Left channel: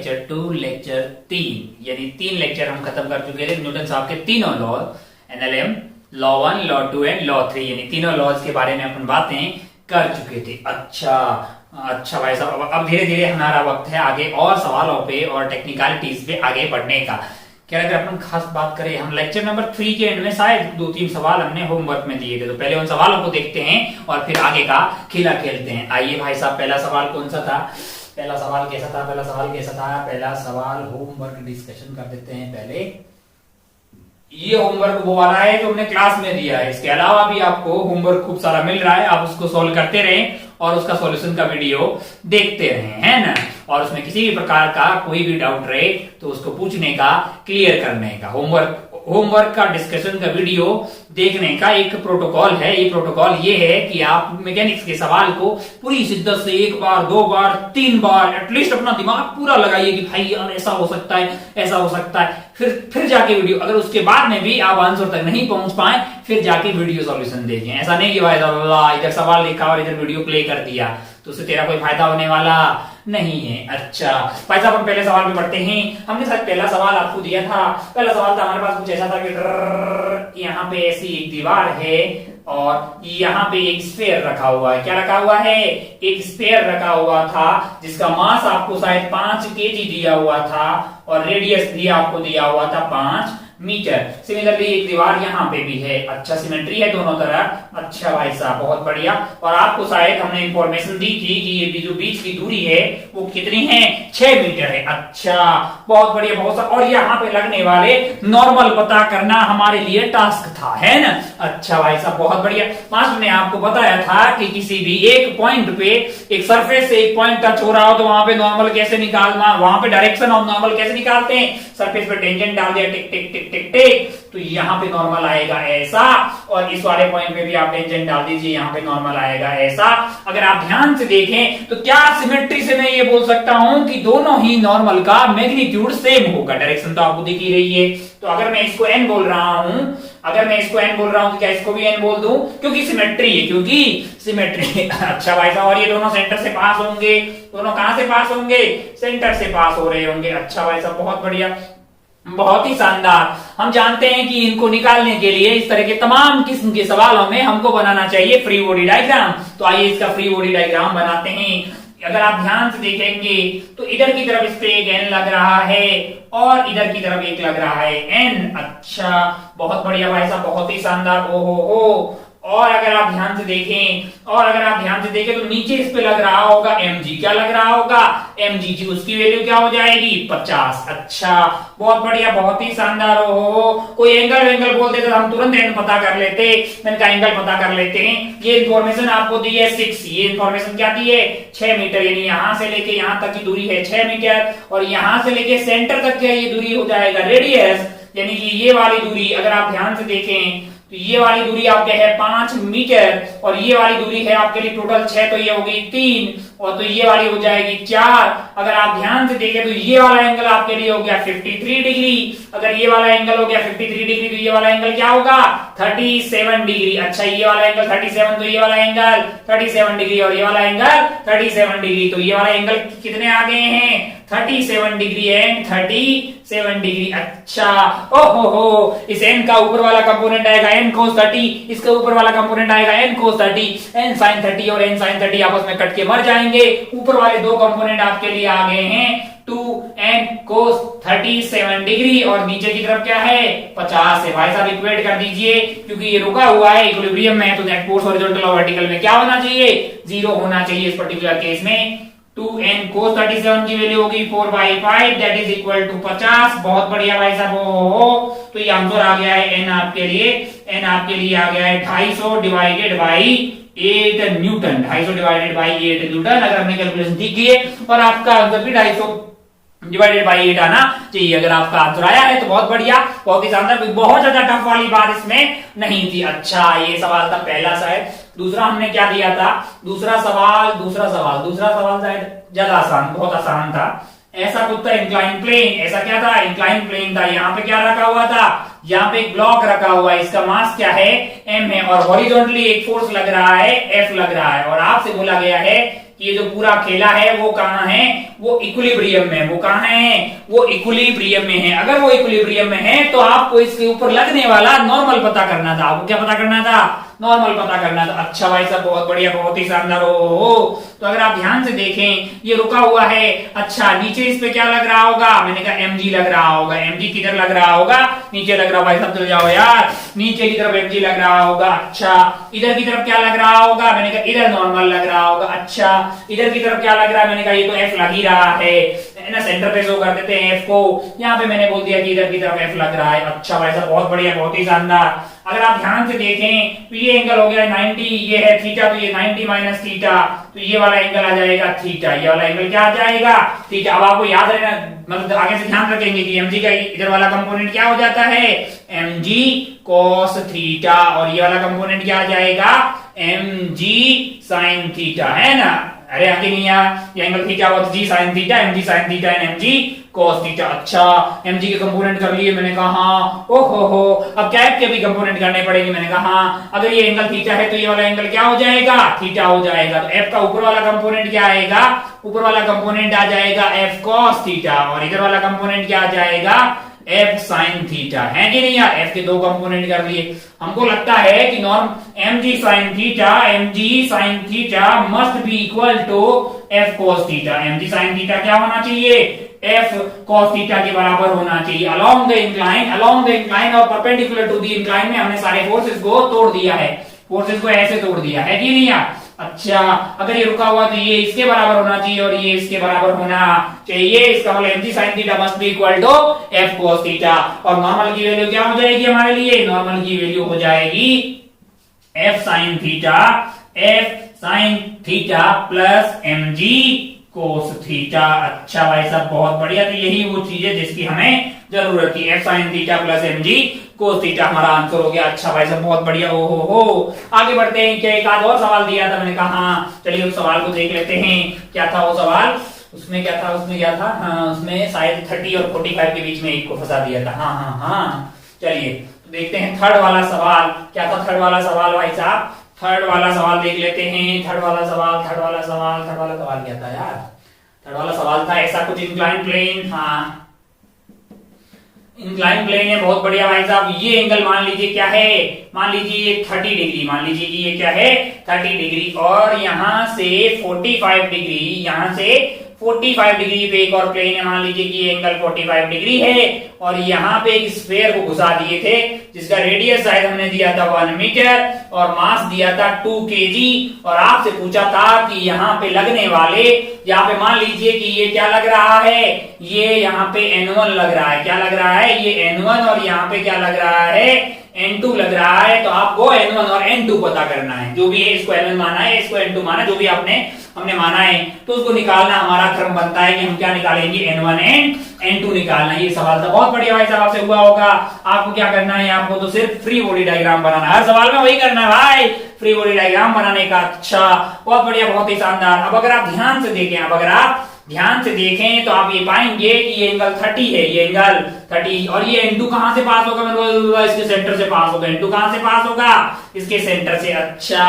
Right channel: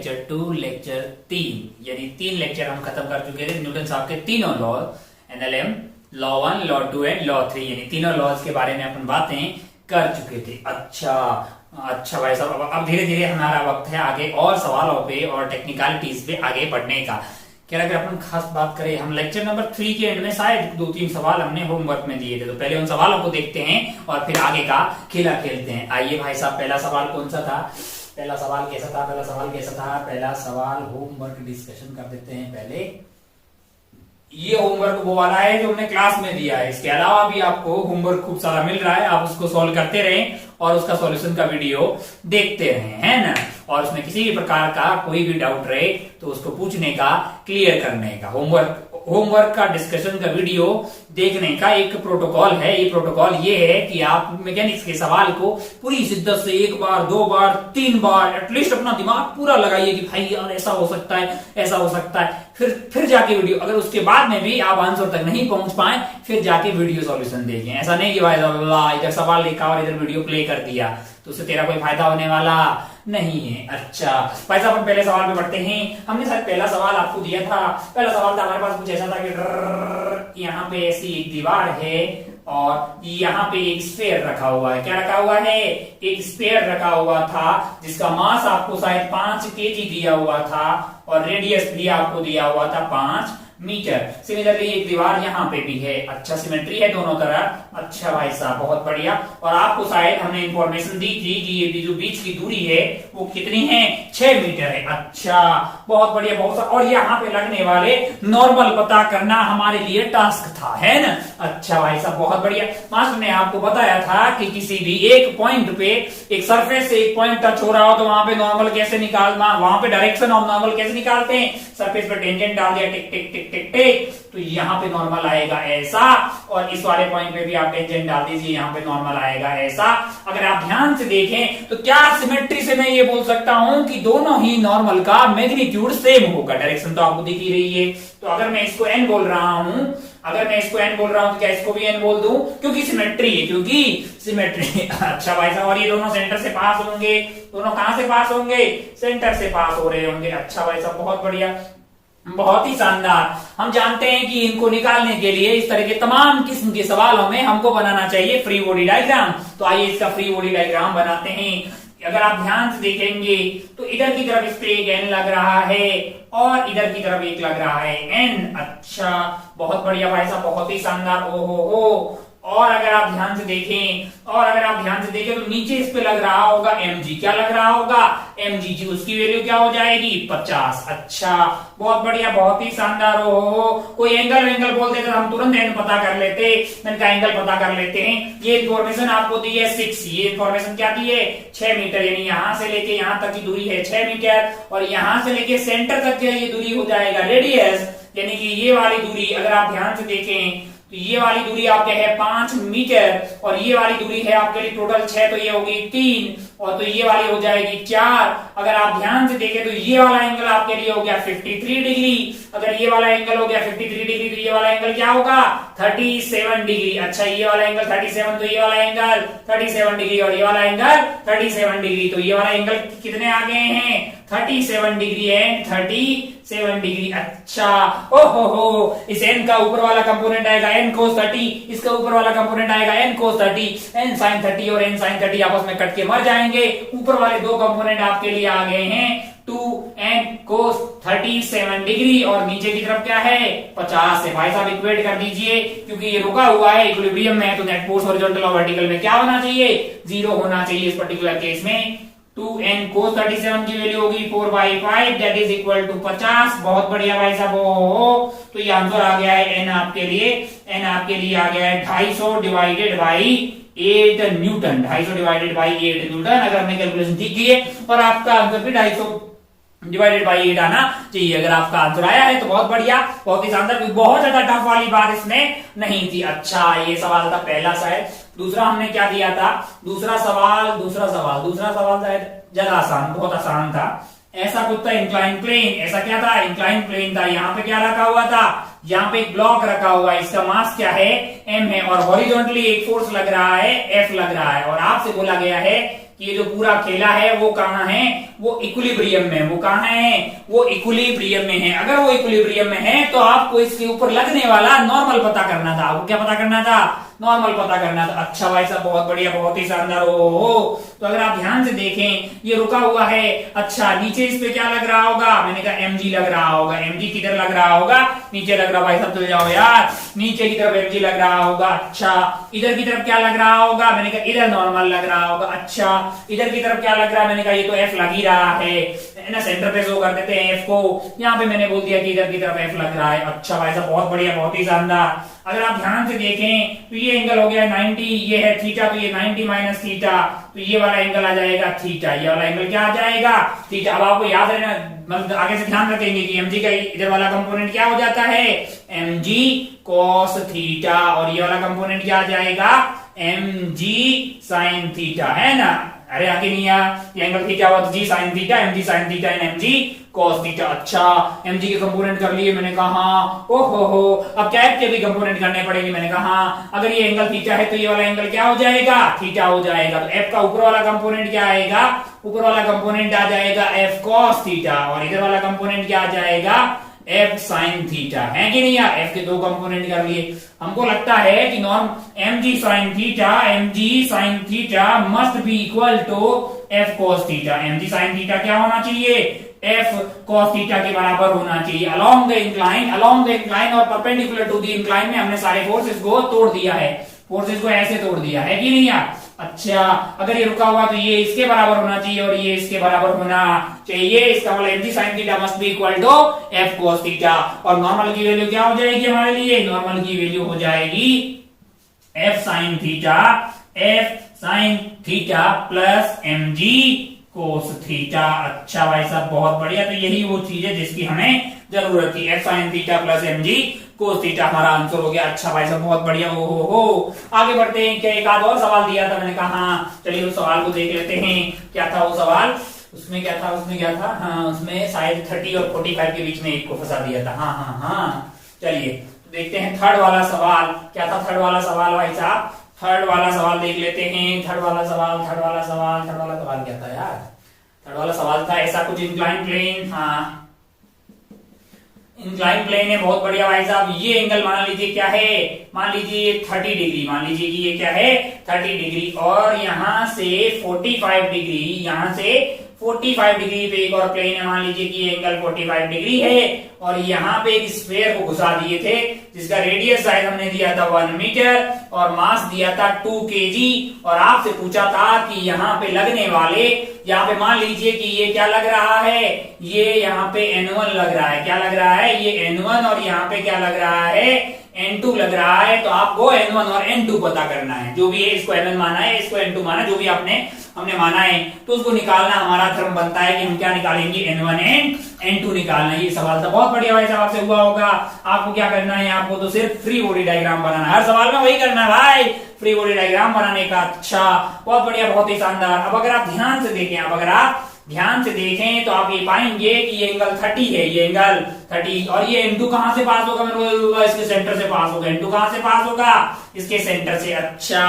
Lecture 2 lecture 3 यानी 3 lecture हम खत्म कर चुके थे न्यूटन साहब के तीनों law, NLM, law 1, law 2 and law 3 यानी तीनों लॉज के बारे में अपन बातें कर चुके थे। अच्छा भाई साहब, अब धीरे धीरे हमारा वक्त है आगे और सवालों पे और टेक्निकलिटीज पे आगे बढ़ने का। क्या अगर अपन खास बात करें, हम लेक्चर नंबर 3 के एंड में शायद 2-3 सवाल हमने होमवर्क में दिए थे, तो पहले उन सवालों को देखते हैं और फिर आगे का खेला खेलते हैं। आइए भाई साहब, पहला सवाल कौन सा था? पहला सवाल कैसा था? पहला सवाल होमवर्क डिस्कशन कर देते हैं पहले। ये होमवर्क वो वाला है जो हमने क्लास में दिया है, इसके अलावा भी आपको होमवर्क खूब सारा मिल रहा है, आप उसको सॉल्व करते रहें और उसका सॉल्यूशन का वीडियो देखते रहें, है ना। और उसमें किसी भी प्रकार का कोई भी डाउट रहे तो उसको पूछने का, क्लियर करने का, होमवर्क का डिस्कशन का वीडियो देखने का एक प्रोटोकॉल है। ये प्रोटोकॉल ये है कि आप मैकेनिक्स के सवाल को पूरी शिद्दत से 1 बार 2 बार 3 बार एटलीस्ट अपना दिमाग पूरा लगाइए कि भाई यार ऐसा हो सकता है, ऐसा हो सकता है, फिर जाके वीडियो, अगर उसके बाद में भी आप आंसर तक नहीं पहुंच पाए फिर जाके वीडियो सॉल्यूशन देखें। ऐसा नहीं कि भाई इधर सवाल लिखा और इधर वीडियो प्ले कर दिया तो उससे तेरा कोई फायदा होने वाला नहीं है। अच्छा भाई साहब, हम पहले सवाल पे बढ़ते हैं। हमने शायद पहला सवाल आपको दिया था। पहला सवाल था हमारे पास कुछ ऐसा था कि यहाँ पे ऐसी एक दीवार है और यहाँ पे एक स्फीयर रखा हुआ है। क्या रखा हुआ है? एक स्फीयर रखा हुआ था जिसका मास आपको शायद 5 kg दिया हुआ था और रेडियस भी आपको दिया हुआ था 5 मीटर। सिमिलरली एक दीवार यहाँ पे भी है। अच्छा, सिमेट्री है दोनों तरफ। अच्छा भाई साहब, बहुत बढ़िया। और आपको शायद हमने इंफॉर्मेशन दी थी कि ये जो बीच की दूरी है वो कितनी है? 6 मीटर है। अच्छा, बहुत बढ़िया, बहुत सा। और यहाँ पे लगने वाले नॉर्मल पता करना हमारे लिए टास्क था, है ना। अच्छा भाई साहब, बहुत बढ़िया। मास्टर ने आपको बताया था कि किसी भी एक पॉइंट पे, एक सरफेस से एक पॉइंट टच हो रहा हो तो वहां पे नॉर्मल कैसे निकालना, वहां पे डायरेक्शन ऑफ नॉर्मल कैसे निकालते हैं? सरफेस पे टेंजेंट डाल दिया, टिक टिक टिक टिक टिक, तो यहाँ पे नॉर्मल आएगा ऐसा, और इस वाले पॉइंट पे भी आप टेंजेंट डाल दीजिए, यहाँ पे नॉर्मल आएगा ऐसा। अगर आप ध्यान से देखें तो क्या सिमेट्री से मैं ये बोल सकता हूं कि दोनों ही नॉर्मल का मैग्नीट्यूड सेम होगा। डायरेक्शन तो आपको दिख ही रही है। तो अगर मैं इसको n बोल रहा हूं, तो क्या इसको भी n बोल दूं? क्योंकि सिमेट्री है, क्योंकि सिमेट्री। अच्छा भाई साहब, और ये दोनों सेंटर से पास होंगे। दोनों कहां से पास होंगे? सेंटर से पास हो रहे होंगे। अच्छा भाई साहब, बहुत बढ़िया, बहुत ही शानदार। हम जानते हैं कि इनको निकालने के लिए इस तरह के तमाम किस्म के सवालों में हमको बनाना चाहिए फ्री बॉडी डायग्राम। तो आइए इसका फ्री बॉडी डायग्राम बनाते हैं। अगर आप ध्यान से देखेंगे तो इधर की तरफ इस पे एक n लग रहा है और इधर की तरफ एक लग रहा है n। अच्छा, बहुत बढ़िया भाई साहब, बहुत ही शानदार। ओहो। और अगर आप ध्यान से देखें तो नीचे इस पे लग रहा होगा mg। क्या लग रहा होगा? mg की उसकी वैल्यू क्या हो जाएगी? 50। अच्छा, बहुत बढ़िया, बहुत ही शानदार। ओहो, कोई एंगल बोलते तो हम तुरंत एंगल पता कर लेते। मैंने कहा एंगल पता कर लेते हैं। ये इंफॉर्मेशन आपको दी है 6। ये इंफॉर्मेशन क्या दी है? 6 मीटर, यानी यहां से लेके यहां तक की दूरी है 6 मीटर और यहां से लेके सेंटर तक की ये दूरी हो जाएगा रेडियस, यानी कि ये वाली दूरी अगर आप ध्यान से देखें तो ये वाली दूरी आपके है 5 मीटर और ये वाली दूरी है आपके लिए टोटल 6, तो ये हो गई 3 और तो ये वाली हो जाएगी 4। अगर आप ध्यान से देखें तो ये वाला एंगल आपके लिए हो गया 53 डिग्री। अगर ये वाला एंगल हो गया 53 डिग्री तो ये वाला एंगल क्या होगा? 37 डिग्री। अच्छा, ये वाला एंगल 37 तो ये वाला एंगल 37 डिग्री और ये वाला एंगल 37 डिग्री। तो ये वाला एंगल कितने आ गए हैं? 37 डिग्री एंड 37 डिग्री। अच्छा, ओहो, इस n का ऊपर वाला कंपोनेंट आएगा n cos 30, इसका ऊपर वाला कंपोनेंट आएगा n cos 30, n sin 30 और n sin 30 आपस में कट के मर जाएंगे। ऊपर वाले दो कंपोनेंट आपके लिए आ गए हैं 2n cos 37 डिग्री और नीचे की तरफ क्या है? 50 है। भाई साहब इक्वेट कर दीजिए, क्योंकि ये रुका हुआ है इक्विलिब्रियम में, तो दैट फोर्स हॉरिजॉन्टल और वर्टिकल में क्या होना चाहिए? 0 होना चाहिए। इस पर्टिकुलर केस में 2n cos 37 की वैल्यू होगी 4/5, दैट इज इक्वल टू 50। बहुत बढ़िया भाई साहब। हो तो ये आंसर आ गया है n आपके लिए आ गया है 250 divided by 8 Newton. 250 divided by 8 Newton. अगर हमने कैलकुलेशन ठीक की है और आपका आंसर भी 250 डिवाइडेड बाई 8 आना चाहिए। अगर आपका आंसर आया है तो बहुत बढ़िया, बहुत ही शानदार। कोई बहुत ज्यादा टफ वाली बात इसमें नहीं थी। अच्छा, ये सवाल था पहला शायद। दूसरा हमने क्या दिया था? दूसरा सवाल शायद ज्यादा आसान, बहुत आसान था। ऐसा कुछ था इंक्लाइन प्लेन। ऐसा क्या था? इंक्लाइन प्लेन था। यहाँ पे क्या रखा हुआ था? यहाँ पे एक ब्लॉक रखा हुआ है, इसका मास क्या है? m है और हॉरिजॉन्टली एक फोर्स लग रहा है, F लग रहा है और आपसे बोला गया है कि ये जो पूरा खेला है वो कहाँ है, वो इक्विलिब्रियम में। वो कहाँ है, वो इक्विलिब्रियम में है। अगर वो इक्विलिब्रियम में है तो आपको इसके ऊपर लगने वाला नॉर्मल पता करना था। आपको क्या पता करना था, नॉर्मल पता करना था। अच्छा भाई साहब, बहुत बढ़िया, बहुत ही शानदार। हो तो अगर आप ध्यान से देखें ये रुका हुआ है। अच्छा, नीचे इस पे क्या लग रहा होगा, मैंने कहा mg लग रहा होगा। mg किधर लग रहा होगा, नीचे लग रहा। भाई साहब चल जाओ यार, नीचे की तरफ mg लग रहा होगा। अच्छा, इधर की तरफ क्या लग रहा होगा, मैंने कहा इधर नॉर्मल लग रहा होगा। अच्छा, इधर की तरफ क्या लग रहा है, मैंने कहा ये तो f लग ही रहा है ना, सेंटर पे शो कर देते हैं f को। यहाँ पे मैंने बोल दिया कि इधर की तरफ f लग रहा है। अच्छा भाई साहब, बहुत बढ़िया, बहुत ही शानदार। अगर आप ध्यान से देखें तो ये एंगल हो गया 90, ये है थीटा, तो ये 90 माइनस थीटा, तो ये वाला एंगल आ जाएगा थीटा। ये वाला एंगल क्या आ जाएगा, थीटा। अब आपको याद रहना, मतलब आगे से ध्यान रखेंगे कि mg का इधर वाला कंपोनेंट क्या हो जाता है, mg cos थीटा, और ये वाला कंपोनेंट क्या आ जाएगा, mg sin थीटा, है ना। अरे आगे नहीं आया, ये एंगल थीटा हुआ तो g sine theta, mg sin theta and mg cos theta. अच्छा, mg के कंपोनेंट कर लिए, मैंने कहा ओहो, अब क्या के भी कंपोनेंट करने पड़ेंगे। मैंने कहा अगर ये एंगल थीटा है तो ये वाला एंगल क्या हो जाएगा, थीटा हो जाएगा। तो f का ऊपर वाला कंपोनेंट क्या आएगा, ऊपर वाला कंपोनेंट आ जाएगा f cos थीटा, और इधर वाला कंपोनेंट क्या आ जाएगा, f sin थीटा, है कि नहीं यार। f के दो कंपोनेंट कर लिए। हमको लगता है कि norm mg sin theta must be equal to f cos theta. mg sin theta क्या होना चाहिए, f cos थीटा के बराबर होना चाहिए। अलोंग द इंक्लाइन और परपेंडिकुलर टू द इंक्लाइन में हमने सारे फोर्सेस को तोड़ दिया है, फोर्सेस को ऐसे तोड़ दिया है कि नहीं यार। अच्छा, अगर ये रुका हुआ तो ये इसके बराबर होना चाहिए और ये इसके बराबर होना चाहिए। इसका मतलब mg sin theta must be equal to f cos theta. और नॉर्मल की वैल्यू क्या हो जाएगी हमारे लिए, नॉर्मल की वैल्यू हो जाएगी f sin theta plus mg cos theta. अच्छा भाई साहब, बहुत बढ़िया। तो यही वो चीज है जिसकी हमें जरूरत थी, f sin theta plus mg cos theta हमारा आंसर हो गया। अच्छा भाई साहब, बहुत बढ़िया। ओ हो आगे बढ़ते हैं। क्या एक आध और सवाल दिया था, मैंने कहा चलिए उस सवाल को देख लेते हैं। क्या था वो सवाल, उसमें क्या था, हाँ उसमें शायद 30 और 45 के बीच में एक को फंसा दिया था। हाँ चलिए तो देखते हैं थर्ड वाला सवाल क्या था। थर्ड वाला सवाल भाई साहब, थर्ड वाला सवाल देख लेते हैं। थर्ड वाला सवाल क्या था यार, थर्ड वाला सवाल था ऐसा कुछ, इंक्लाइन प्लेन। हाँ, इंक्लाइन प्लेन है, बहुत बढ़िया भाई साहब। ये एंगल मान लीजिए क्या है, मान लीजिए 30 डिग्री, मान लीजिए कि ये क्या है 30 डिग्री, और यहां से 45 डिग्री, यहां से 45 डिग्री पे एक और प्लेन है, मान लीजिए कि ये एंगल 45 डिग्री है, और यहाँ पे एक स्फीयर को घुसा दिए थे जिसका रेडियस शायद हमने दिया था 1 मीटर और मास दिया था 2 kg, और आपसे पूछा था कि यहाँ पे लगने वाले, यहाँ पे मान लीजिए कि ये क्या लग रहा है, ये यहाँ पे N1 लग रहा है। क्या लग रहा है, ये N1, और यहाँ पे क्या लग रहा है, N2 लग रहा है। तो आपको N1 और N2 पता करना है, जो भी है, इसको N1 माना है, इसको N2 माना, जो भी हमने माना है, तो उसको निकालना हमारा धर्म बनता है कि हम क्या निकालेंगे, N1 एंड N2 निकालना। ये सवाल था, बहुत बढ़िया भाई साहब, आपसे हुआ होगा। आपको क्या करना है, आपको तो सिर्फ फ्री बॉडी डायग्राम बनाना, हर सवाल में वही करना है भाई, फ्री बॉडी डायग्राम बनाने का। अच्छा, बहुत बढ़िया, बहुत ही शानदार। अब अगर आप ध्यान से देखें, तो आप ये पाएंगे कि ये एंगल 30 है, ये एंगल 30, और ये N2 कहां से पास होगा, मेरे इसके सेंटर से पास होगा। N2 कहां से पास होगा, इसके सेंटर से। अच्छा,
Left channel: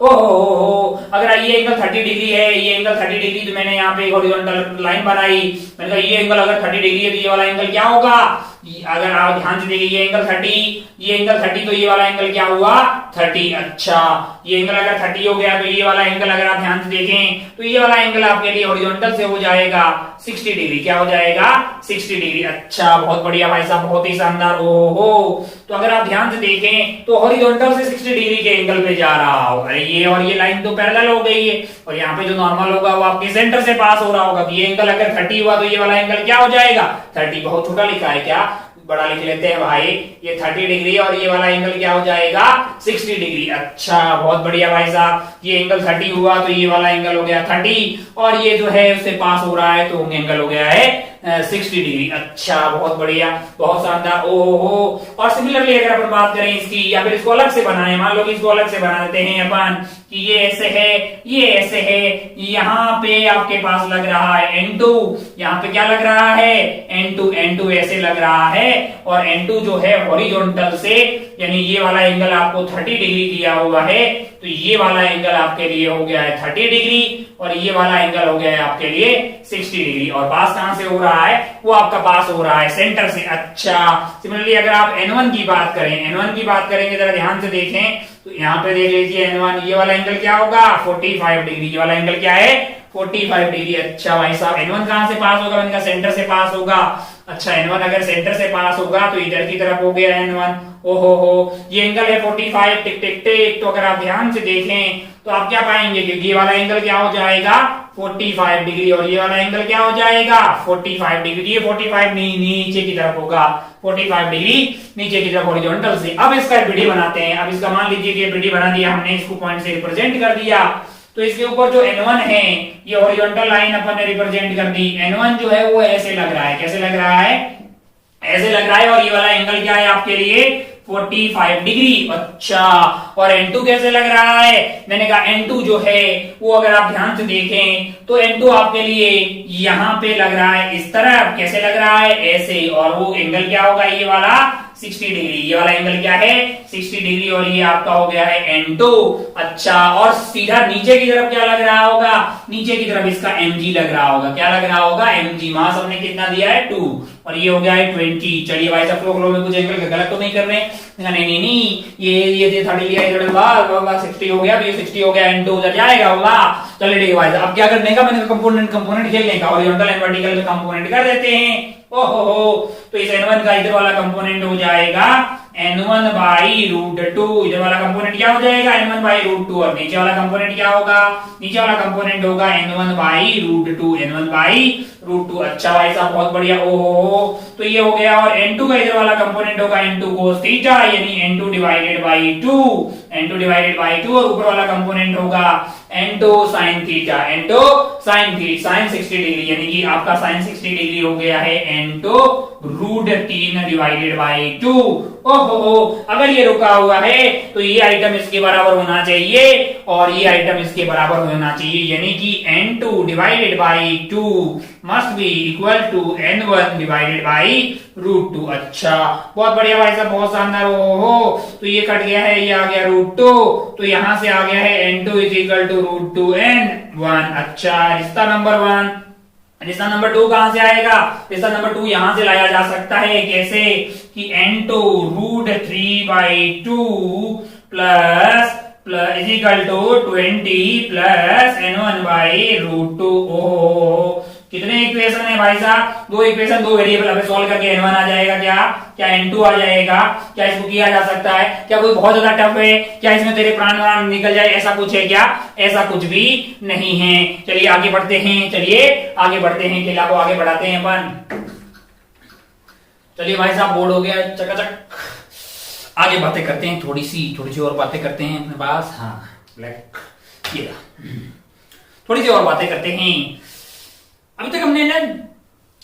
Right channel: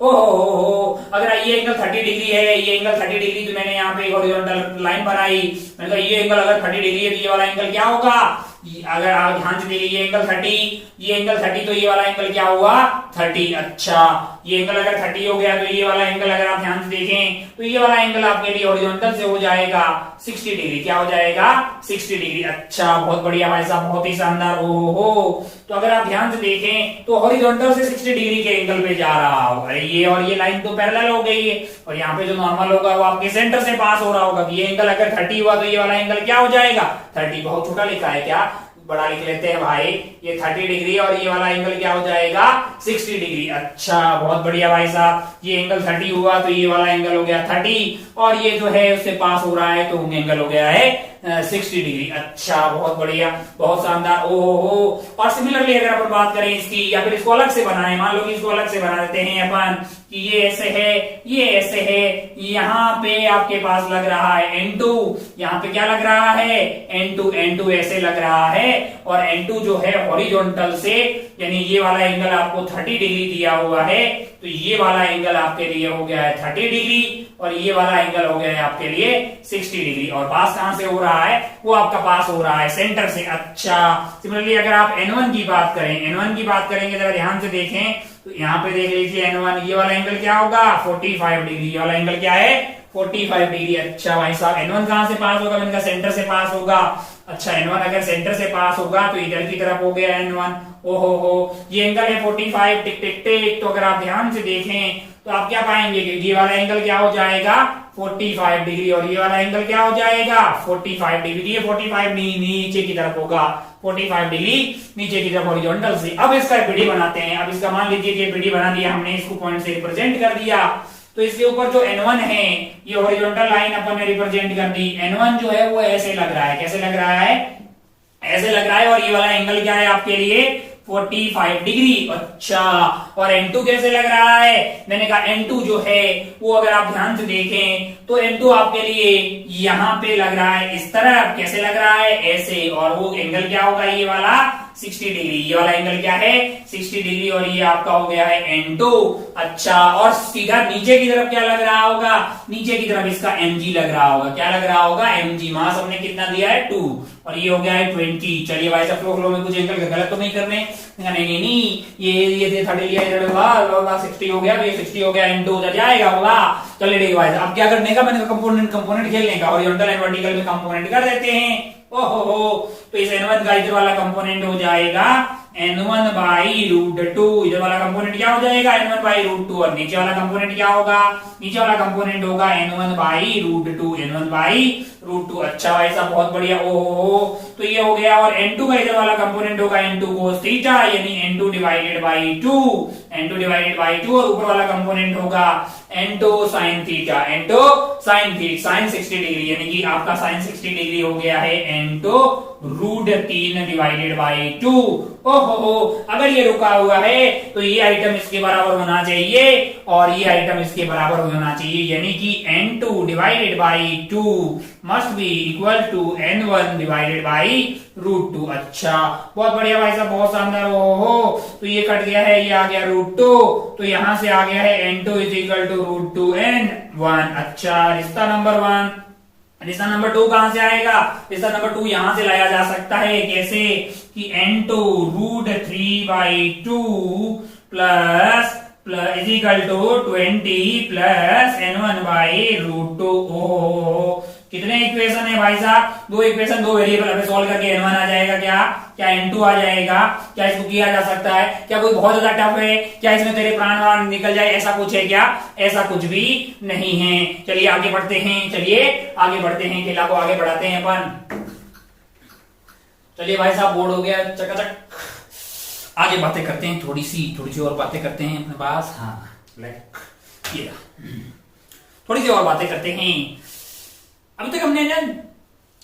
ओहो, अगर ये एंगल 30 डिग्री है, ये एंगल 30 डिग्री, तो मैंने यहाँ पे हॉरिजॉन्टल लाइन बनाई। मैंने कहा ये एंगल अगर 30 डिग्री है तो ये वाला एंगल क्या होगा, अगर आप ध्यान से देखिए, ये एंगल 30, तो ये वाला एंगल क्या हुआ 30। अच्छा, ये एंगल अगर 30 हो गया तो ये वाला एंगल अगर आप ध्यान से देखें तो ये वाला एंगल आपके लिए हॉरिजॉन्टल से हो जाएगा 60 डिग्री। क्या हो जाएगा, 60 डिग्री। अच्छा, बहुत बढ़िया भाई साहब, बहुत ही शानदार। ओहो, तो अगर आप ध्यान से देखें तो हॉरिजॉन्टल से 60 डिग्री के एंगल पे जा रहा हो। अरे ये और ये लाइन तो पैरेलल हो गई है, और यहाँ पे जो नॉर्मल होगा वो आपके सेंटर से पास हो रहा होगा। ये एंगल अगर 30 हुआ तो ये वाला एंगल क्या हो जाएगा 30। बहुत छोटा लिखा है, क्या बड़ा लिख लेते हैं भाई, ये 30 डिग्री और ये वाला एंगल क्या हो जाएगा 60 डिग्री। अच्छा, बहुत बढ़िया भाई साहब, ये एंगल 30 हुआ तो ये वाला एंगल हो गया 30, और ये जो है उससे पास हो रहा है तो एंगल हो गया है 60 डिग्री। अच्छा, बहुत बढ़िया, बहुत शानदार। ओहो, और सिमिलरली अगर अपन बात करें इसकी, या फिर इसको अलग से बनाए, मान लो कि इसको अलग से बना देते हैं अपन कि ये ऐसे है, ये ऐसे है, यहाँ पे आपके पास लग रहा है N2, यहाँ पे क्या लग रहा है N2 ऐसे लग रहा है, और N2 जो है हॉरिजॉन्टल से, यानी ये वाला एंगल आपको 30 डिग्री दिया हुआ है, तो ये वाला एंगल आपके लिए हो गया है 30 डिग्री, और ये वाला एंगल हो गया है आपके लिए 60 डिग्री। और पास कहां से हो रहा है, वो आपका पास हो रहा है सेंटर से। अच्छा, सिमिलरली अगर आप N1 की बात करें, N1 की बात करेंगे, जरा ध्यान से देखें तो यहाँ पे देख लीजिए N1, ये वाला एंगल क्या होगा 45 डिग्री, ये वाला एंगल क्या है 45 डिग्री। अच्छा भाई साहब, N1 कहां से पास होगा, मैंने कहा सेंटर से पास होगा। अच्छा, N1 अगर सेंटर से पास होगा तो इधर की तरफ हो गया N1। ओहो हो, ये एंगल है 45, टिक टिक टिक। तो अगर आप ध्यान से देखें तो आप क्या पाएंगे कि ये वाला एंगल क्या हो जाएगा 45 डिग्री, और ये वाला एंगल क्या हो जाएगा 45 डिग्री। ये 45 नीचे की तरफ होगा, 45 डिग्री नीचे की तरफ हॉरिजॉन्टल से। अब इसका बीडी बनाते हैं। अब इसका मान लीजिए कि बीडी बना दिया हमने, इसको पॉइंट से रिप्रेजेंट कर दिया। तो इसके ऊपर जो N1 है, ये हॉरिजॉन्टल लाइन अपन ने रिप्रेजेंट कर दी। N1 जो है वो ऐसे लग रहा है, कैसे लग रहा है, ऐसे लग रहा है। और ये वाला एंगल क्या है आपके लिए 45 डिग्री। अच्छा, और N2 कैसे लग रहा है, मैंने कहा N2 जो है वो अगर आप ध्यान से देखें तो N2 आपके लिए यहां पे लग रहा है इस तरफ। कैसे लग रहा है, ऐसे। और वो एंगल क्या होगा, ये वाला 60 डिग्री। ये वाला एंगल क्या है 60 डिग्री, और ये आपका हो गया है N2। अच्छा, और सीधा नीचे की तरफ क्या लग रहा होगा, नीचे की तरफ इसका mg लग रहा होगा। क्या लग रहा होगा, mg। मास हमने कितना दिया है 2, और ये हो गया है 20। चलिए भाई साहब, फ्लो में कुछ एंगल गलत तो नहीं कर रहे, नहीं, ये 30 लिया, इधर 60 हो गया, ये 60 हो गया, N2 उधर जाएगा होगा। चलिए ठीक है भाई साहब, अब क्या करने का, मैंने कंपोनेंट खेलने का, हॉरिजॉन्टल एंड वर्टिकल में कंपोनेंट कर देते हैं। ओहो हो, तो इस N1 का इधर वाला कंपोनेंट हो जाएगा N1 बाई रूट 2। इधर वाला कंपोनेंट क्या हो जाएगा N1 बाई रूट 2, और नीचे वाला कंपोनेंट क्या होगा, नीचे वाला कंपोनेंट होगा N1 by root 2, N1 by root 2। अच्छा भाई साहब, बहुत बढ़िया। ओहो, तो ये हो गया। और N2 का इधर वाला कंपोनेंट होगा N2 cos थीटा, यानी N2 divided by 2, N2 divided by 2। और ऊपर वाला कंपोनेंट होगा N2 sin theta, N2 sin 60 degree, यानी कि आपका sin 60 डिग्री हो गया है N2 रूट 3 डिवाइडेड बाई 2। ओहो, अगर ये रुका हुआ है तो ये आइटम इसके बराबर होना चाहिए, और ये आइटम इसके बराबर होना चाहिए, यानी कि N2 divided by 2 must be equal to N1 divided by root 2। अच्छा, बहुत बढ़िया भाई साहब, बहुत शानदार। ओहो, तो ये कट गया है, ये आ गया रूट 2, तो यहां से आ गया है N2 is equal to root 2 N1। अच्छा, रिश्ता नंबर 1। रिश्ता नंबर 2 कहां से आएगा, रिश्ता नंबर 2 यहां से लाया जा सकता है। कैसे कि N2 root 3 by 2 plus is equal to 20 plus N1 by root 2। ओहो, कितने इक्वेशन है भाई साहब, 2 इक्वेशन, 2 वेरिएबल। अब सॉल्व करके N1 आ जाएगा, क्या N2 आ जाएगा। क्या इसको किया जा सकता है, क्या कोई बहुत ज्यादा टफ है, क्या इसमें तेरे प्राण वाण निकल जाए, ऐसा कुछ है क्या, ऐसा कुछ भी नहीं है। चलिए आगे बढ़ते हैं, चलिए आगे बढ़ते हैं, खेला को आगे बढ़ाते हैं अपन। चलिए भाई साहब, बोर्ड हो गया चकाचक, आगे बातें करते हैं, थोड़ी सी और बातें करते हैं अपने पास। हाँ, ब्लैक, ये थोड़ी सी और बातें करते हैं। अभी तक हमने ना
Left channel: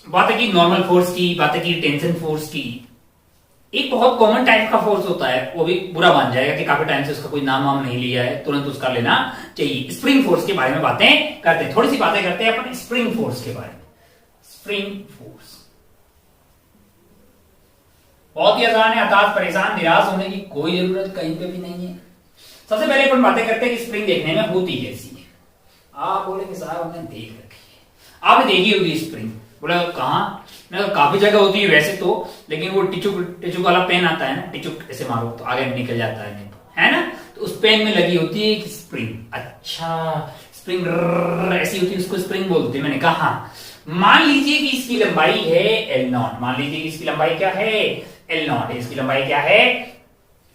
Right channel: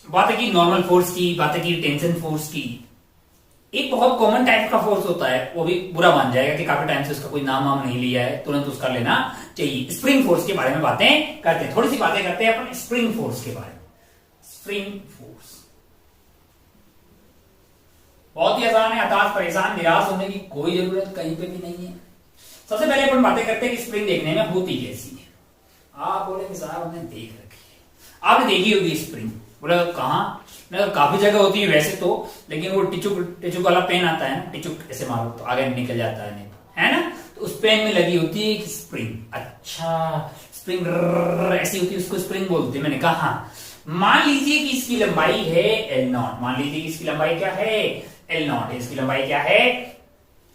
बातें की नॉर्मल फोर्स की, बातें की टेंशन फोर्स की। एक बहुत कॉमन टाइप का फोर्स होता है, वो भी बुरा मान जाएगा कि काफी टाइम से उसका कोई नाम वाम नहीं लिया है, तुरंत उसका लेना चाहिए। स्प्रिंग फोर्स के बारे में बातें करते हैं, थोड़ी सी बातें करते हैं अपन स्प्रिंग फोर्स के बारे में। स्प्रिंग फोर्स बहुत ही आसान है, हताश परेशान निराश होने की कोई जरूरत कहीं पे भी नहीं है। सबसे पहले अपन बातें करते हैं कि स्प्रिंग देखने में होती कैसी है। आप बोले कि साहब हमने देख रखी है, आपने देखी होगी स्प्रिंग। बोले कहाँ, काफी जगह होती है वैसे तो, लेकिन वो टिचुक वाला पेन आता है ना, टिचुक ऐसे मारो तो आगे निकल जाता है ना, तो उस पेन में लगी होती है स्प्रिंग। अच्छा, स्प्रिंग ऐसी होती है, उसको स्प्रिंग बोलते हैं। मैंने कहा हाँ, मान लीजिए कि इसकी लंबाई है L0, मान लीजिए कि इसकी लंबाई क्या है L0, इसकी लंबाई क्या है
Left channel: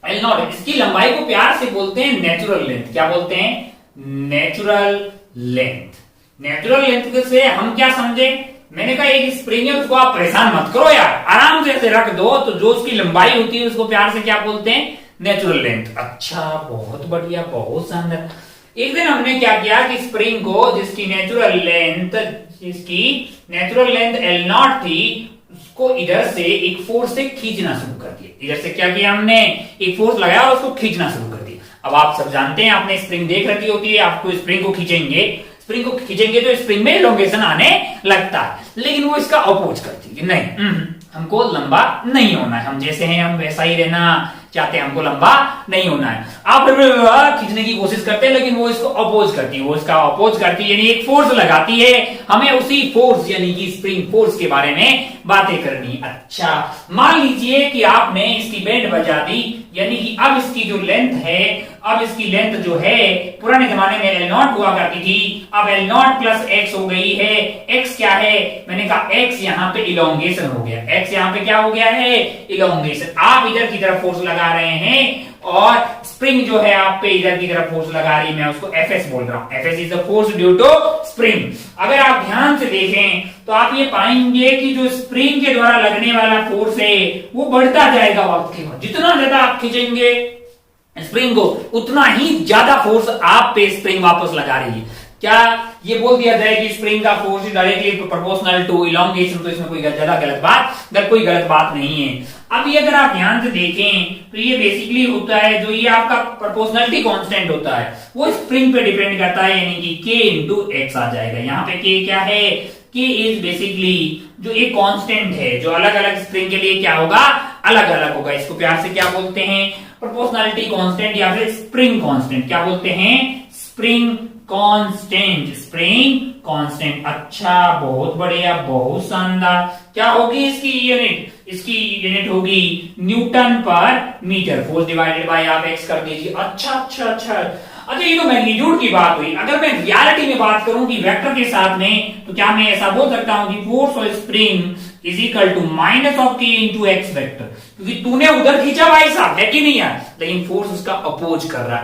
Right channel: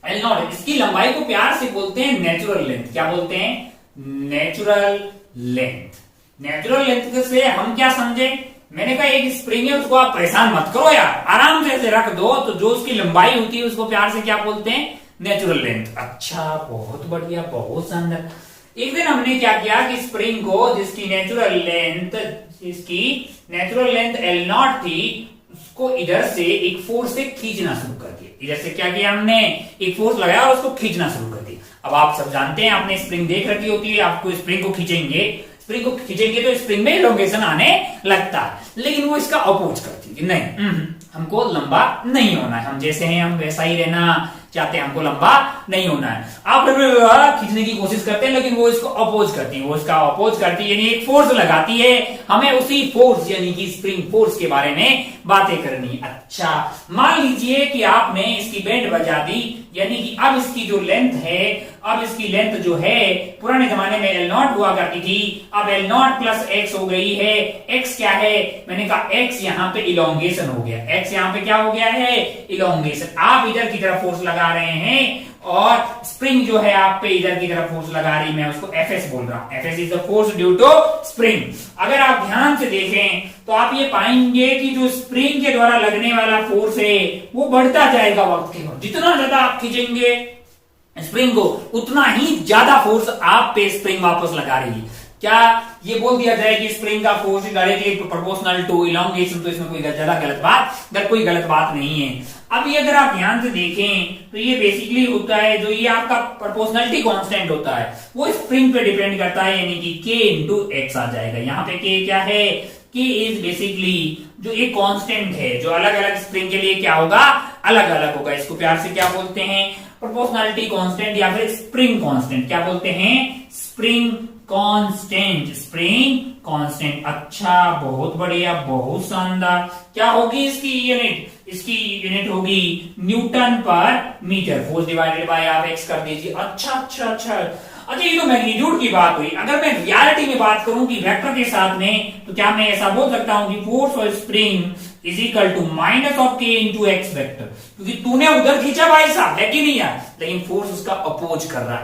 L0। इसकी लंबाई को प्यार से बोलते हैं नेचुरल लेंथ। क्या बोलते हैं, नेचुरल लेंथ। नेचुरल लेंथ से हम क्या समझे, मैंने कहा एक स्प्रिंग है, उसको आप परेशान मत करो यार, आराम से ऐसे रख दो, तो जो उसकी लंबाई होती है उसको प्यार से क्या बोलते हैं, नेचुरल लेंथ। अच्छा, बहुत बढ़िया, बहुत शानदार। एक दिन हमने क्या किया कि स्प्रिंग को जिसकी नेचुरल लेंथ L0 थी, उसको इधर से एक फोर्स से खींचना शुरू कर दिया। इधर से क्या किया हमने, एक फोर्स लगाया और उसको खींचना शुरू कर दिया। अब आप सब जानते हैं, आपने स्प्रिंग देख रखी होती है, आपको स्प्रिंग को खींचेंगे तो स्प्रिंग में एलोंगेशन आने लगता है, लेकिन वो इसका अपोज करती है, नहीं हमको लंबा नहीं होना है, हम जैसे हैं हम वैसा ही रहना, चाहते हैं हमको लंबा नहीं होना है। आप खींचने की कोशिश करते हैं लेकिन वो इसको अपोज करती है, वो इसका अपोज करती है, यानी एक फोर्स लगाती है। हमें उसी फोर्स यानी कि स्प्रिंग फोर्स के बारे में बातें करनी। अच्छा, मान लीजिए कि आपने इसकी बैंड बजा दी, यानी कि अब इसकी जो लेंथ है, अब इसकी लेंथ जो है पुराने जमाने में L0 हुआ करती थी, अब L0 प्लस x हो गई है। x क्या है? मैंने कहा x यहाँ पे इलोंगेशन हो गया, x यहाँ पे क्या हो गया है? इलोंगेशन। आप इधर की तरफ फोर्स लगा रहे हैं और स्प्रिंग जो है आप पे इधर की तरफ फोर्स लगा रही है, मैं उसको Fs बोल रहा हूं। Fs is the force due to spring. अगर आप ध्यान से देखें तो आप ये पाएंगे कि जो स्प्रिंग के द्वारा लगने वाला फोर्स है वो बढ़ता जाएगा वक्त के बाद। जितना ज्यादा आप खींचेंगे स्प्रिंग को उतना ही ज्यादा फोर्स आप पे स्प्रिंग वापस लगा रही है। क्या ये बोल दिया जाए कि स्प्रिंग का force directly proportional to elongation, तो इसमें कोई ज्यादा कोई गलत बात नहीं है। अब ये अगर आप ध्यान से देखें तो ये बेसिकली होता है, जो ये आपका प्रोपोर्शनलिटी कांस्टेंट होता है वो स्प्रिंग पे डिपेंड करता है, यानी कि k इंटू एक्स आ जाएगा। यहाँ पे k क्या है? k इज बेसिकली जो एक कांस्टेंट है जो अलग अलग स्प्रिंग के लिए क्या होगा? अलग अलग होगा। इसको प्यार से क्या बोलते हैं? प्रोपोर्शनलिटी कांस्टेंट या फिर स्प्रिंग कांस्टेंट। क्या बोलते हैं? Spring constant, spring constant. अच्छा, बहुत बढ़िया, बहुत शानदार। क्या होगी इसकी यूनिट? इसकी यूनिट होगी न्यूटन पर मीटर। फोर्स डिवाइडेड बाय आप एक्स कर दीजिए। अच्छा, ये तो मैग्नीट्यूड की बात हुई। अगर मैं रियलिटी में बात करूं कि वेक्टर के साथ में, तो क्या मैं ऐसा बोल सकता हूं कि force of spring is equal to minus of k into X vector, क्योंकि तूने उधर खींचा भाई साहब, है कि नहीं यार? लेकिन फोर्स उसका अपोज कर रहा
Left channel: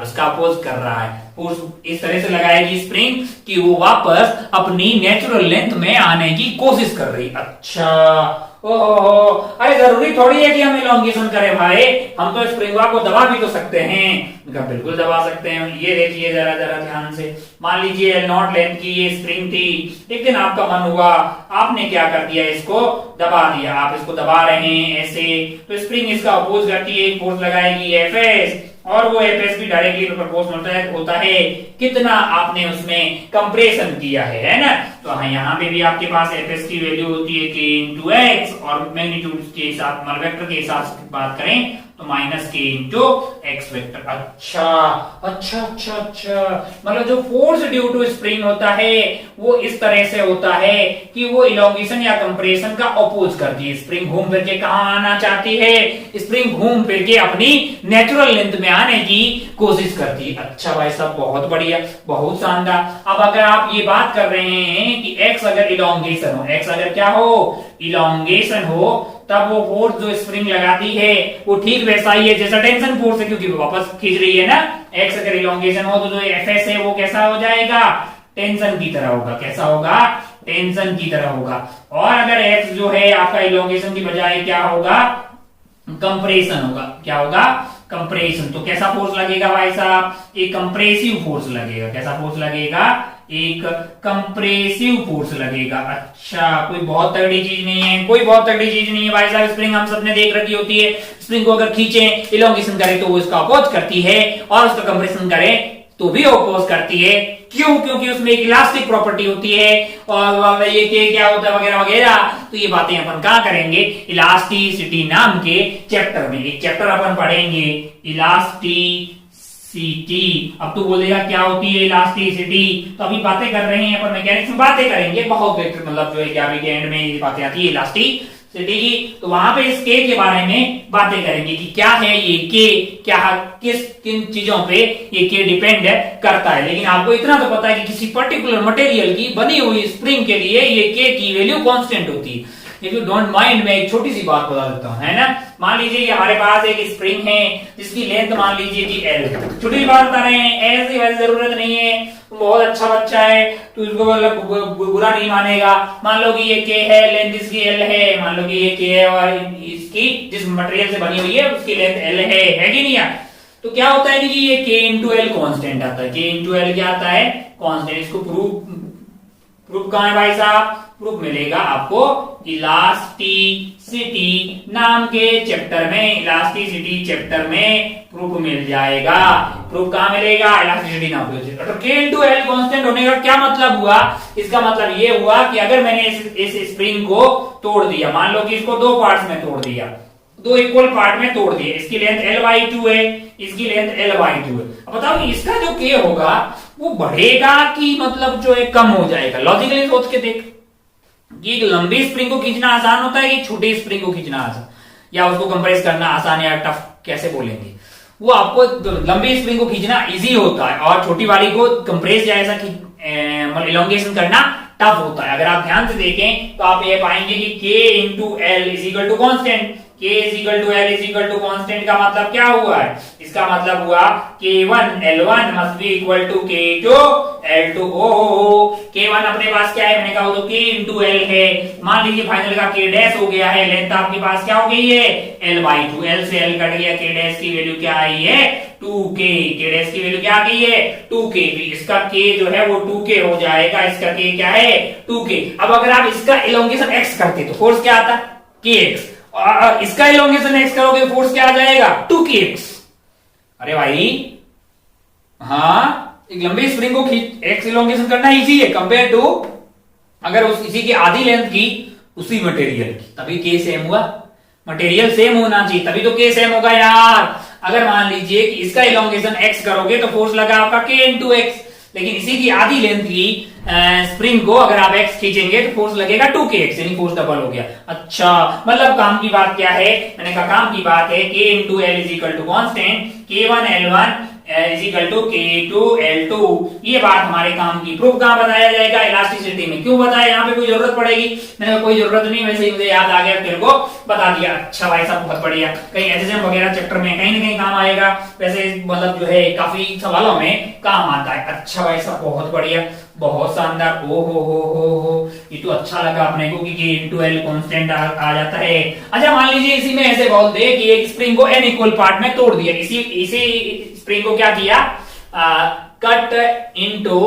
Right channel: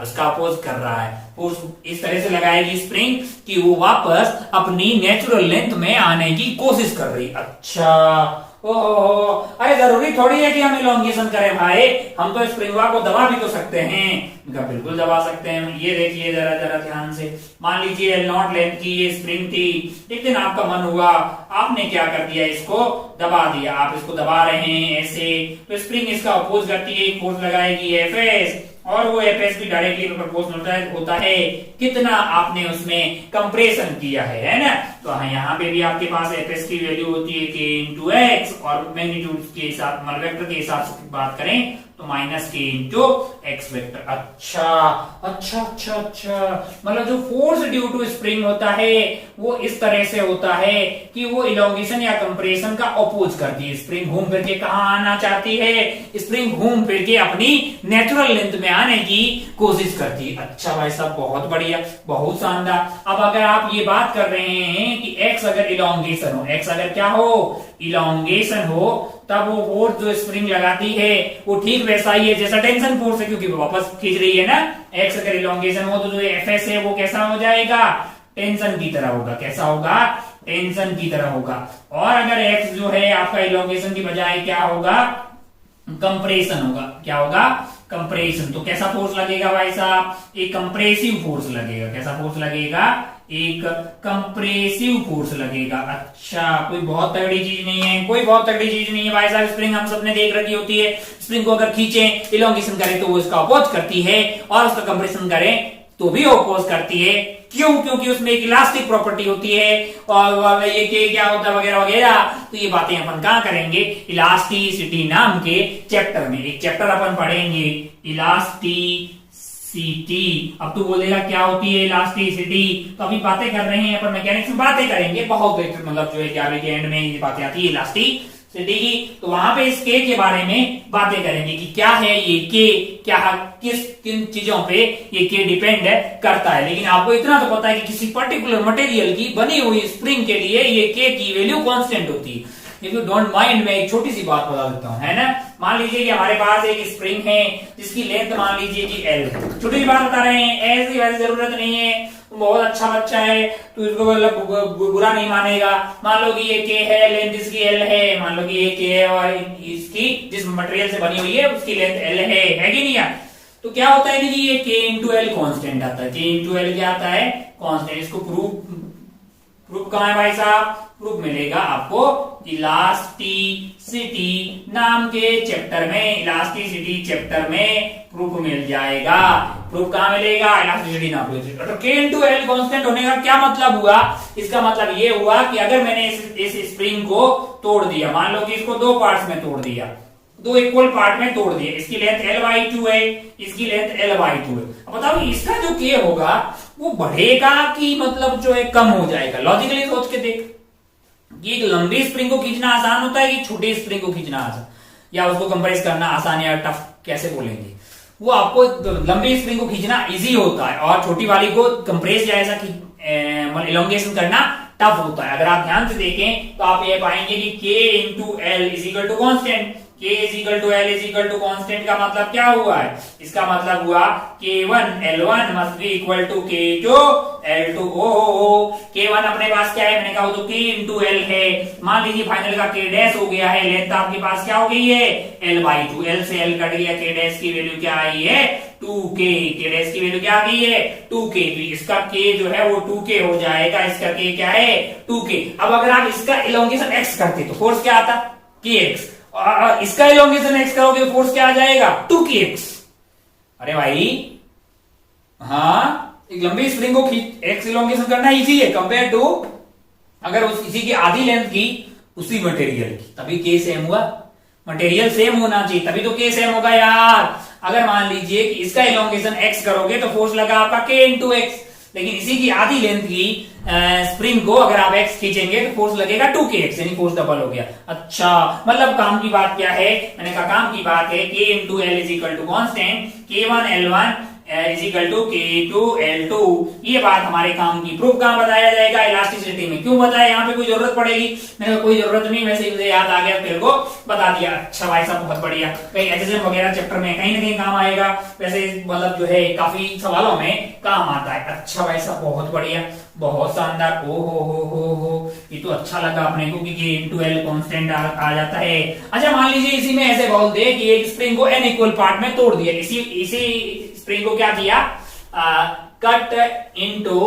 है, फोर्स इस तरह से लगाएगी स्प्रिंग कि वो वापस अपनी नेचुरल लेंथ में आने की कोशिश कर रही। अच्छा, ओहो, अरे जरूरी थोड़ी है कि हम इलोंगेशन करें भाई, हम तो स्प्रिंग को दबा भी तो सकते हैं। बिल्कुल दबा सकते हैं। ये देखिए जरा ध्यान से, मान लीजिए L0 लेंथ की ये स्प्रिंग थी, एक दिन आपका मन हुआ, आपने क्या कर दिया? इसको दबा दिया। आप इसको दबा रहे हैं ऐसे, तो स्प्रिंग इसका अपोज करती है, फोर्स लगाएगी Fs, और वो Fs भी डायरेक्टली प्रोपोर्शनल होता है कितना आपने उसमें कंप्रेशन किया है ना? तो हाँ, यहाँ पे भी आपके पास Fs की वैल्यू होती है k इंटू एक्स, और मैग्नीट्यूड के हिसाब मतलब वेक्टर के हिसाब से बात करें तो minus k into X vector. अच्छा, मतलब जो फोर्स ड्यू टू स्प्रिंग होता है वो इस तरह से होता है कि वो इलोंगेशन या कंप्रेशन का अपोज करती है। स्प्रिंग घूम फिर के कहां आना चाहती है? स्प्रिंग घूम फिर के अपनी नेचुरल लेंथ में आने की कोशिश करती है। अच्छा भाई साहब, बहुत बढ़िया, बहुत शानदार। अब अगर आप ये बात कर रहे हैं कि x अगर इलोंगेशन हो, x अगर क्या हो? इलोंगेशन हो, तब वो फोर्स जो स्प्रिंग लगाती है वो ठीक वैसा ही है जैसा टेंशन फोर्स है, क्योंकि वो वापस खींच रही है ना। x अगर इलोंगेशन हो तो जो Fs है वो कैसा हो जाएगा? टेंशन की तरह होगा। कैसा होगा? टेंशन की तरह होगा। और अगर x जो है आपका इलोंगेशन की बजाय क्या होगा? कंप्रेशन होगा। क्या होगा? कंप्रेशन। तो कैसा फोर्स लगेगा भाई साहब? एक कंप्रेसिव फोर्स लगेगा। कैसा फोर्स लगेगा? एक कंप्रेसिव फोर्स लगेगा। अच्छा, कोई बहुत तगड़ी चीज नहीं है, भाई साहब। स्प्रिंग हम सबने देख रखी होती है, स्प्रिंग को अगर खींचे, इलोंगेशन करे तो वो इसका अपोज करती है, और उसका कंप्रेशन करे तो भी अपोज करती है। क्यों? क्योंकि उसमें एक इलास्टिक प्रॉपर्टी होती है, और ये क्या होता है वगैरह वगैरह। तो ये बातें अपन कहाँ करेंगे? इलास्टिसिटी नाम के चैप्टर में। एक चैप्टर अपन पढ़ेंगे, इलास्टिसिटी। अब तू बोलेगा क्या होती है इलास्टिसिटी? तो अभी बातें कर रहे हैं अपन, मैकेनिक्स में बातें करेंगे बहुत, मतलब जो है 11वीं के एंड में ये बातें आती है इलास्टिसिटी की। तो वहां पे इस के बारे में बातें करेंगे कि क्या है ये के, क्या किन चीजों पे ये के डिपेंड करता है। लेकिन आपको इतना तो पता है कि किसी पर्टिकुलर मटेरियल की बनी हुई स्प्रिंग के लिए ये के की वैल्यू कांस्टेंट होती है। इफ यू डोंट माइंड, मैं एक छोटी सी बात बता देता हूं, है ना। मान लीजिए कि हमारे पास एक स्प्रिंग है जिसकी लेंथ मान लीजिए कि L। छोटी सी बात बता रहे हैं, ऐसी वैसी जरूरत नहीं है, बहुत अच्छा बच्चा है तो इसको मतलब बुरा नहीं मानेगा। मान लो कि ये K है, लेंथ इसकी L है, मान लो कि ये K है और इसकी जिस मटेरियल से बनी हुई है उसकी लेंथ L है कि नहीं यार? तो क्या होता है कि ये K इंटू एल कॉन्स्टेंट आता है। K इंटू एल क्या आता है? कॉन्स्टेंट। इसको प्रूफ कहां है भाई साहब? प्रूफ मिलेगा आपको इलास्टिसिटी नाम के चैप्टर में। इलास्टिसिटी चैप्टर में प्रूफ मिल जाएगा। प्रूफ कहां मिलेगा? इलास्टिसिटी नाम के चैप्टर। तो K इंटू एल कॉन्स्टेंट होने का क्या मतलब हुआ? इसका मतलब ये हुआ कि अगर मैंने इस स्प्रिंग को तोड़ दिया, मान लो कि इसको दो पार्ट्स में तोड़ दिया, दो इक्वल पार्ट में तोड़ दिए, इसकी लेंथ L/2 है, इसकी लेंथ L/2 है। अब बताओ इसका जो K होगा वो बढ़ेगा कि मतलब जो है कम हो जाएगा? लॉजिकली सोच के देख कि एक लंबी स्प्रिंग को खींचना आसान होता है कि छोटी स्प्रिंग को खींचना आसान, या उसको कंप्रेस करना आसान या टफ कैसे बोलेंगे? वो आपको लंबी स्प्रिंग को खींचना इजी होता है और छोटी वाली को कंप्रेस या ऐसा मतलब इलोंगेशन करना टफ होता है। अगर आप ध्यान से देखें तो आप ये पाएंगे कि K into L is equal to constant. K is equal to L is equal to constant का मतलब क्या हुआ है? इसका मतलब हुआ K1 L1 must be equal to K2 L2। K1 अपने पास क्या है? मैंने कहा वो तो K इंटू एल है। मान लीजिए फाइनल का K डैश हो गया है, लेंथ आपके पास क्या हो गई है? L/2। L से L कट गया, K डैश की वैल्यू क्या आई है? 2K। K डैश की वैल्यू क्या आ गई है? 2K। इसका K जो है वो 2K हो जाएगा, इसका K क्या है? 2K। अब अगर आप इसका इलोंगेशन x करते तो फोर्स क्या आता? Kx। और इसका इलोंगेशन x करोगे फोर्स क्या आ जाएगा? 2Kx। अरे भाई हाँ, एक लंबी स्प्रिंग को x इलोंगेशन करना इजी है कंपेयर टू अगर इसी की आधी लेंथ की उसी मटेरियल की, तभी K सेम हुआ। मटेरियल सेम होना चाहिए तभी तो K सेम होगा यार। अगर मान लीजिए कि इसका इलोंगेशन x करोगे तो फोर्स लगा आपका K इंटू एक्स, लेकिन इसी की आधी लेंथ की स्प्रिंग को अगर आप x खींचेंगे तो फोर्स लगेगा 2Kx, यानी फोर्स डबल हो गया। अच्छा मतलब काम की बात क्या है? मैंने कहा काम की बात है K into L is equal to constant, K1 L1 is equal to K2 L2। ये बात हमारे काम की। प्रूफ कहां बताया जाएगा? इलास्टिसिटी में। क्यों बताया? यहाँ पे कोई जरूरत पड़ेगी? मैंने कोई जरूरत नहीं, वैसे ही मुझे याद आ गया तेरे को बता दिया। अच्छा भाई साहब बहुत बढ़िया। कहीं एचएसएम वगैरह चैप्टर में कहीं ना कहीं काम आएगा, वैसे मतलब जो है काफी सवालों में काम आता है। अच्छा भाई साहब बहुत बढ़िया, बहुत शानदार। ओ हो, ये तो अच्छा लगा अपने को कि K इंटू एल कॉन्स्टेंट आ जाता है। अच्छा मान लीजिए इसी में ऐसे बोल दे कि एक स्प्रिंग को n इक्वल पार्ट में तोड़ दिया, इसी स्प्रिंग को क्या किया? Cut into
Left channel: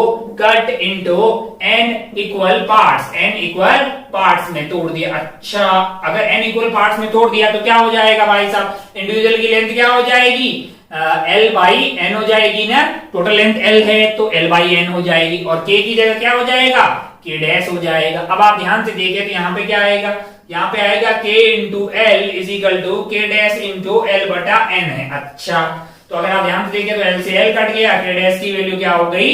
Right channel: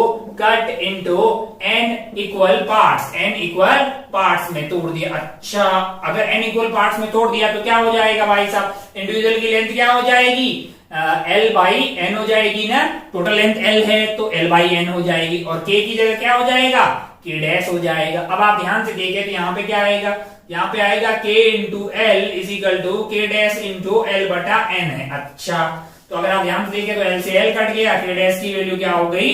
n equal parts में तोड़ दिया। अच्छा अगर n इक्वल पार्ट्स में तोड़ दिया तो क्या हो जाएगा भाई साहब? इंडिविजुअल की लेंथ क्या हो जाएगी? L/n हो जाएगी ना। टोटल लेंथ L है तो L/n हो जाएगी, और K की जगह क्या हो जाएगा? K डैश हो जाएगा। अब आप ध्यान से देखिए तो यहाँ पे क्या आएगा? यहाँ पे आएगा K into L is equal to K dash into L बटा n है। अच्छा तो अगर आप ध्यान से देखें तो L से L कट गया, K डैश की वैल्यू क्या हो गई?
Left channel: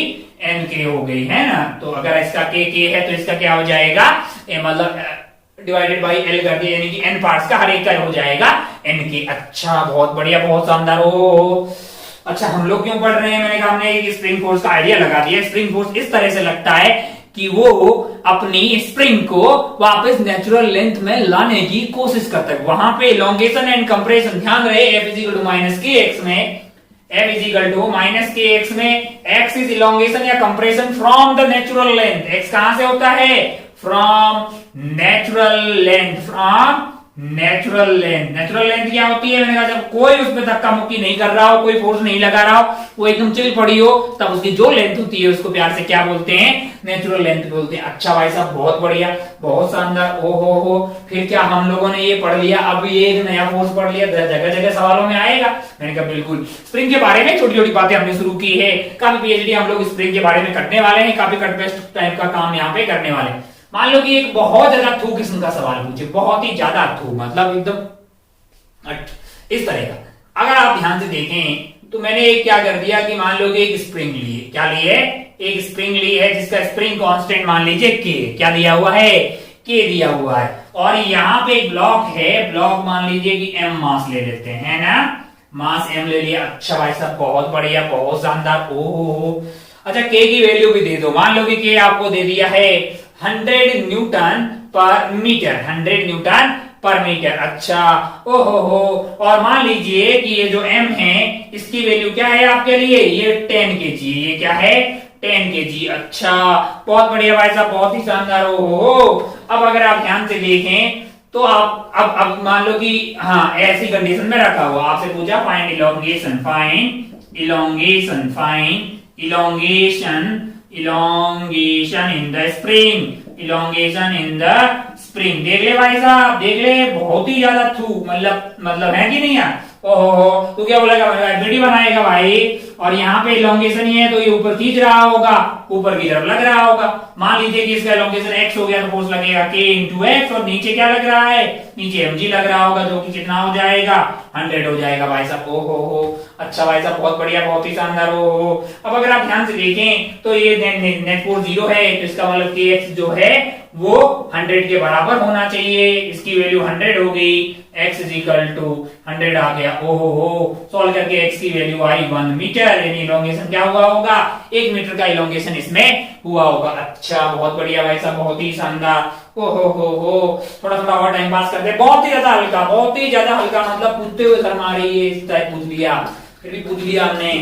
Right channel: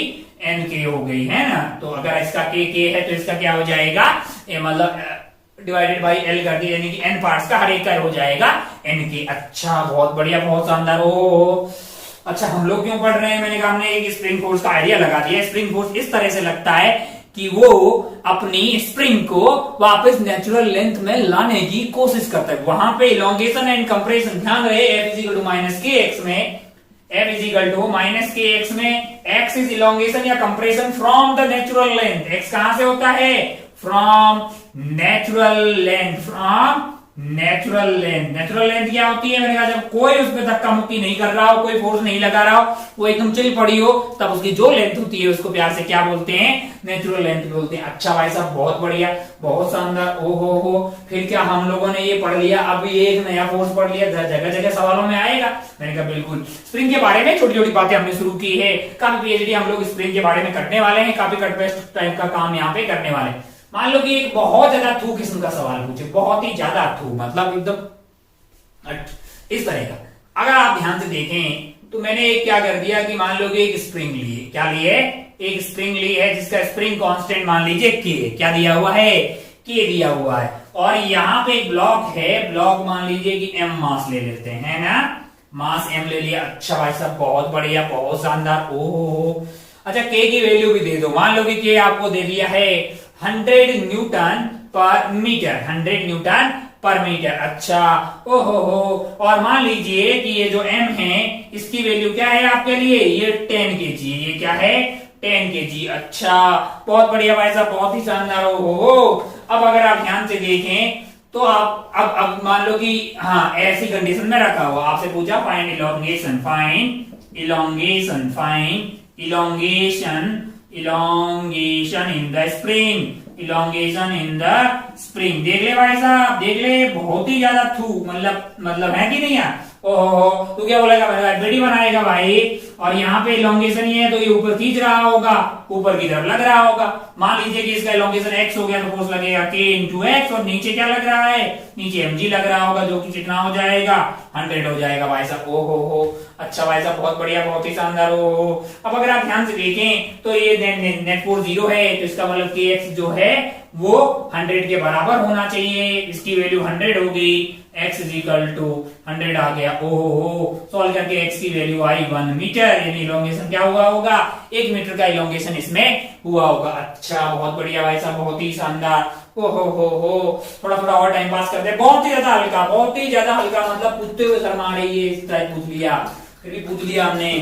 NK हो गई है ना। तो अगर इसका K है तो इसका क्या हो जाएगा? मतलब डिवाइडेड बाई L कर दिया, यानी कि n पार्ट्स का हर एक का हो जाएगा NK। अच्छा बहुत बढ़िया, बहुत शानदार। ओ अच्छा हम लोग क्यों पढ़ रहे हैं? मैंने कहा हमने एक स्प्रिंग फोर्स का आइडिया लगा दिया। स्प्रिंग फोर्स इस तरह से लगता है कि वो अपनी स्प्रिंग को वापस नेचुरल लेंथ में लाने की कोशिश करता है। वहां पे इलोंगेशन एंड कंप्रेशन, ध्यान रहे F is equal to minus KX में, F is equal to minus KX में X इज इलोंगेशन या compression from the natural length. X कहां से होता है? From natural length. Natural length क्या होती है? मैंने कहा जब कोई उसमें धक्का मुक्की नहीं कर रहा हो, कोई फोर्स नहीं लगा रहा हो, वो एकदम चिल पड़ी हो, तब उसकी जो लेंथ होती है उसको प्यार से क्या बोलते हैं? नेचुरल लेंथ बोलते हैं। अच्छा भाई साहब बहुत बढ़िया, बहुत शानदार। ओ हो, फिर क्या हम लोगों ने ये पढ़ लिया, अब ये एक नया फोर्स पढ़ लिया, जगह जगह सवालों में आएगा। मैंने कहा बिल्कुल। स्प्रिंग के बारे में छोटी छोटी बातें हमने शुरू की है, काफी पीएचडी हम लोग स्प्रिंग के बारे में करने वाले हैं, काफी कट पेस्ट टाइप का काम यहाँ पे करने वाले हैं। मान लो कि एक बहुत ज्यादा थू किस्म का सवाल पूछे, बहुत ही ज्यादा थू, मतलब एकदम इस तरह का। अगर आप ध्यान से देखें तो मैंने एक क्या कर दिया कि मान लो कि एक स्प्रिंग लिए, क्या लिए? एक स्प्रिंग ली है जिसका स्प्रिंग कांस्टेंट मान लीजिए K, क्या दिया हुआ है? K दिया हुआ है। और यहाँ पे एक ब्लॉक है, ब्लॉक मान लीजिए कि M मास ले लेते हैं ना, मास M ले लिया। अच्छा भाई साहब बहुत बढ़िया, बहुत शानदार। ओहो अच्छा K की वैल्यू भी दे दो। मान लो कि K आपको दे दिया है 100 न्यूटन पर मीटर, 100 न्यूटन पर मीटर। अच्छा ओहो और मान लीजिए कि ये जो M है इसकी वैल्यू क्या है आपके लिए? ये 10 kg, ये क्या है? 10 kg। अच्छा बहुत बढ़िया भाई साहब, बहुत ही शानदार। ओहो अब अगर आप ध्यान से देखें तो आप अब मान लो कि हाँ ऐसी कंडीशन में रखा हुआ, आपसे पूछा find elongation, elongation in the spring, elongation in the spring. देख ले भाई साहब, देख ले, बहुत ही ज्यादा थू, मतलब है कि नहीं यार? ओहो तू क्या बोलेगा भाई? वीडियो बनाएगा भाई और यहाँ पे इलोंगेशन ही है तो ये ऊपर खींच रहा होगा, ऊपर की तरफ लग रहा होगा। मान लीजिए कि इसका इलोंगेशन x हो गया तो फोर्स लगेगा k इंटू एक्स, और नीचे क्या लग रहा है, नीचे mg लग रहा होगा, जो कि कितना हो जाएगा 100 हो जाएगा भाई साहब। ओ हो, अच्छा भाई साहब, बहुत बढ़िया, बहुत ही शानदार। हो अब अगर आप ध्यान से देखें तो ये नेट फोर्स 0 है, तो इसका मतलब kx जो है वो 100 के बराबर होना चाहिए। इसकी वैल्यू 100 हो गई, x इज इक्वल टू 100 आ गया। ओहो, सॉल्व करके x की वैल्यू आई 1 मीटर, यानी इलोंगेशन क्या हुआ होगा, 1 मीटर का इलोंगेशन इसमें हुआ होगा। अच्छा, बहुत बढ़िया भाई साहब, बहुत ही शानदार। हो थोड़ा थोड़ा और टाइम पास करते हैं। बहुत ही ज्यादा हल्का, बहुत ही ज्यादा हल्का, मतलब पूछते हुए शर्म आ रही है, इस टाइप पूछ लिया, फिर भी पूछ लिया हमने।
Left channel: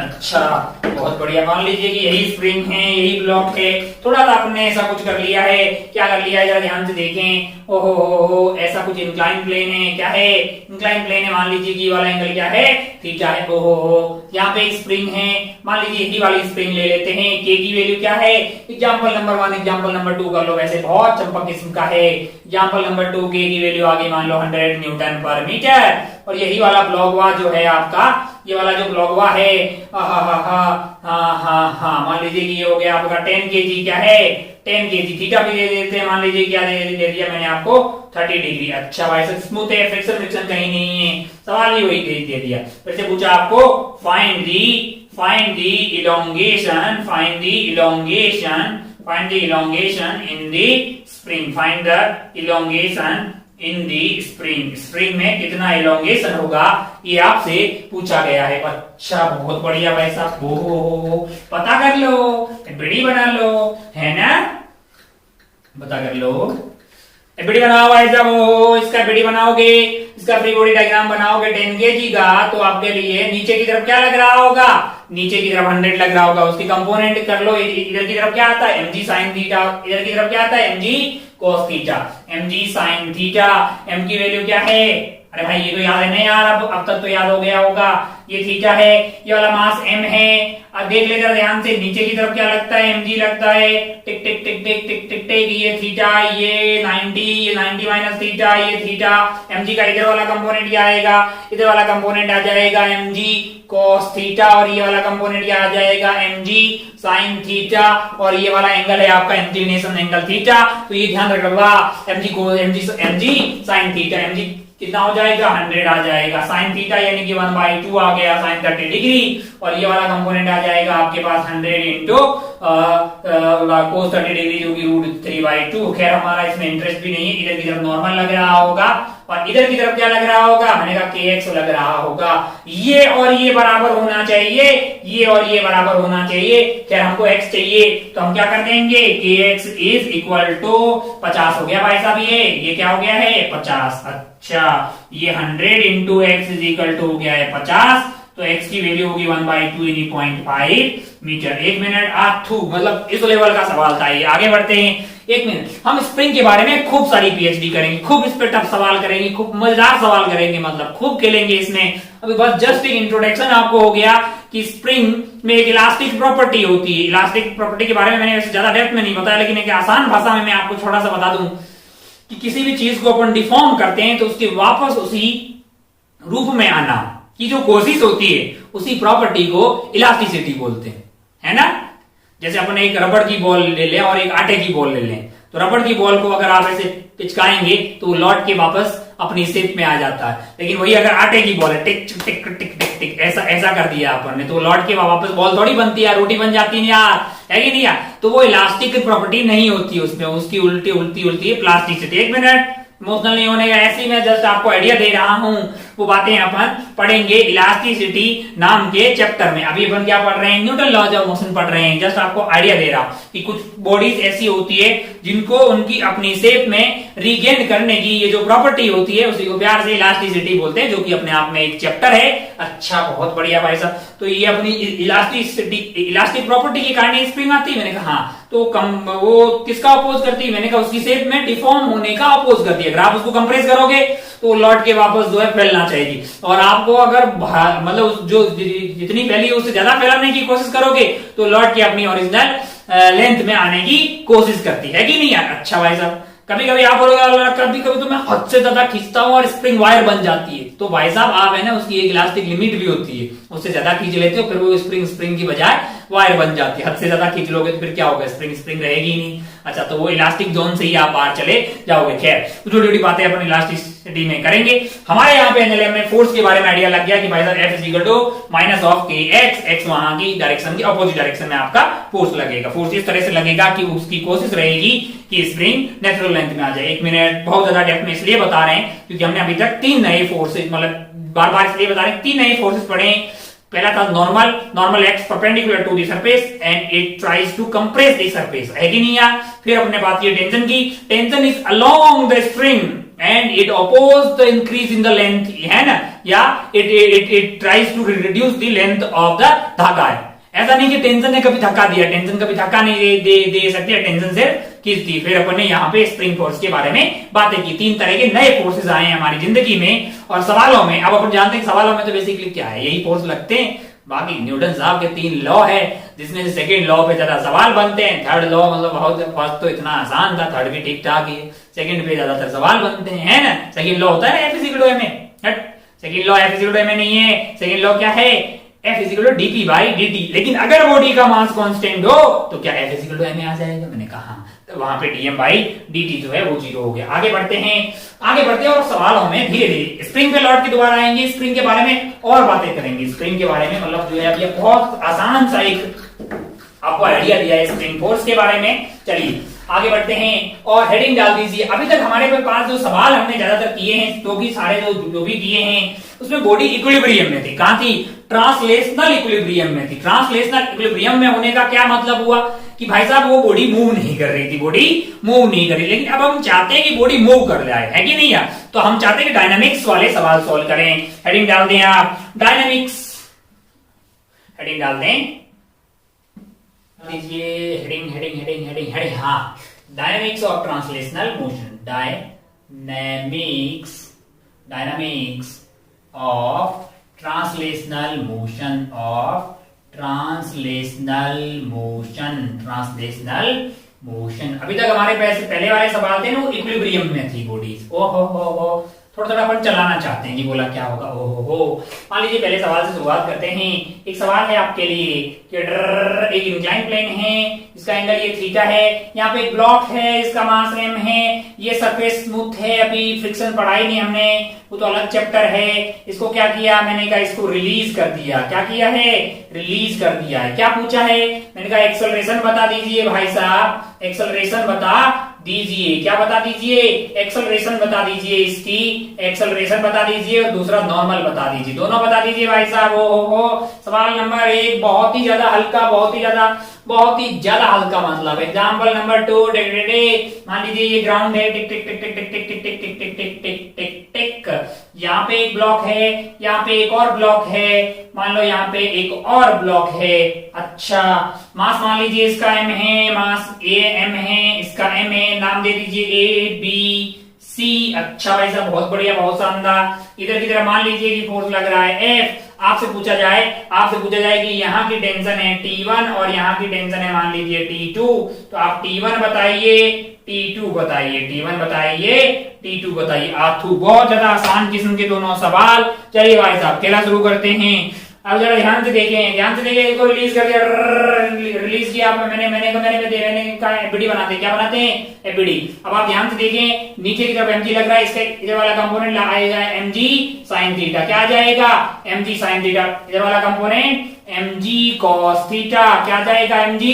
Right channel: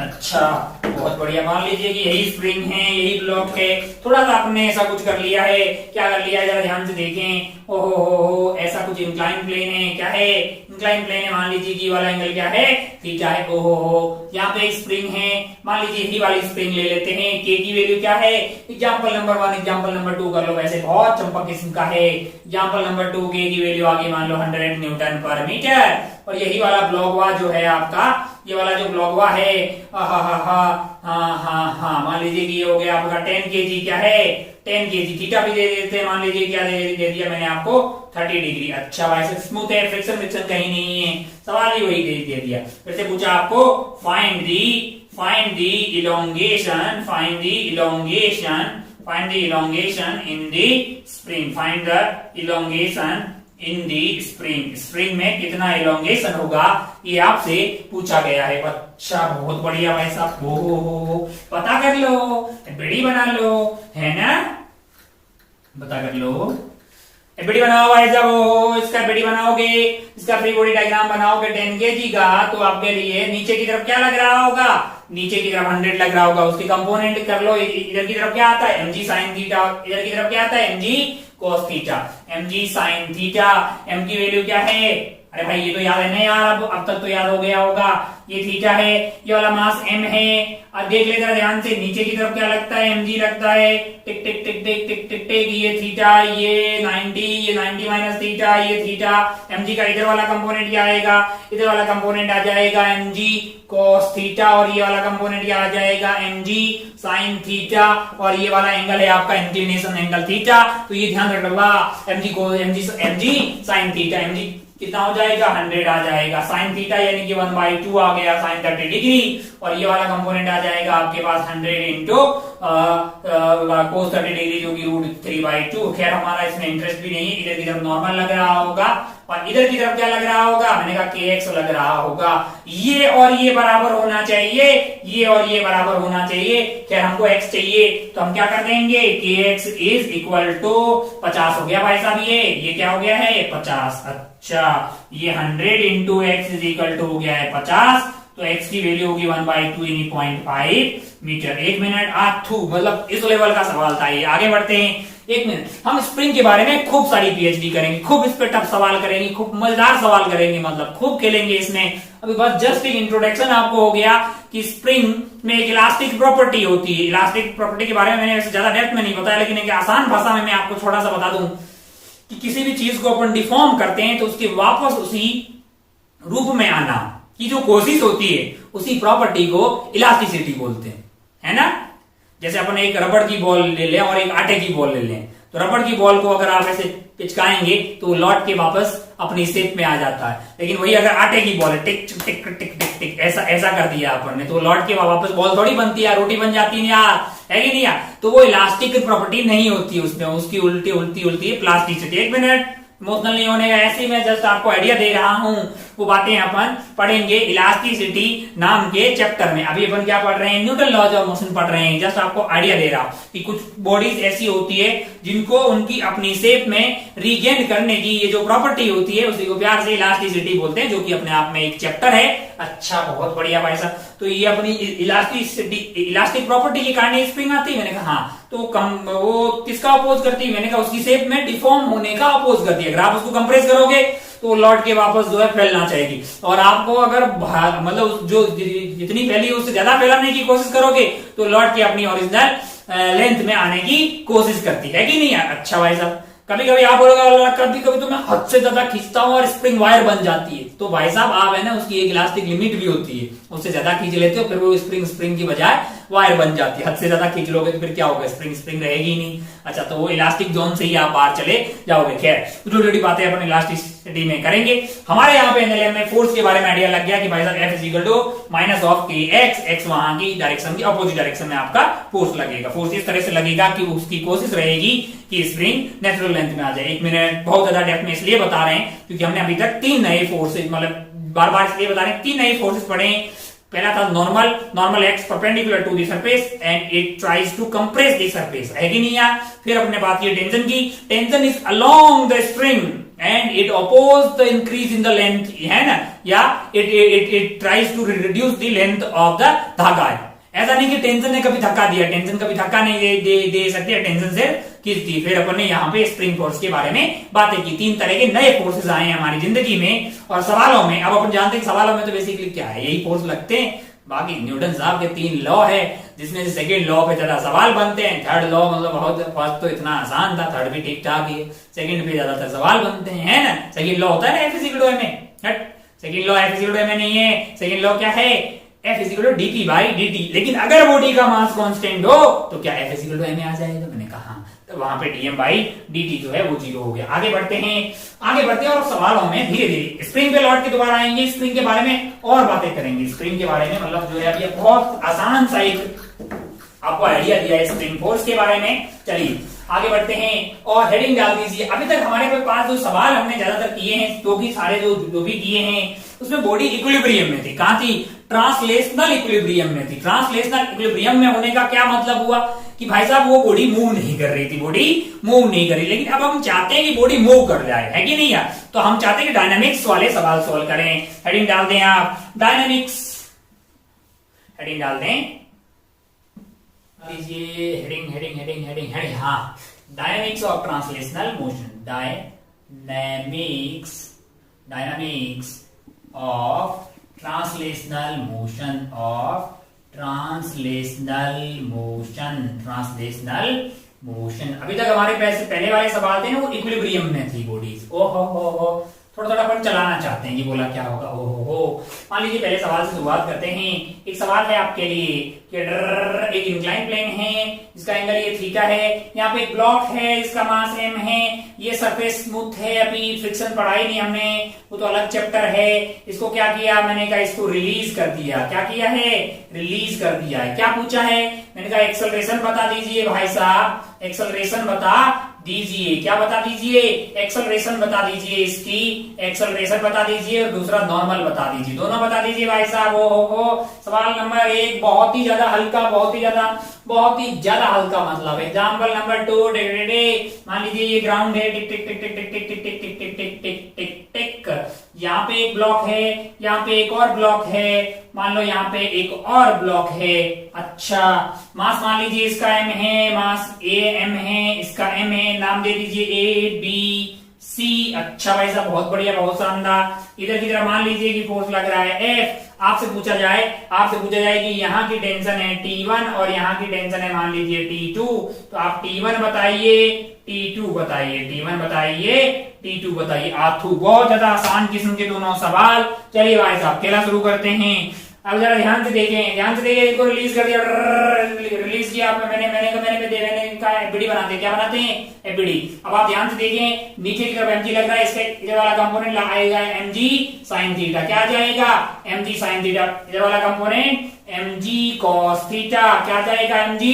अच्छा, बहुत बढ़िया। मान लीजिए कि यही स्प्रिंग है, यही ब्लॉक है, थोड़ा सा आपने ऐसा कुछ कर लिया है। क्या कर लिया है जरा ध्यान से देखें। ओहो, ऐसा कुछ इंक्लाइन प्लेन है। क्या है, इंक्लाइन प्लेन है। मान लीजिए कि ये वाला एंगल क्या है, थीटा है। ओहो, यहाँ पे एक स्प्रिंग है, मान लीजिए यही वाली स्प्रिंग ले लेते हैं। के की वैल्यू क्या है, एग्जाम्पल नंबर 1, एग्जाम्पल नंबर 2 कर लो, वैसे बहुत चंपक किस्म का है। एग्जाम्पल नंबर 2, के की वैल्यू आगे मान लो 100 न्यूटन पर मीटर। और यही वाला ब्लॉकवा जो है आपका, ये वाला जो ब्लॉकवा है, मान लीजिए कि ये हो गया आपका 10 kg। क्या है, 10 kg। थीटा भी दे देते हैं, मान लीजिए क्या दे दिया मैंने आपको, 30 डिग्री। अच्छा भाई साहब, स्मूथ है, फ्रिक्शन फ्रिक्शन कहीं नहीं है, सवाल ही वही दे दिया। फिर से पूछा आपको, find the elongation, find the elongation in the spring, find the elongation in the spring. Spring में कितना इलोंगेशन होगा, ये आपसे पूछा गया है। अच्छा, बहुत बढ़िया भाई साहब। हो पता कर लो, एफबीडी बना लो, है ना, पता कर लो, एफबीडी बनाओ भाई साहब। इसका एफबीडी बनाओगे, इसका फ्री बॉडी डायग्राम बनाओगे 10 kg का, तो आपके लिए नीचे की तरफ क्या लग रहा होगा, नीचे की तरफ 100 लग रहा होगा। उसकी कंपोनेंट कर लो। इधर की तरफ क्या आता है, mg sin थीटा, इधर की तरफ क्या आता है, mg cos theta, mg sin theta. m की वैल्यू क्या है, अरे भाई ये तो याद है ना यार, अब तक तो याद हो गया होगा। ये थीटा है, ये वाला मास m है। अब देख लेकर ध्यान से, नीचे की तरफ क्या लगता है, mg लगता है। टिक टिक टिक टिक टिक टिक टिक, ये थीटा, ये 90 माइनस थीटा, ये थीटा। mg का इधर वाला कंपोनेंट क्या आएगा, इधर वाला कंपोनेंट आ जाएगा mg cos थीटा, और ये वाला कंपोनेंट क्या आ जाएगा, mg sin थीटा, और ये वाला एंगल है आपका इंक्लिनेशन एंगल थीटा। तो ये ध्यान रखना, mg sin थीटा, mg कितना हो जाएगा, 100 आ जाएगा। साइन थीटा यानी कि 1/2 आ गया, साइन 30 डिग्री। और ये वाला कंपोनेंट आ जाएगा आपके पास 100 इंटू कोस 30 डिग्री, जो कि √3/2। खैर हमारा इसमें इंटरेस्ट भी नहीं है, इधर की तरफ नॉर्मल लग रहा होगा, और इधर की तरफ क्या लग रहा होगा, मैंने कहा kx लग रहा होगा। ये और ये बराबर होना चाहिए, ये और ये बराबर होना चाहिए। खैर हमको x चाहिए, तो हम क्या कर देंगे, kx इज इक्वल टू 50 हो गया भाई साहब। ये क्या हो गया है, 50। अच्छा, ये 100 into X is equal to हो गया है 50, तो x की वैल्यू होगी 1/2 यानी 0.5 मीटर। 1 मिनट आथू, मतलब इस लेवल का सवाल था ये। आगे बढ़ते हैं, 1 मिनट। हम स्प्रिंग के बारे में खूब सारी पीएचडी करेंगे, खूब इस पे टफ सवाल करेंगे, खूब मजेदार सवाल करेंगे, मतलब खूब खेलेंगे इसमें। अभी बस जस्ट एक इंट्रोडक्शन आपको हो गया कि स्प्रिंग में एक इलास्टिक प्रॉपर्टी होती है। इलास्टिक प्रॉपर्टी के बारे में मैंने वैसे ज्यादा डेप्थ में नहीं बताया, लेकिन एक आसान भाषा में मैं आपको थोड़ा सा बता दूं कि किसी भी चीज को अपन डिफॉर्म करते हैं तो उसके वापस उसी रूप में आना की जो कोशिश होती है, उसी प्रॉपर्टी को इलास्टिसिटी बोलते हैं, है ना। जैसे अपन एक रबड़ की बॉल ले लें और एक आटे की बॉल ले लें, तो रबड़ की बॉल को अगर आप ऐसे पिचकाएंगे तो वो लौट के वापस अपनी शेप में आ जाता है। लेकिन वही अगर आटे की बॉल है, टिक टिक टिक टिक टिक ऐसा ऐसा कर दिया अपन ने, तो लौट के वापस बॉल थोड़ी बनती है, रोटी बन जाती है यार, है कि नहीं यार। तो वो इलास्टिक प्रॉपर्टी नहीं होती है उसमें, उसकी उल्टी उल्टी उल्टी है प्लास्टिसिटी। 1 मिनट, इमोशनल नहीं होने का, ऐसे ही मैं जस्ट आपको आइडिया दे रहा हूं। वो बातें अपन पढ़ेंगे इलास्टिसिटी नाम के चैप्टर में। अभी अपन क्या पढ़ रहे हैं, न्यूटन लॉज ऑफ मोशन पढ़ रहे हैं। जस्ट आपको आइडिया दे रहा हूं कि कुछ बॉडीज ऐसी होती है जिनको उनकी अपनी शेप में रीगेन करने की ये जो प्रॉपर्टी होती है, उसी को प्यार से इलास्टिसिटी बोलते हैं, जो कि अपने आप में एक चैप्टर है। अच्छा, बहुत बढ़िया भाई साहब। तो ये अपनी इलास्टिसिटी, इलास्टिक प्रॉपर्टी के कारण स्प्रिंग आती है। मैंने कहा हाँ, तो वो किसका अपोज करती है, मैंने कहा उसकी शेप में डिफॉर्म होने का अपोज करती है। अगर आप उसको कंप्रेस करोगे तो लौट के वापस जो है फैलना चाहिए, और आपको अगर मतलब जो जितनी फैली है उससे ज्यादा फैलाने की कोशिश करोगे तो लौट के अपनी ओरिजिनल लेंथ में आने की कोशिश करती है कि नहीं यार। अच्छा भाई साहब, कभी कभी आप बोलोगे कभी कभी तो मैं हद से ज्यादा खींचता हूं और स्प्रिंग वायर बन जाती है, तो भाई साहब आप है ना उसकी एक इलास्टिक लिमिट भी होती है, उससे ज्यादा खींच लेते हो फिर वो स्प्रिंग की बजाय वायर बन जाती है। हद से ज्यादा खींच लोगे तो फिर क्या होगा, स्प्रिंग रहेगी नहीं। अच्छा, तो वो इलास्टिक जोन से ही आप बाहर चले जाओगे। खैर छोटी छोटी बातें अपन इलास्टिसिटी में करेंगे। हमारे यहाँ पे एनएलएम में फोर्स के बारे में आइडिया लग गया कि भाई साहब F is equal to minus of K X वहां की डायरेक्शन की अपोजिट डायरेक्शन में आपका फोर्स लगेगा। फोर्स इस तरह से लगेगा कि उसकी कोशिश रहेगी कि स्प्रिंग नेचुरल लेंथ में आ जाए। 1 मिनट बहुत ज्यादा डेप्थ में इसलिए बता रहे हैं क्योंकि हमने अभी तक 3 नए फोर्सेज, मतलब बार बार इसलिए बता रहे हैं 3 नए फोर्सेज पढ़े। पहला था normal acts perpendicular to the surface and it tries to compress the surface, है कि नहीं यार। फिर अपने बात की टेंशन की, tension is along the spring and it oppose the increase in the length, है ना, या it tries to reduce the length of the धागा। ऐसा नहीं कि टेंशन ने कभी धक्का दिया, टेंशन कभी धक्का नहीं दे सकती है, टेंशन से खींचती। फिर अपन ने यहाँ पे स्प्रिंग फोर्स के बारे में बातें की। 3 तरह के नए फोर्सेस आए हैं हमारी जिंदगी में और सवालों में। अब अपन जानते हैं सवालों में तो बेसिकली क्या है, यही फोर्स लगते हैं। बाकी न्यूटन साहब के 3 लॉ है जिसमें से सेकंड लॉ पे ज्यादा सवाल बनते हैं। थर्ड लॉ मतलब बहुत फर्स्ट तो इतना आसान था, थर्ड भी ठीक ठाक ही है, सेकंड पे ज्यादातर सवाल बनते हैं, है ना। सेकंड लॉ होता है ना F is equal to ma, second law F is equal to ma नहीं है। सेकंड लॉ क्या है, F is equal to dt by dt। लेकिन अगर बॉडी का मास कांस्टेंट हो तो क्या F is equal to ma आ जाएगा, मैंने कहा तो वहां पे dm बाई dt जो है वो 0 हो गया। आगे बढ़ते हैं और सवालों में धीरे धीरे स्प्रिंग पे लौट के दोबारा आएंगे। स्प्रिंग के बारे में और बातें करेंगे, स्प्रिंग के बारे में मतलब जो है अभी बहुत आसान सा एक आपको आइडिया दिया है स्प्रिंग फोर्स के बारे में। चलिए आगे बढ़ते हैं और हेडिंग डाल दीजिए। अभी तक हमारे पास जो सवाल हमने ज्यादातर किए हैं, तो भी सारे जो भी किए हैं उसमें बॉडी इक्विलिब्रियम में थी। कहां थी, ट्रांसलेशनल इक्विलिब्रियम में थी। ट्रांसलेशनल इक्विलिब्रियम में होने का क्या मतलब हुआ कि भाई साहब वो बॉडी मूव नहीं कर रही थी, बॉडी मूव नहीं कर रही। लेकिन अब हम चाहते हैं कि बॉडी मूव कर जाए, है कि नहीं यार। तो हम चाहते हैं कि डायनामिक्स वाले सवाल सॉल्व करें। हेडिंग डाल दें आप, डायनामिक्स, हेडिंग डाल दें लीजिए, हेडिंग हाँ, dynamics of translational motion, dynamics of translational motion. अभी तक हमारे पहले वाले सवाल थे ना वो इक्विलिब्रियम में थी बॉडीज। ओहो थोड़ा अपन चलाना चाहते हैं कि बोला क्या होगा। ओहो मान लीजिए पहले सवाल से शुरुआत करते हैं। एक सवाल है आपके लिए कि एक इंक्लाइन प्लेन है, इसका एंगल ये थीटा है, यहाँ पे एक ब्लॉक है, इसका मास m है, ये सरफेस स्मूथ है, अभी फ्रिक्शन पढ़ाई नहीं हमने, वो तो अलग चैप्टर है। इसको क्या किया मैंने कहा, इसको रिलीज कर दिया। क्या किया है, रिलीज कर दिया है। क्या पूछा है, मैंने कहा एक्सेलरेशन बता दीजिए भाई साहब, एक्सेलरेशन बता दीजिए। क्या बता दीजिए, एक्सेलरेशन बता दीजिए, इसकी एक्सेलरेशन बता दीजिए और दूसरा नॉर्मल बता दीजिए, दोनों बता दीजिए भाई साहब। हो सवाल नंबर 1 बहुत ही ज्यादा हल्का, बहुत ही ज्यादा हल्का मतलब। एग्जाम्पल नंबर 2, मान लीजिए ये ग्राउंड है, टिक टिक टिक टिक टिक टिक टिक टिक टिक टिक टिक टिक टिक टिक। यहाँ पे एक ब्लॉक है, यहाँ पे एक और ब्लॉक है, मान लो यहाँ पे एक और ब्लॉक है। अच्छा मास मान लीजिए इसका m है, मास m है, इसका m है, नाम दे दीजिए A B C। अच्छा भाई साहब बहुत बढ़िया, बहुत शानदार। इधर की तरफ मान लीजिए कि फोर्स लग रहा है F। आपसे पूछा जाए कि यहाँ की टेंशन है T1 और यहाँ की टेंशन है मान लीजिए T2, तो आप T1 बताइए, T2 बताइए, T1 बताइए, T2 बताइए। आथू बहुत ज्यादा आसान किस्म के दोनों सवाल। चलिए भाई साहब खेला शुरू करते हैं। अब जरा ध्यान से देखें, इसको रिलीज कर दिया, रिलीज किया मैंने कहा एफबीडी बनाते हैं। क्या बनाते हैं, एफबीडी। अब आप ध्यान से देखें, नीचे की तरफ mg लग रहा है, इसका इधर वाला कंपोनेंट आएगा mg sin थीटा। क्या आ जाएगा, mg sin थीटा। इधर वाला कंपोनेंट mg cos थीटा। क्या आ जाएगा, mg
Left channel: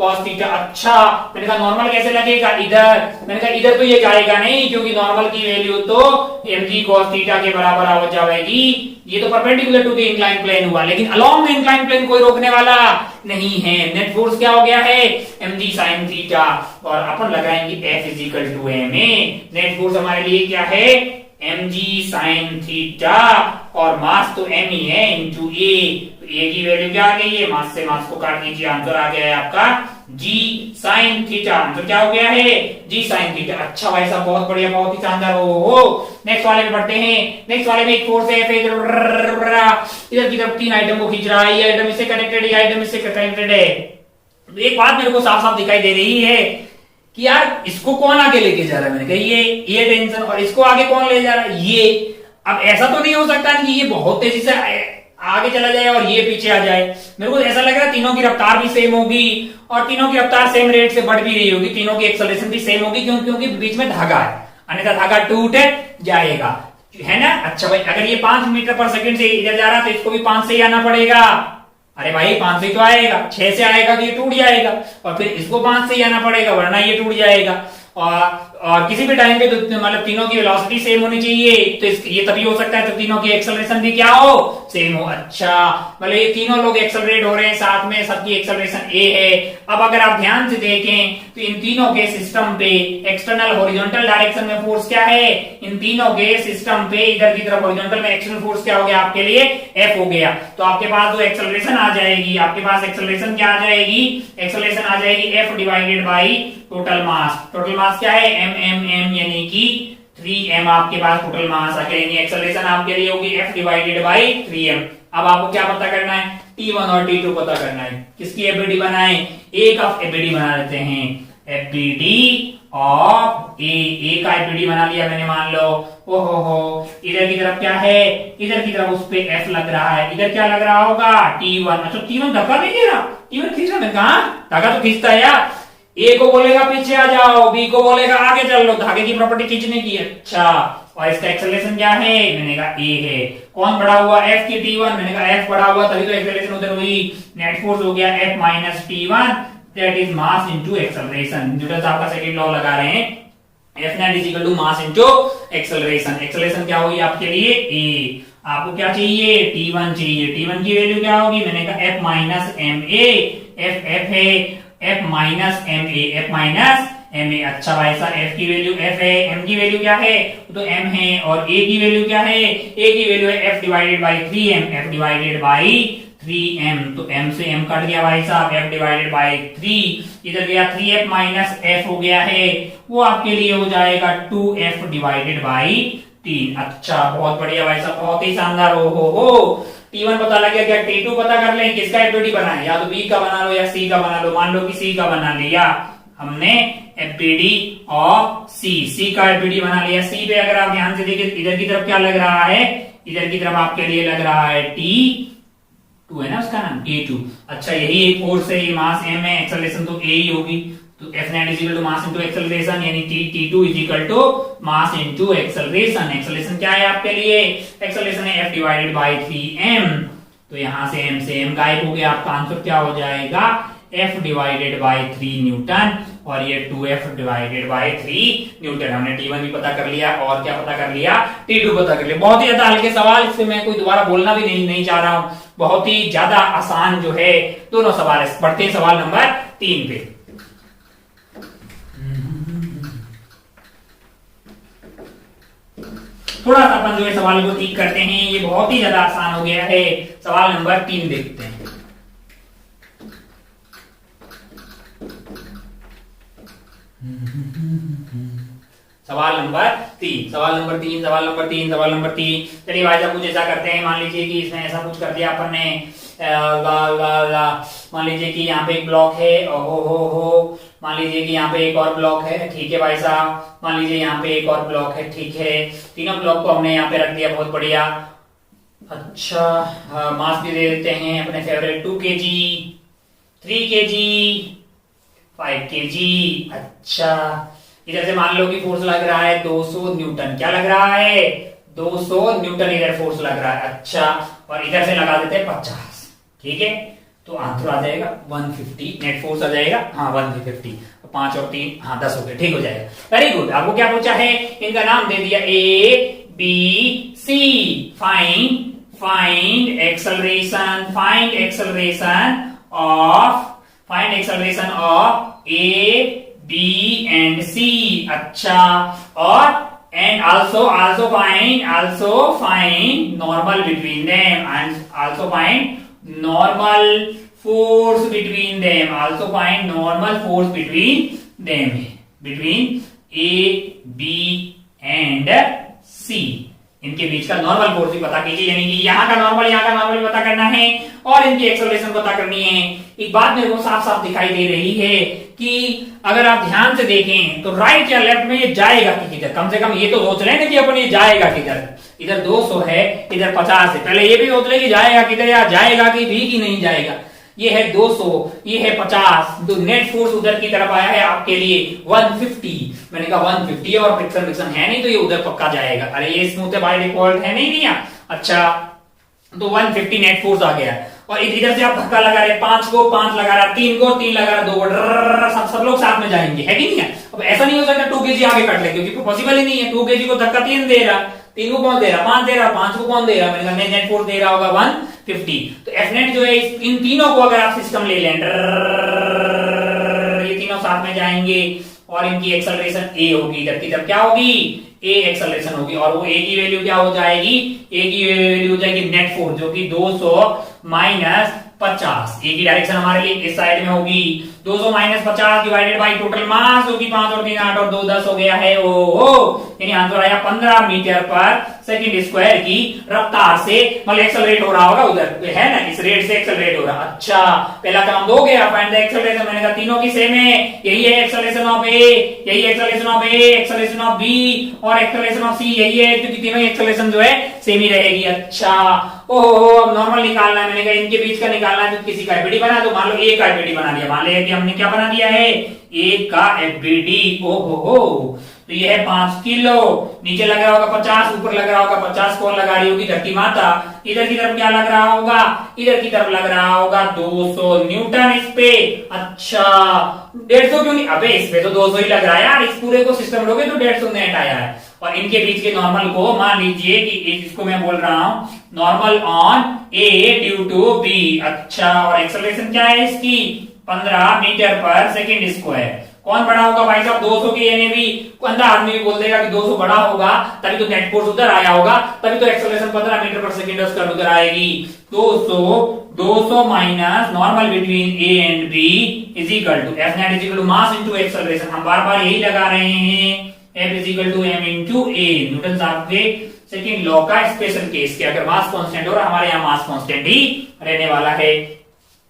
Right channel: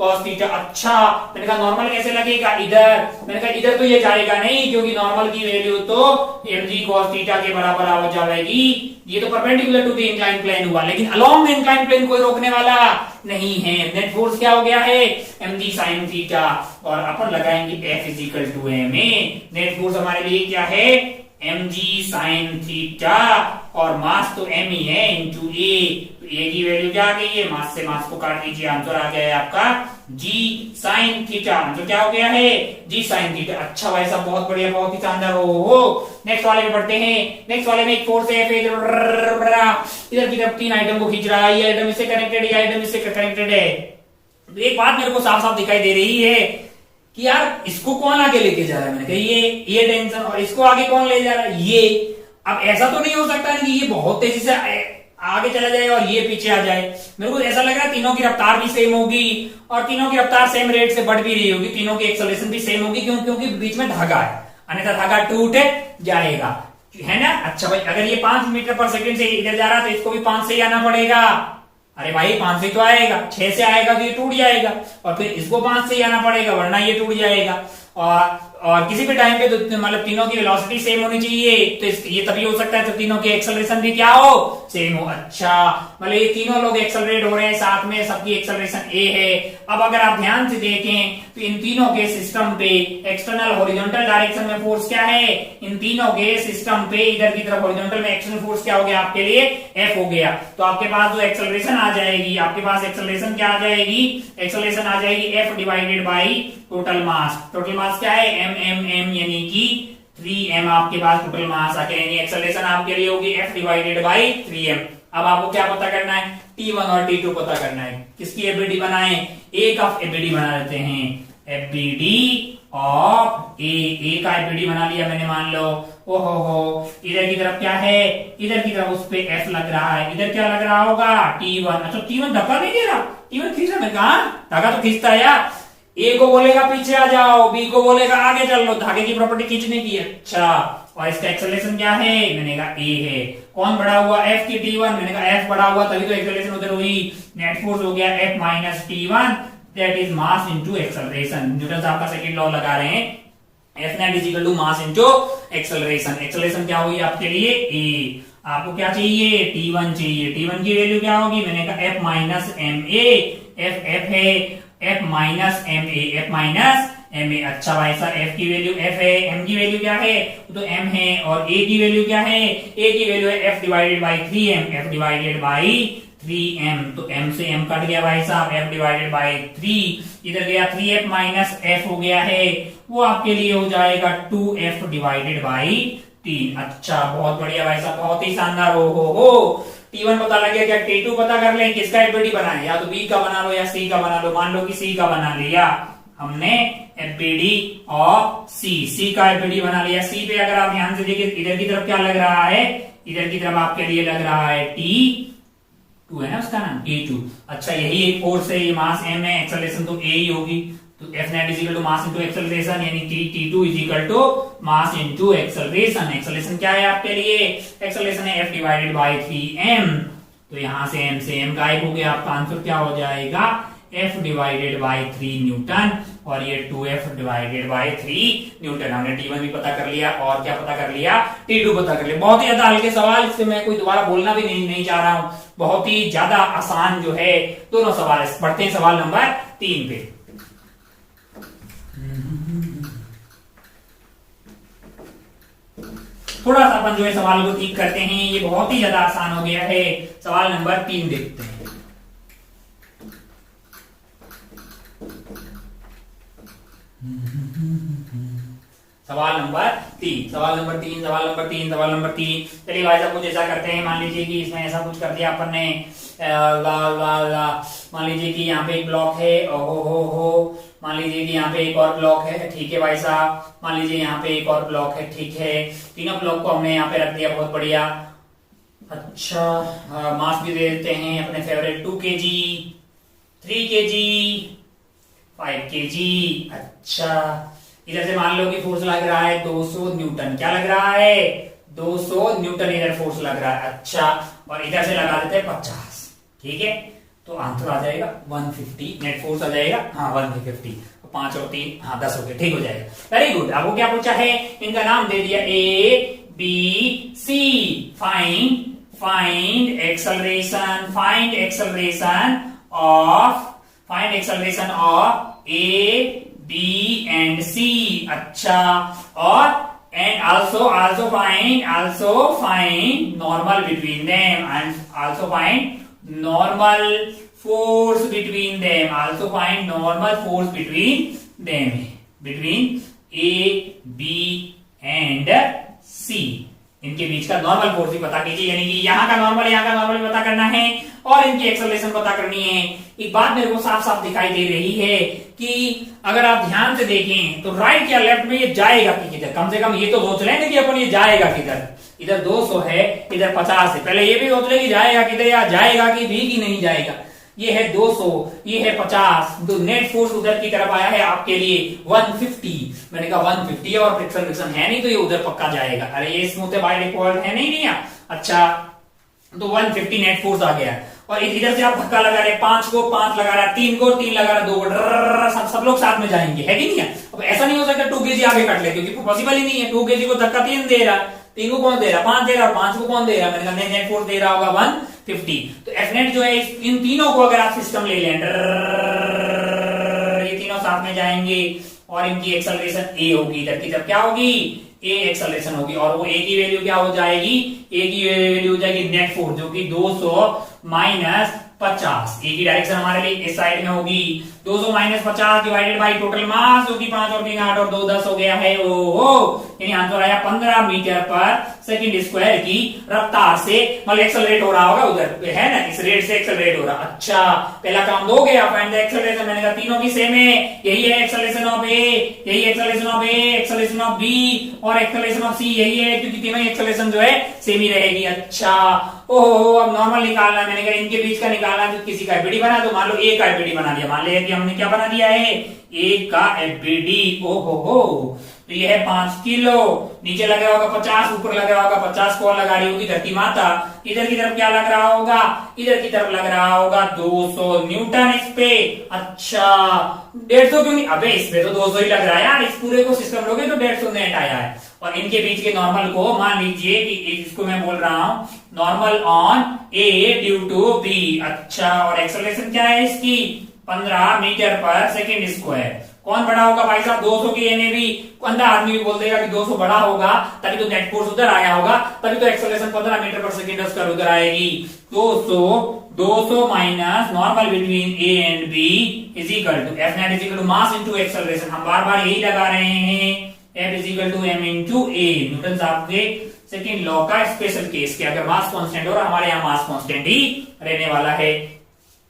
cos थीटा। अच्छा मैंने कहा नॉर्मल कैसे लगेगा, इधर। मैंने कहा इधर तो ये जाएगा नहीं क्योंकि नॉर्मल की वैल्यू तो mg cos थीटा के बराबर हो जाएगी। ये तो perpendicular to the incline plane हुआ, लेकिन अलोंग द इंक्लाइन प्लेन कोई रोकने वाला नहीं है। नेट फोर्स क्या हो गया है, mg sin थीटा। और अपन लगाएंगे F is equal to ma। Net force हमारे लिए क्या है, mg sin थीटा और मास तो m ही है इंटू a। तो a की वैल्यू क्या आ गई है, मास से मास को काट लीजिए, आंसर आ गया है आपका g sin थीटा। आंसर क्या हो गया है, g sin थीटा। अच्छा भाई साहब बहुत बढ़िया, बहुत ही शानदार। हो नेक्स्ट वाले में बढ़ते हैं। नेक्स्ट वाले में एक फोर्स है इधर की तरफ 3 आइटम को खींच रहा है। ये आइटम इससे कनेक्टेड है, ये आइटम इससे कनेक्टेड है। एक बात मेरे को साफ साफ दिखाई दे रही है कि यार इसको कौन आगे लेके जा रहा है। मैंने कहा ये टेंशन, और इसको आगे कौन ले जा रहा है, ये। अब ऐसा तो नहीं हो सकता कि ये बहुत तेजी से आगे चला जाए और ये पीछे आ जाए। मेरे को ऐसा लग रहा है तीनों की रफ्तार भी सेम होगी और तीनों की रफ्तार सेम रेट से बढ़ भी रही होगी, तीनों की एक्सेलरेशन भी सेम होगी, क्योंकि बीच में धागा है, अन्यथा धागा टूट जाएगा, है ना। अच्छा भाई, अगर ये 5 मीटर पर सेकंड से इधर जा रहा है तो इसको भी 5 से ही आना पड़ेगा। अरे भाई 5 से ही तो आएगा, 6 से आएगा तो ये टूट जाएगा, और फिर इसको 5 से ही आना पड़ेगा वरना ये टूट जाएगा। और किसी भी टाइम पे तो मतलब तीनों की वेलोसिटी सेम होनी चाहिए, तो ये तभी हो सकता है जब तीनों की एक्सेलरेशन भी क्या हो, सेम हो। अच्छा, मतलब ये तीनों लोग एक्सेलरेट हो रहे हैं साथ में, सबकी एक्सेलरेशन ए है। अब अगर आप ध्यान से देखें तो इन तीनों के सिस्टम पे एक्सटर्नल हॉरिजॉन्टल डायरेक्शन में फोर्स क्या है, इन तीनों के सिस्टम पे इधर की तरफ हॉरिजॉन्टल में एक्सटर्नल फोर्स क्या हो गया आपके लिए, एफ हो गया। तो आपके पास जो एक्सेलरेशन आ जाएगी, आपके पास एक्सेलरेशन क्या आ जाएगी, एक्सेलरेशन आ जाएगी F divided by total mass. Total mass क्या है, एम यानी कि 3m आपके पास टोटल मास आ गया, यानी एक्सेलरेशन आपके लिए होगी f डिवाइडेड बाई 3m। अब आपको क्या पता करना है, T1 और T2 पता करना है। किसकी एफबीडी बनाए, ए का एफबीडी बना लेते हैं, एफबीडी ऑफ ए का एफबीडी बना लिया मैंने, मान लो। ओहो, इधर की तरफ क्या है, इधर की तरफ उस पे f लग रहा है, इधर क्या लग रहा होगा, T1। अच्छा T1 धक्का नहीं दे रहा, T1 खींच रहा, मैं कहा धागा तो खींचता है यार। ए को बोलेगा पीछे आ जाओ, बी को बोलेगा आगे चल लो, धागे की प्रॉपर्टी खींचने की। अच्छा, और इसका एक्सेलरेशन क्या है, मैंने कहा ए है। कौन बढ़ा हुआ, एफ की T1, मैंने कहा एफ बढ़ा हुआ तभी तो एक्सेलरेशन उधर हुई। नेट फोर्स हो गया F minus T1, that is mass into acceleration. Newton साहब का सेकंड लॉ लगा रहे हैं, F net is equal to mass into acceleration. Acceleration क्या हुई आपके लिए, ए। आपको क्या चाहिए, T1 चाहिए। T1 की वैल्यू क्या होगी, मैंने कहा F minus M A, F है f minus M A, F minus M A. अच्छा भाई साहब, f की वैल्यू f है, m की वैल्यू क्या है, तो m है, और a की वैल्यू क्या है, a की वैल्यू है f divided by 3m, f divided by 3m। तो m से m कट गया भाई साहब, f डिवाइडेड बाई 3 इधर गया, 3f माइनस f हो गया है, वो आपके लिए हो जाएगा 2f डिवाइडेड बाई 3। अच्छा, बहुत बढ़िया भाई साहब, बहुत ही शानदार। हो T1 पता लग गया, क्या T2 पता कर लें, किसका एफबीडी बना है, या तो B का बना लो या C का बना लो। मान लो कि C का बना लिया हमने, एफबीडी ऑफ C का एफबीडी बना लिया। C पे अगर आप ध्यान से देखिए, इधर की तरफ क्या लग रहा है, इधर की तरफ आपके लिए लग रहा है T2 है ना उसका नाम, T2। अच्छा, यही एक फोर्स है, ये मास m है, एक्सेलरेशन तो a ही होगी, तो F net is equal to mass into acceleration, यानी T2 is equal to mass into acceleration. Acceleration क्या है आपके लिए, एक्सेलरेशन है F डिवाइडेड बाई 3m। तो यहां से m से m गायब हो गया, आपका आंसर क्या हो जाएगा, F डिवाइडेड बाई 3 न्यूटन, और ये 2F डिवाइडेड बाई 3 न्यूटन। हमने T1 भी पता कर लिया, और क्या पता कर लिया, T2 पता कर लिया। बहुत ही ज्यादा हल्के सवाल, इससे मैं कोई दोबारा बोलना भी नहीं चाह रहा हूं, बहुत ही ज्यादा आसान जो है दोनों सवाल। बढ़ते हैं सवाल नंबर 3 पे। थोड़ा सा अपन जो है सवाल को ठीक करते हैं, ये बहुत ही ज्यादा आसान हो गया है। सवाल नंबर 3 देखते हैं। सवाल नंबर 3। चलिए भाई साहब, कुछ ऐसा करते हैं, मान लीजिए कि इसमें ऐसा कुछ कर दिया अपन ने, मान लीजिए कि यहाँ पे एक ब्लॉक है, हो मान लीजिए कि यहाँ पे एक और ब्लॉक है, ठीक है भाई साहब। मान लीजिए यहाँ पे एक और ब्लॉक है, ठीक है। तीनों ब्लॉक को हमने यहाँ पे रख दिया, बहुत बढ़िया। अच्छा, मास भी दे देते हैं अपने फेवरेट, 2 kg, 3 kg, 5 kg। अच्छा, इधर से मान लो कि फोर्स लग रहा है 200 न्यूटन। क्या लग रहा है, 200 न्यूटन इधर फोर्स लग रहा है। अच्छा, और इधर से लगा देते हैं 50, ठीक है। तो आंसर आ जाएगा 150, नेट फोर्स आ जाएगा, हाँ 150, 5 और 3, हाँ 10 हो गए, ठीक हो जाएगा। Very good. आपको क्या पूछा है, इनका नाम दे दिया A B C। Find acceleration of A B and C। अच्छा, और and also find normal between them, and also find normal force between them, between A B and C। इनके बीच का नॉर्मल फोर्स भी पता कीजिए, यानी कि यहाँ का नॉर्मल भी पता करना है, और इनकी एक्सेलरेशन पता करनी है। एक बात मेरे को साफ साफ दिखाई दे रही है कि अगर आप ध्यान से देखें तो राइट या लेफ्ट में ये जाएगा कि किधर, कम से कम ये तो सोच रहे हैं कि अपन ये जाएगा किधर। इधर 200 है, इधर 50 है, पहले ये भी सोच ले कि जाएगा किधर, या जाएगा कि भी कि नहीं जाएगा। ये है 200, ये है 50, तो नेट फोर्स उधर की तरफ आया है आपके लिए 150। मैंने कहा 150 और फ्रिक्शन है नहीं तो ये उधर पक्का जाएगा। अरे ये स्मूथ है बाय डिफॉल्ट, है नहीं है। अच्छा, तो 150 नेट फोर्स आ गया और इधर से आप धक्का लगा रहे, 5 को 5 लगा रहा, 3 को 3 लगा रहा, 2 को सब लोग साथ में जाएंगे, है कि नहीं है। अब ऐसा नहीं हो सकता 2 kg आगे कट ले, क्योंकि पॉसिबल ही नहीं है। 2 kg को धक्का 3 दे रहा, 3 को कौन दे रहा, 5 दे रहा, 5 को कौन दे रहा, मैंने कहा नेट फोर्स दे रहा होगा 150। तो एफ नेट जो है इन तीनों को अगर आप सिस्टम ले लें, ये तीनों साथ में जाएंगे और इनकी एक्सेलरेशन ए होगी, इधर की तरफ क्या होगी, ए एक्सेलरेशन होगी। और वो ए की वैल्यू क्या हो जाएगी, ए की वैल्यू हो जाएगी नेट फोर्स, जो कि 200 माइनस 50। ए की डायरेक्शन हमारे लिए इस साइड में होगी। 200 minus 50 divided by total mass होगी 5 और 3 8 और 2 10 हो गया है। यानी आंसर आया 15 मीटर पर सेकंड स्क्वायर की रफ्तार से, मतलब एक्सेलरेट हो रहा होगा उधर, है ना, इस रेट से एक्सेलरेट हो रहा। अच्छा, पहला काम दो गया, फाइंड द एक्सेलरेशन। मैंने कहा तीनों की सेम है, यही है एक्सेलरेशन ऑफ ए, यही acceleration of A, acceleration of B और एक्सेलरेशन ऑफ सी यही है, क्योंकि तीनों एक्सेलरेशन जो है सेम ही रहेगी। अच्छा, ओहो, अब नॉर्मल निकालना है। मैंने कहा इनके बीच का निकालना है, तो किसी का एफबीडी बना दो। मान लो ए का एफबीडी बना दिया, मान लिया कि हमने क्या बना दिया है, ए का एफबीडी। ओहो, तो ये है 5 किलो, नीचे लग रहा होगा 50, ऊपर लग रहा होगा 50, कौन लगा रही होगी, धरती माता। इधर की तरफ क्या लग रहा होगा, इधर की तरफ लग रहा होगा 200 न्यूटन इस पे। अच्छा, 150 क्यों नहीं, अबे इस पे तो 200 ही लग रहा है यार, इस पूरे को सिस्टम लोगे तो 150 नेट आया है। और इनके बीच के नॉर्मल को मान लीजिए कि इसको मैं बोल रहा हूं normal on A due to B. अच्छा, और एक्सेलरेशन क्या है इसकी, 15 मीटर पर सेकंड स्क्वायर। कौन बड़ा होगा भाई साहब, 200 की यानी भी अंधा आदमी भी बोल देगा कि 200 बड़ा होगा, तभी तो नेट फोर्स उधर आया होगा, तभी तो एक्सेलरेशन 15 मीटर पर सेकंड स्क्वायर उधर आएगी। 200 minus normal between A and B is equal to F net is equal to mass into acceleration. हम बार बार यही लगा रहे हैं, F is equal to M into A. Newton साहब के सेकंड लॉ का स्पेशल केस के, अगर मास कांस्टेंट हो रहा, हमारे यहाँ मास कांस्टेंट ही रहने वाला है।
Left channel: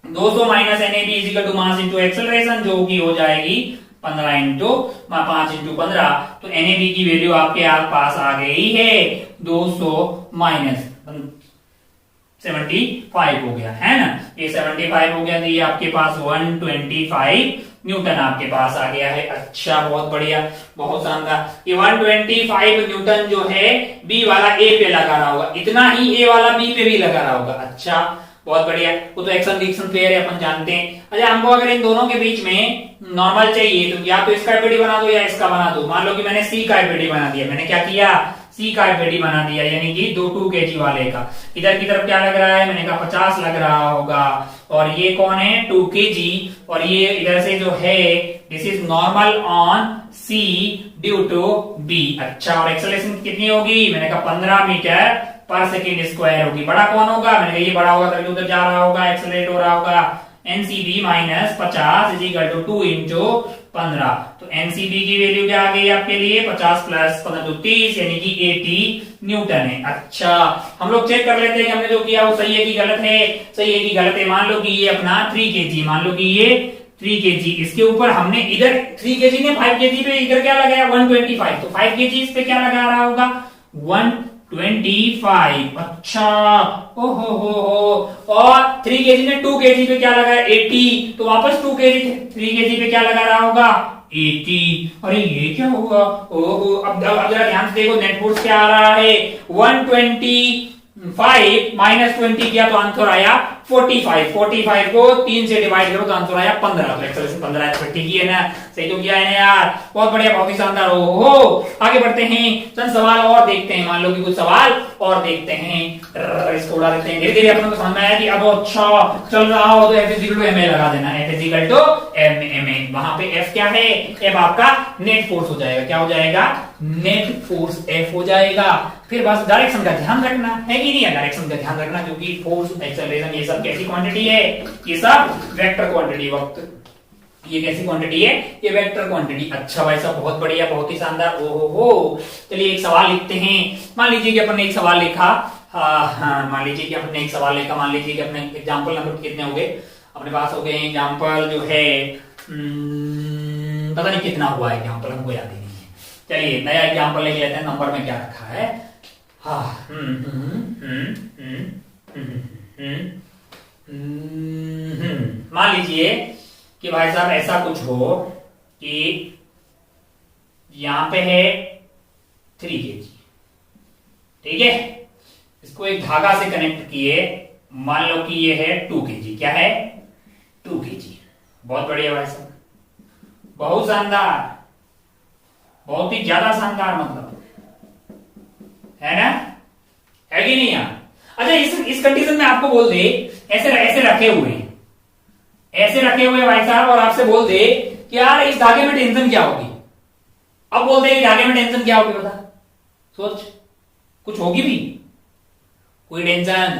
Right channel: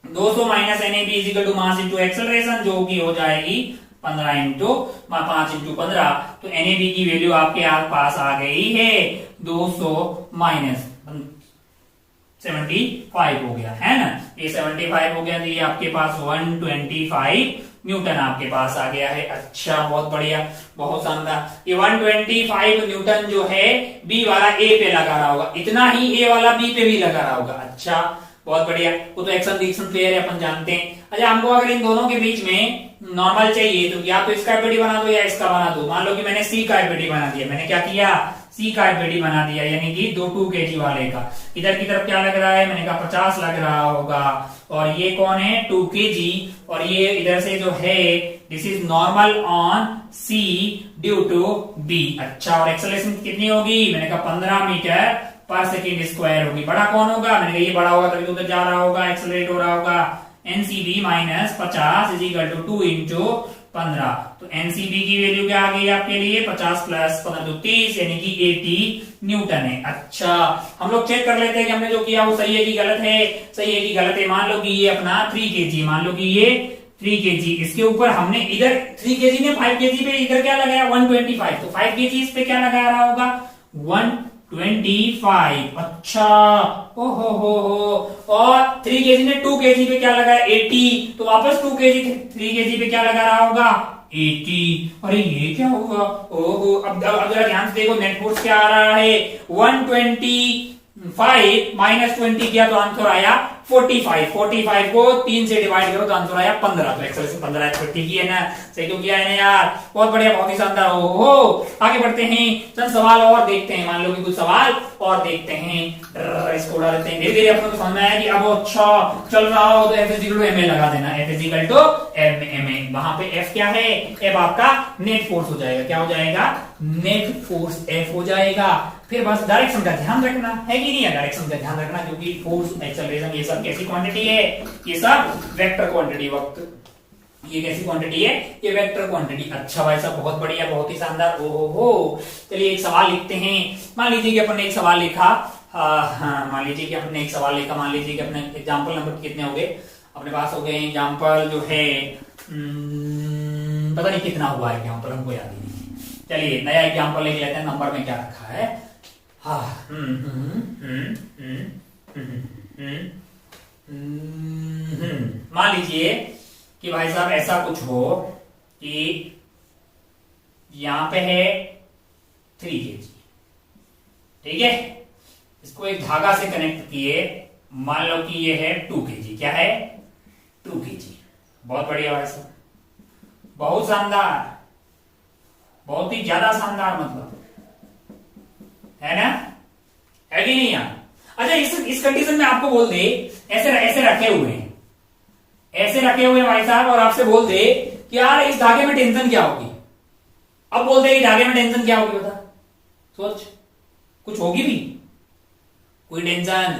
200 minus N A B is equal to mass into acceleration, जो की हो जाएगी 15 इंटू 5 इंटू 15। तो एन ए बी की वैल्यू आपके पास आ गई है 200 माइनस 75 हो गया, है ना। ये 75 हो गया, तो ये आपके पास 125 न्यूटन आपके पास आ गया है। अच्छा, बहुत बढ़िया, बहुत शानदार। ये 125 न्यूटन जो है बी वाला ए पे लगा रहा होगा, इतना ही ए वाला बी पे भी लगा रहा होगा। अच्छा, बहुत बढ़िया, वो तो एक्शन रिएक्शन फेयर है, अपन जानते हैं। अच्छा, हमको अगर इन दोनों के बीच में नॉर्मल चाहिए तो या तो इसका एफबीडी बना दो या इसका बना दो। मान लो कि मैंने सी का एफबीडी बना दिया, मैंने क्या किया, सी का एफबीडी बना दिया, यानी कि 2 kg वाले का। इधर की तरफ क्या लग रहा है, मैंने कहा 50 लग रहा होगा, और ये कौन है 2 kg, और ये इधर से जो है this is normal on C due to B. अच्छा, और एक्सेलरेशन कितनी होगी, मैंने कहा 15 मीटर पर सेकेंड स्क्वायर होगी। बड़ा कौन होगा, मैंने कहा ये बड़ा होगा तभी उधर जा रहा होगा, एक्सेलरेट हो रहा होगा। NCB minus 50 is equal to 2 into 15। तो एनसीबी की वैल्यू क्या आ गई आपके लिए, 50 प्लस 15 तो 30, यानी कि 80 न्यूटन है। अच्छा, हम लोग चेक कर लेते हैं कि हमने जो किया वो सही है कि गलत है। सही है कि गलत है, मान लो कि ये अपना 3 kg, मान लो कि ये 3 kg, इसके ऊपर हमने इधर 3 kg ने 5 kg पे इधर क्या लगाया 125, तो 5 kg इस पे क्या लगा रहा होगा 125। अच्छा, ओहो हो, और 3 kg ने 2 kg पे क्या लगाया 80, तो वापस 2 kg 3 kg पे क्या लगा रहा होगा 80। अरे ये क्या हुआ, ओहो, अब जरा ध्यान से देखो, नेट फोर्स क्या आ रहा है 125 माइनस 20 किया तो आंसर आया 45। 45 को 3 से डिवाइड करो तो आंसर आया 15। तो एक्सेलरेशन 15 है, ठीक ही है ना, सही तो किया है ना यार, बहुत बढ़िया, बहुत ही शानदार। ओहो, आगे बढ़ते हैं, चंद सवाल और देखते हैं। मान लो कि कुछ सवाल और देखते हैं, इसको उड़ा देते हैं। धीरे धीरे अपने को समझ में आया कि अब अच्छा चल रहा हो तो F is equal to M A लगा देना, F is equal to M A. वहां पे एफ क्या है, एफ आपका नेट फोर्स हो जाएगा, क्या हो जाएगा नेट फोर्स एफ हो जाएगा। फिर बस डायरेक्शन का ध्यान रखना है कि नहीं है, डायरेक्शन का ध्यान रखना, क्योंकि फोर्स एक्सेलरेशन ये सब कैसी क्वांटिटी है, ये सब वेक्टर क्वांटिटी, वक्त ये कैसी क्वांटिटी है, ये वेक्टर क्वांटिटी। अच्छा भाई साहब, बहुत बढ़िया, बहुत ही शानदार। ओहो, चलिए एक सवाल लिखते हैं। मान लीजिए कि अपन ने एक सवाल लिखा, हाँ हाँ, मान लीजिए कि अपने एक सवाल लेकर, मान लीजिए कि अपने एग्जाम्पल नंबर कितने हो गए अपने पास, हो गए एग्जाम्पल जो है पता नहीं कितना हुआ है एग्जाम्पल, हमको याद ही नहीं है। चलिए नया एग्जाम्पल लेके लेते हैं, नंबर में क्या रखा है। हाँ मान लीजिए कि भाई साहब ऐसा कुछ हो कि यहां पे है 3 kg, ठीक है, इसको एक धागा से कनेक्ट किए, मान लो कि ये है 2 kg, क्या है 2 kg। बहुत बढ़िया भाई साहब, बहुत शानदार, बहुत ही ज्यादा शानदार, मतलब है ना, है कि नहीं यार। अच्छा इस कंडीशन में आपको बोल दे ऐसे ऐसे रखे हुए हैं, ऐसे रखे हुए भाई साहब, और आपसे बोल दे कि यार इस धागे में टेंशन क्या होगी। अब बोल दे कि धागे में टेंशन क्या होगी, बता, सोच, कुछ होगी भी, कोई टेंशन,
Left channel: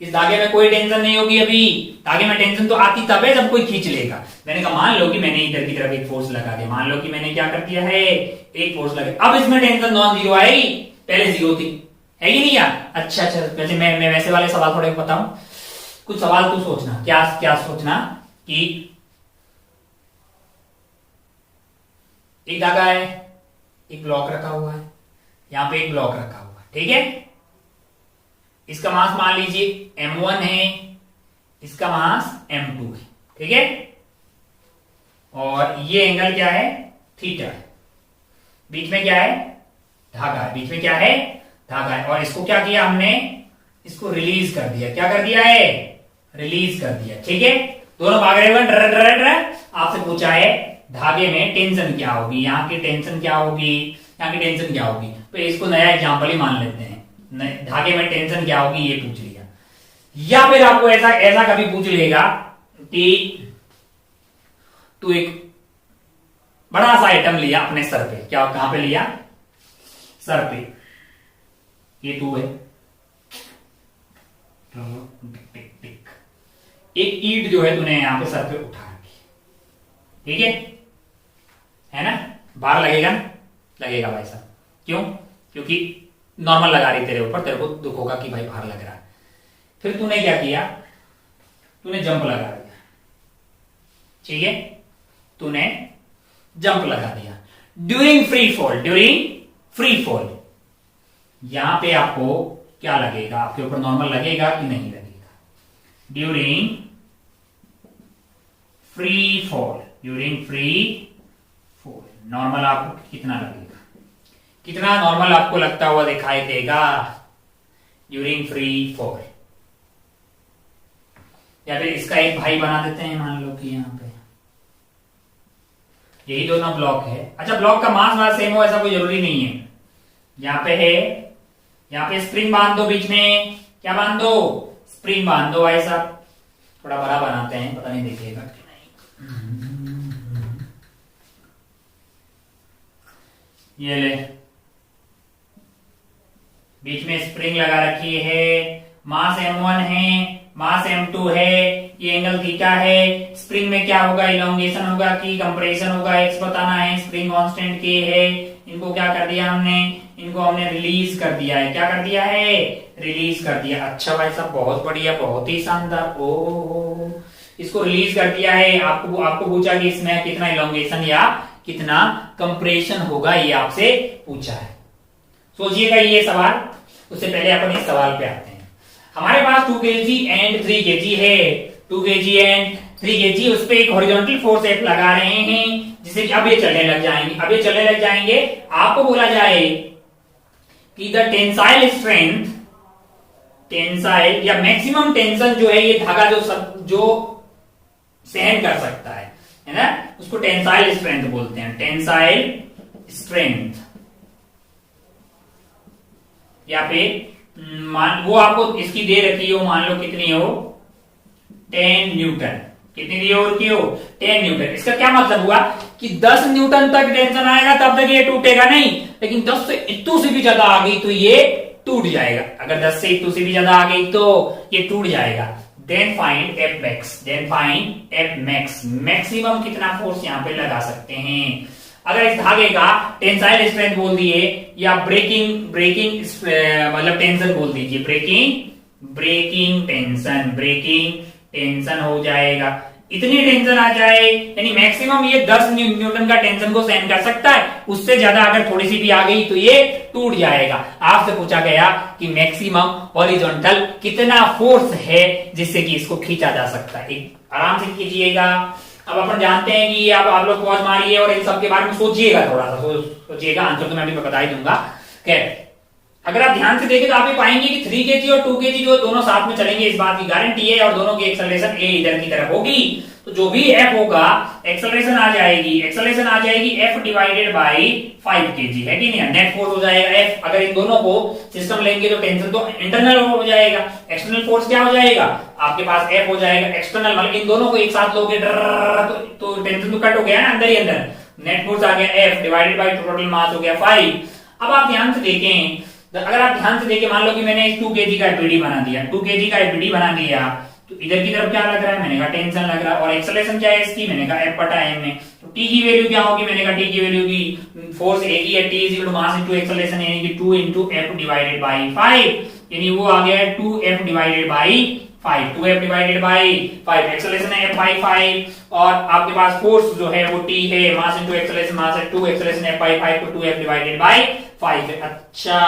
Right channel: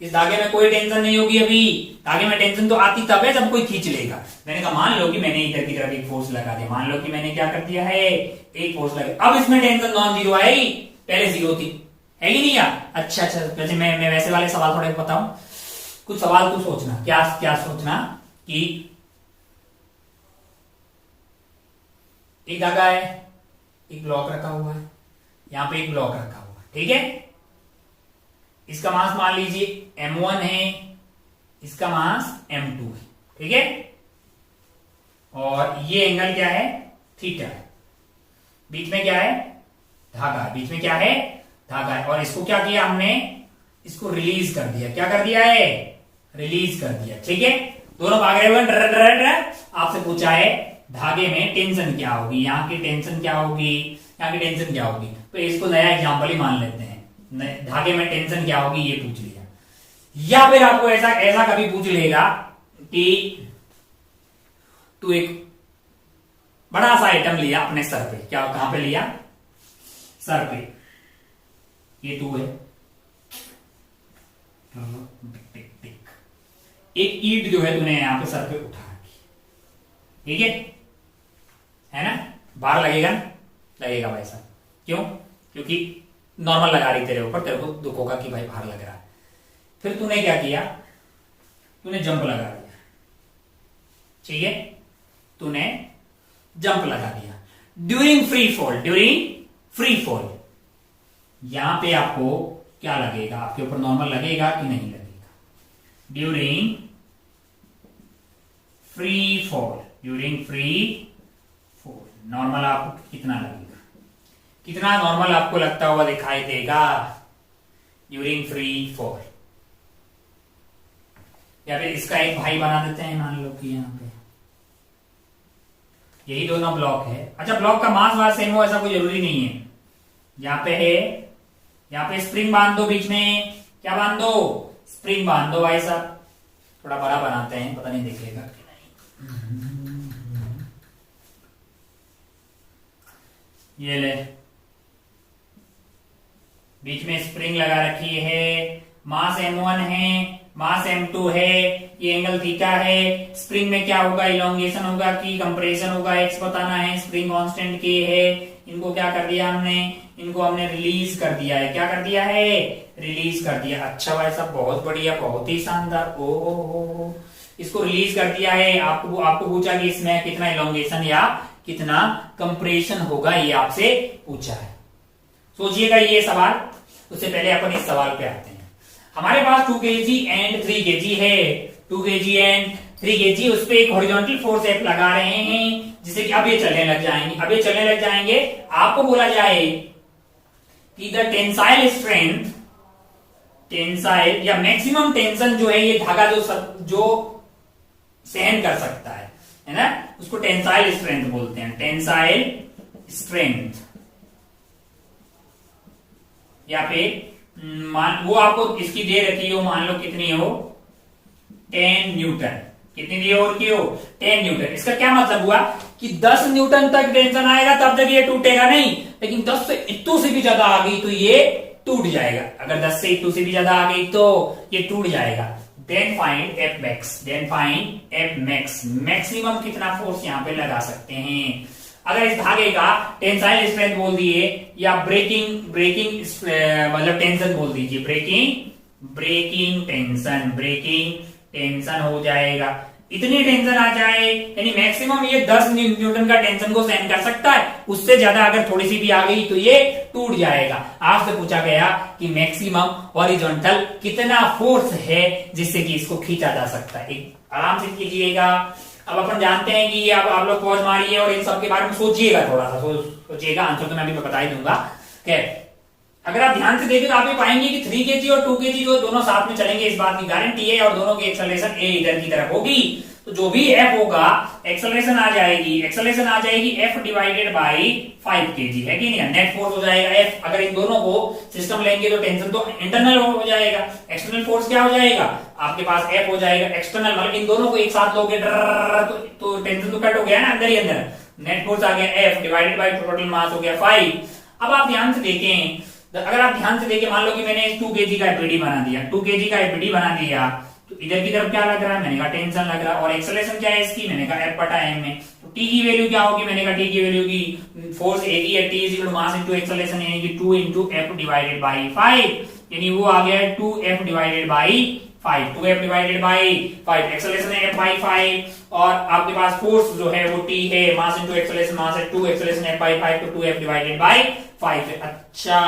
इस धागे में कोई टेंशन नहीं होगी। अभी धागे में टेंशन तो आती तब है जब कोई खींच लेगा। मैंने कहा मान लो कि मैंने इधर की तरफ एक फोर्स लगा दिया, मान लो कि मैंने क्या कर दिया है, एक फोर्स लगा, अब इसमें टेंशन नॉन जीरो आई, पहले जीरो थी, है कि नहीं यार। अच्छा वैसे मैं वैसे वाले सवाल थोड़े बताऊं, कुछ सवाल तू सोचना, क्या क्या सोचना कि एक धागा है, एक ब्लॉक रखा हुआ है, यहां पे एक ब्लॉक रखा हुआ है, ठीक है, इसका मास मान लीजिए m1 है, इसका मास m2 है, ठीक है, और ये एंगल क्या है, थीटा है, बीच में क्या है, धागा है, बीच में क्या है, धागा है, और इसको क्या किया हमने, इसको रिलीज कर दिया, क्या कर दिया है, रिलीज कर दिया, ठीक है, दोनों भाग रहे हुए। आपसे पूछा है धागे में टेंशन क्या होगी, यहाँ की टेंशन क्या होगी, यहाँ की टेंशन क्या होगी, तो इसको नया एग्जांपल ही मान लेते हैं, धागे में टेंशन क्या होगी ये पूछ लिया। या फिर आपको ऐसा ऐसा कभी पूछ लेगा कि तू एक बड़ा सा आइटम लिया अपने सर पे, क्या कहां पे लिया, सर पे, ये तू है, एक ईंट जो है तूने यहां पे सर पे उठा रखी, ठीक है ना, भार लगेगा ना, लगेगा भाई साहब, क्यों, क्योंकि नॉर्मल लगा रही तेरे ऊपर, तेरे को दुख होगा कि भाई भार लग रहा है। फिर तूने क्या किया, तूने जंप लगा दिया, ठीक है, तूने जंप लगा दिया during free fall, during free fall, यहां पे आपको क्या लगेगा, आपके ऊपर नॉर्मल लगेगा कि नहीं लगेगा, during free fall, during free fall normal आपको कितना लगेगा, कितना नॉर्मल आपको लगता हुआ दिखाई देगा ड्यूरिंग फ्री फॉल। या फिर इसका एक भाई बना देते हैं, मान लो कि यहां पे यही दोनों ब्लॉक है। अच्छा ब्लॉक का मास वाला सेम हो ऐसा कोई जरूरी नहीं है, यहां पे है, यहां पे स्प्रिंग बांध दो, बीच में क्या बांध दो, स्प्रिंग बांध दो भाई साहब, थोड़ा बड़ा बनाते हैं, पता नहीं दिखेगा कि नहीं, ये ले, बीच में स्प्रिंग लगा रखी है, मास m1 है, मास m2 है, ये एंगल थीटा है, स्प्रिंग में क्या होगा, इलोंगेशन होगा कि कंप्रेशन होगा, एक्स बताना है, स्प्रिंग कांस्टेंट के है, इनको क्या कर दिया हमने, इनको हमने रिलीज कर दिया है, क्या कर दिया है, रिलीज कर दिया। अच्छा भाई साहब बहुत बढ़िया, बहुत ही शानदार, ओ इसको रिलीज कर दिया है, आपको पूछा कि इसमें कितना इलोंगेशन या कितना कंप्रेशन होगा, ये आपसे पूछा है, सोचिएगा ये सवाल। उससे पहले अपन इस सवाल पे आते हैं, हमारे पास 2 kg एंड 3 kg है, 2 kg एंड 3 kg, उस पे एक हॉरिजॉन्टल फोर्स F लगा रहे हैं, जिससे कि अब ये चलने लग जाएंगे, अब ये चलने लग जाएंगे, आपको बोला जाए कि द टेंसाइल स्ट्रेंथ, टेंसाइल या मैक्सिमम टेंशन जो है, ये धागा जो सहन कर सकता है ना, उसको टेंसाइल स्ट्रेंथ बोलते हैं, टेंसाइल स्ट्रेंथ। या फिर मान वो आपको इसकी दे रखी हो, मान लो कितनी हो, 10 न्यूटन, कितनी दी हो, 10 न्यूटन। इसका क्या मतलब हुआ कि 10 न्यूटन तक टेंशन आएगा तब तक ये टूटेगा नहीं, लेकिन 10 से इतू से भी ज्यादा आ गई तो ये टूट जाएगा, अगर 10 से इतू से भी ज्यादा आ गई तो ये टूट जाएगा। Then find F max, then find F max, maximum कितना फोर्स यहां पे लगा सकते हैं। अगर इस धागे का टेंसाइल स्ट्रेंथ बोल दिए या ब्रेकिंग मतलब टेंशन बोल दीजिए, ब्रेकिंग टेंशन हो जाएगा। इतनी टेंशन आ जाए यानी मैक्सिमम ये 10 न्यूटन का टेंशन को सहन कर सकता है, उससे ज्यादा अगर थोड़ी सी भी आ गई तो ये टूट जाएगा। आपसे पूछा गया कि मैक्सिमम हॉरिजॉन्टल कितना फोर्स है जिससे कि इसको खींचा जा सकता है। एक आराम से कीजिएगा। अब अपन जानते हैं कि अब आप लोग पॉज मारिए और इन सब के बारे में सोचिएगा, थोड़ा सा सोचिएगा। आंसर तो मैं अभी बता ही दूंगा। खैर अगर आप ध्यान से देखें तो आप ये पाएंगे कि 3 kg और 2 kg जो दोनों साथ में चलेंगे, इस बात की गारंटी है, और दोनों की एक्सेलरेशन ए इधर की तरफ होगी, तो जो भी एफ होगा एक्सेलरेशन आ जाएगी एफ डिवाइडेड बाई 5 kg, है कि नहीं। नेट फोर्स हो जाएगा एफ। अगर इन दोनों को सिस्टम लेंगे तो टेंशन तो इंटरनल हो जाएगा, एक्सटर्नल फोर्स क्या हो जाएगा आपके पास एफ हो जाएगा एक्सटर्नल। मतलब इन दोनों को एक साथ लोगे तो टेंशन तो कट हो गया ना अंदर ही अंदर। नेट फोर्स आ गया F divided by total mass हो गया 5। अब आप ध्यान से देखें, अगर आप ध्यान से देखिए, मान लो कि मैंने 2 kg का एपीडी बना दिया, 2 kg का एपीडी बना दिया, तो इधर की तरफ क्या लग रहा है, मैंने कहा टेंशन लग रहा है। और एक्सेलरेशन क्या है इसकी, मैंने कहा एफ बटा एम में। तो टी की वैल्यू क्या होगी, मैंने कहा टी की वैल्यू की फोर्स एक ही है, T is equal to mass into acceleration, यानी कि 2 इंटू एफ डिवाइडेड बाई 5, यानी वो आ गया है 2f divided by 5, 2f divided by 5, acceleration है f बाई 5, और आपके पास फोर्स जो है वो t है, मास इनटू एक्सेलरेशन, मास है 2, एक्सेलरेशन f बाई 5, तो 2f डिवाइडेड बाई 5। अच्छा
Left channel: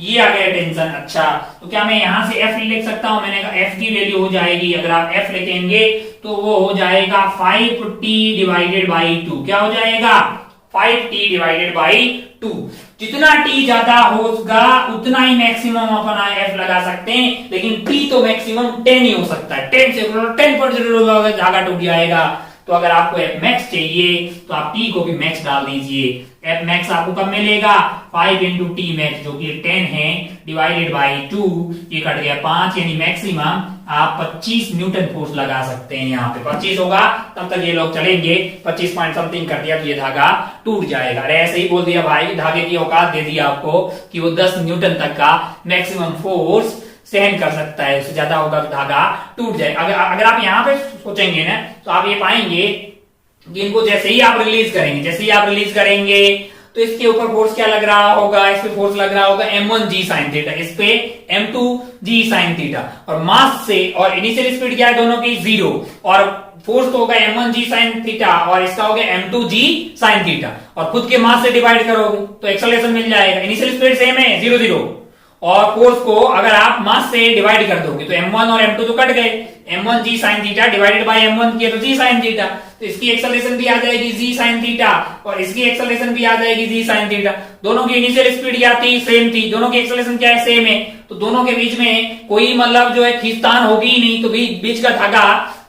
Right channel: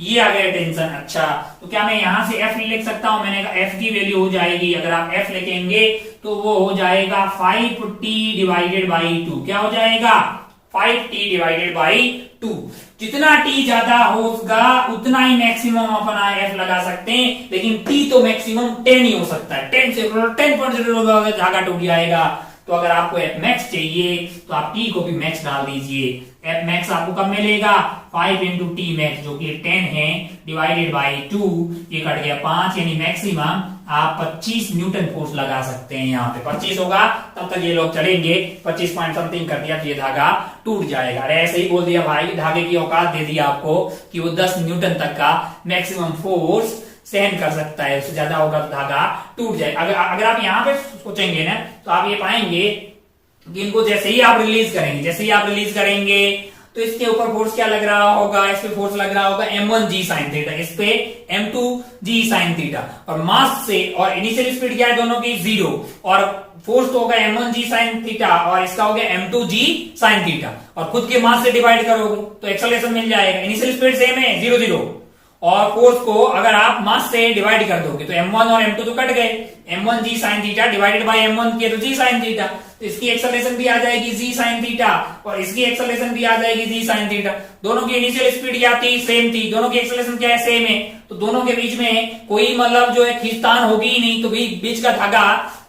ये आ गया टेंशन। अच्छा तो क्या मैं यहां से f लिख सकता हूं, मैंने कहा f की वैल्यू हो जाएगी, अगर आप f लिखेंगे तो वो हो जाएगा 5t डिवाइडेड बाई 2। क्या हो जाएगा 5t डिवाइडेड बाई 2। जितना t ज्यादा होगा उतना ही मैक्सिमम अपन f लगा सकते हैं, लेकिन t तो मैक्सिमम 10 ही हो सकता है। 10 से 10% धागा टूट जाएगा। तो अगर आपको f मैक्स चाहिए तो आप t को भी मैक्स डाल दीजिए। f मैक्स आपको कब मिलेगा, 5 इंटू टी मैक्स जो कि 10 है डिवाइडेड बाई 2, ये कट गया 5, यानी मैक्सिमम आप 25 न्यूटन फोर्स लगा सकते हैं। यहाँ पे 25 होगा तब तक ये लोग चलेंगे, 25 पॉइंट समथिंग कर दिया तो ये धागा टूट जाएगा। अरे ऐसे ही बोल दिया भाई, धागे की औकात दे दी आपको कि वो 10 न्यूटन तक का मैक्सिमम फोर्स सहन कर सकता है, उससे ज्यादा होगा तो धागा टूट जाएगा। अगर आप यहाँ पे सोचेंगे ना तो आप ये पाएंगे कि इनको जैसे ही आप रिलीज करेंगे तो इसके ऊपर फोर्स क्या लग रहा होगा, इस पे फोर्स लग रहा होगा m1g sin थीटा, इस पे m2g sin थीटा, और मास से और इनिशियल स्पीड क्या है दोनों की 0, और फोर्स तो होगा m1g sin थीटा और इसका हो गया m2g sin थीटा, और खुद के मास से डिवाइड करोगे तो एक्सेलरेशन मिल जाएगा। इनिशियल स्पीड सेम है 0 0, और फोर्स को अगर आप मास से डिवाइड कर दोगे तो m1 और m2 तो कट गए, m1g sin theta divided by m1 किया तो g sin थीटा, तो इसकी एक्सेलरेशन भी आ जाएगी g sin थीटा और इसकी एक्सेलरेशन भी आ जाएगी g sin थीटा। दोनों की इनिशियल स्पीड क्या थी, सेम थी, दोनों की एक्सेलरेशन क्या है, सेम है, तो दोनों के बीच में कोई मतलब जो है खींचतान होगी ही नहीं। तो बीच का धागा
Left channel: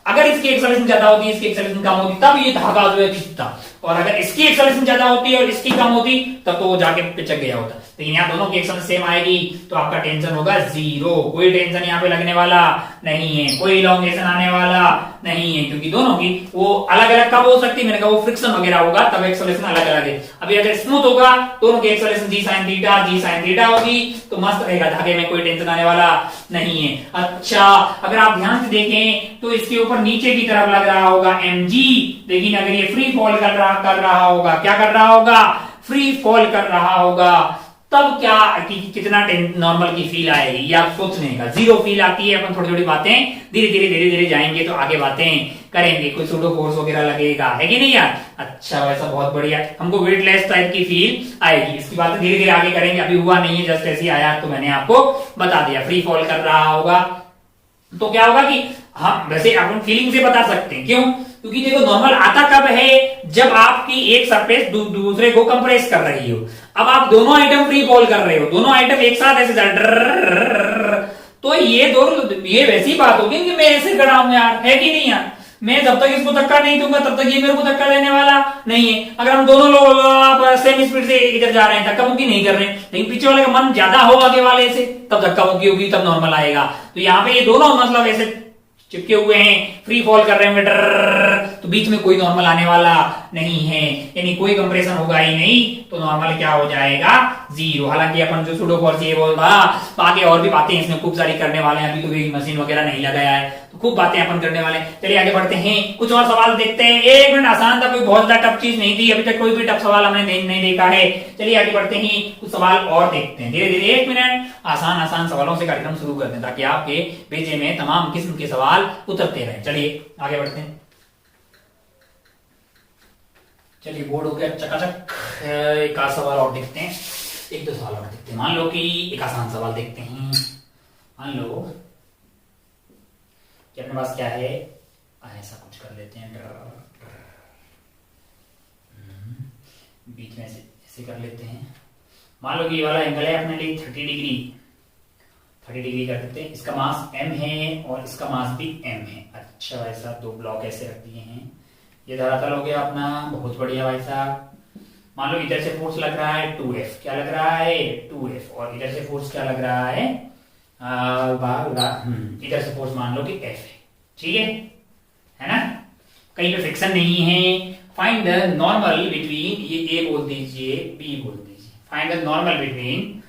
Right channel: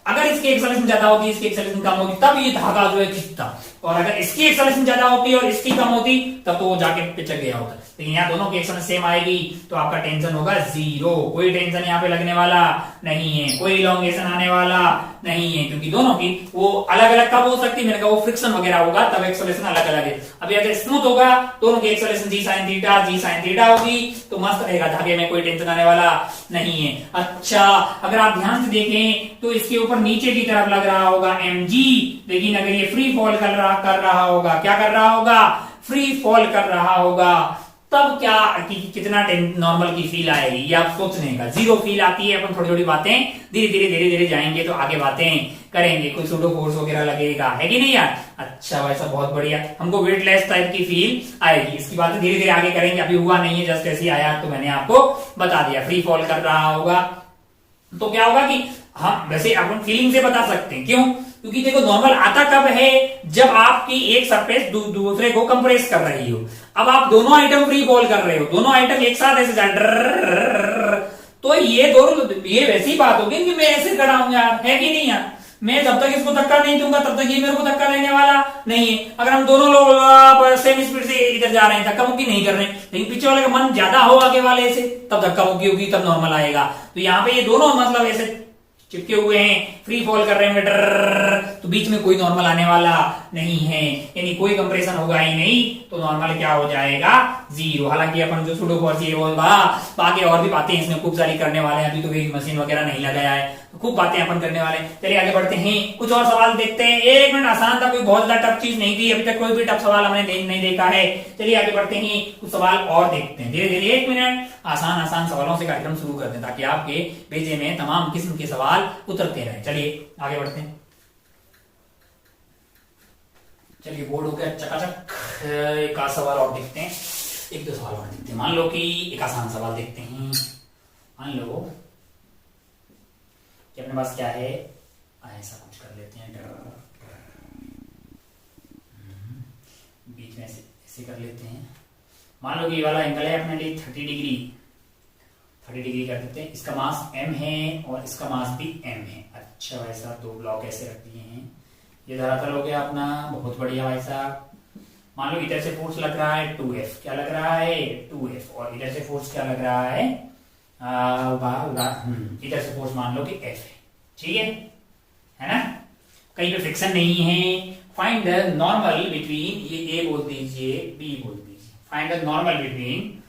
अगर इसकी एक्सेलरेशन ज्यादा होती, इसकी एक्सेलरेशन कम होती, तब ये धागा जो है खींचता, और अगर इसकी एक्सेलरेशन ज्यादा होती और इसकी कम होती तब तो वो जाके पिचक गया होता। लेकिन यहाँ दोनों की एक्सेलरेशन सेम आएगी तो आपका टेंशन होगा 0, कोई टेंशन यहाँ पे लगने वाला नहीं है, कोई इलॉन्गेशन आने वाला नहीं है, क्योंकि दोनों की वो अलग अलग कब हो सकती है, मैंने कहा वो फ्रिक्शन वगैरह होगा तब एक्सेलरेशन अलग अलग है। अभी अगर स्मूथ होगा दोनों की एक्सेलरेशन जी साइन थीटा होगी तो मस्त रहेगा, धागे में कोई टेंशन आने वाला नहीं है। अच्छा अगर आप ध्यान से देखें तो इसके ऊपर नीचे की तरफ लग रहा होगा mg, लेकिन अगर ये फ्री फॉल कर रहा होगा, क्या कर रहा होगा, फ्री फॉल कर रहा होगा, तब क्या कितना नॉर्मल की फील आएगी ये आप सोचने का। 0 फील आती है, अपन थोड़ी थोड़ी बातें धीरे धीरे जाएंगे तो आगे बातें करेंगे, कोई सूडो फोर्स वगैरह लगेगा, है कि नहीं यार। अच्छा वैसा बहुत बढ़िया, हमको वेटलेस टाइप की फील आएगी, इसकी बातें धीरे धीरे आगे करेंगे, अभी हुआ नहीं है, जस्ट ऐसे ही आया तो मैंने आपको बता दिया। फ्री फॉल कर रहा होगा तो क्या होगा कि हम वैसे अपन फीलिंग से बता सकते हैं, क्यों, क्योंकि देखो नॉर्मल आता कब है, जब आपकी एक सरफेस दूसरे को कंप्रेस कर रही हो। अब आप दोनों आइटम फ्री फॉल कर रहे हो, दोनों आइटम एक साथ ऐसे तो ये दोनों, ये वैसी बात होगी कि मैं ऐसे खड़ा हूं यार, है कि नहीं यार, मैं जब तक इसको धक्का नहीं दूंगा तब तक ये मेरे को धक्का देने वाला नहीं है। अगर हम दोनों लोग सेम स्पीड से इधर जा रहे हैं, धक्का मुक्की नहीं कर रहे हैं, लेकिन पीछे वाले का मन ज्यादा हो आगे वाले से, तब धक्का मुक्की होगी, तब नॉर्मल आएगा। तो यहाँ पे ये दोनों मतलब ऐसे चिपके हुए हैं, फ्री फॉल कर रहे होंगे डर, तो बीच में कोई नॉर्मल आने वाला नहीं है, यानी कोई कंप्रेशन होगा ही नहीं, तो नॉर्मल क्या हो जाएगा, 0। हालांकि अपन जो सुडो फॉर्स ये बोल रहा, आगे और भी बातें इसमें खूब सारी करने वाले हैं, अभी तो वेइंग मशीन वगैरह नहीं लगाया है, तो खूब बातें अपन करने वाले हैं। चलिए आगे बढ़ते हैं, कुछ और सवाल देखते हैं। 1 मिनट, आसान था, कोई बहुत ज्यादा टफ चीज नहीं थी, अभी तक कोई भी टफ सवाल हमने नहीं देखा है। चलिए आगे बढ़ते हैं, कुछ सवाल और देखते हैं धीरे धीरे। 1 मिनट, आसान आसान सवालों से कार्यक्रम शुरू करते हैं ताकि आपके पेजे में तमाम किस्म के सवाल उतरते रहे। चलिए आगे बढ़ते हैं। चलिए बोर्ड हो गया चकाचक, एक आध सवाल और देखते हैं, 1-2 सवाल और देखते हैं। मान लो कि एक आसान सवाल देखते हैं। मान लो कि अपने पास क्या है, ऐसा कुछ कर लेते हैं, बीच में ऐसे कर लेते हैं। मान लो कि ये वाला एंगल है अपने लिए 30 डिग्री कर देते हैं। इसका मास m है और इसका मास भी m है। अच्छा, ऐसा 2 ब्लॉक ऐसे रख दिए हैं। ये धरातल हो गया अपना, बहुत बढ़िया भाई साहब। मान लो इधर से फोर्स लग रहा है 2F, क्या लग रहा है 2F, और इधर से फोर्स क्या लग रहा है, इधर से फोर्स मान लो कि F है, ठीक है ना, कहीं पे फ्रिक्शन नहीं है। फाइंड द नॉर्मल बिटवीन, ये A बोल दीजिए, B बोल दीजिए। Find the normal between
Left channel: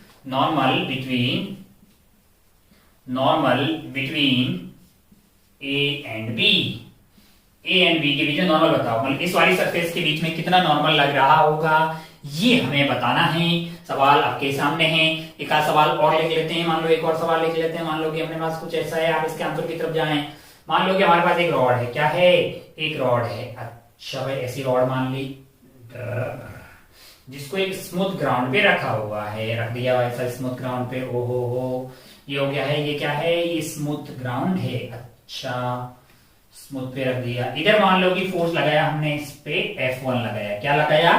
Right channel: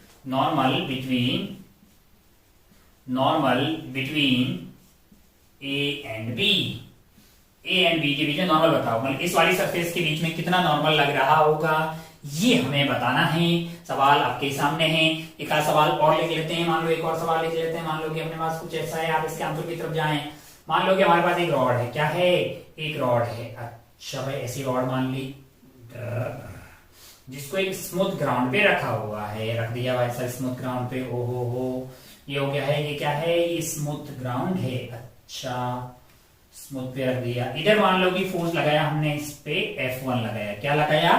A and B। A and B के बीच में नॉर्मल बताओ, मतलब इस वाली सरफेस के बीच में कितना नॉर्मल लग रहा होगा, ये हमें बताना है। सवाल आपके सामने है। एक आध सवाल और लिख लेते हैं। मान लो एक और सवाल लिख लेते हैं। मान लो कि अपने पास कुछ ऐसा है, आप इसके आंसर की तरफ जाएं। मान लो कि हमारे पास एक रॉड है, क्या है, एक रॉड है। अच्छा भाई, ऐसी रॉड मान ली जिसको एक स्मूथ ग्राउंड पे रखा हुआ है, रख दिया वैसा स्मूथ ग्राउंड पे। ओ हो, ये हो गया है, ये क्या है, ये स्मूथ ग्राउंड है। अच्छा, स्मूथ पे रख दिया। इधर मान लो कि फोर्स लगाया हमने, इस पे F1 लगाया। क्या लगाया,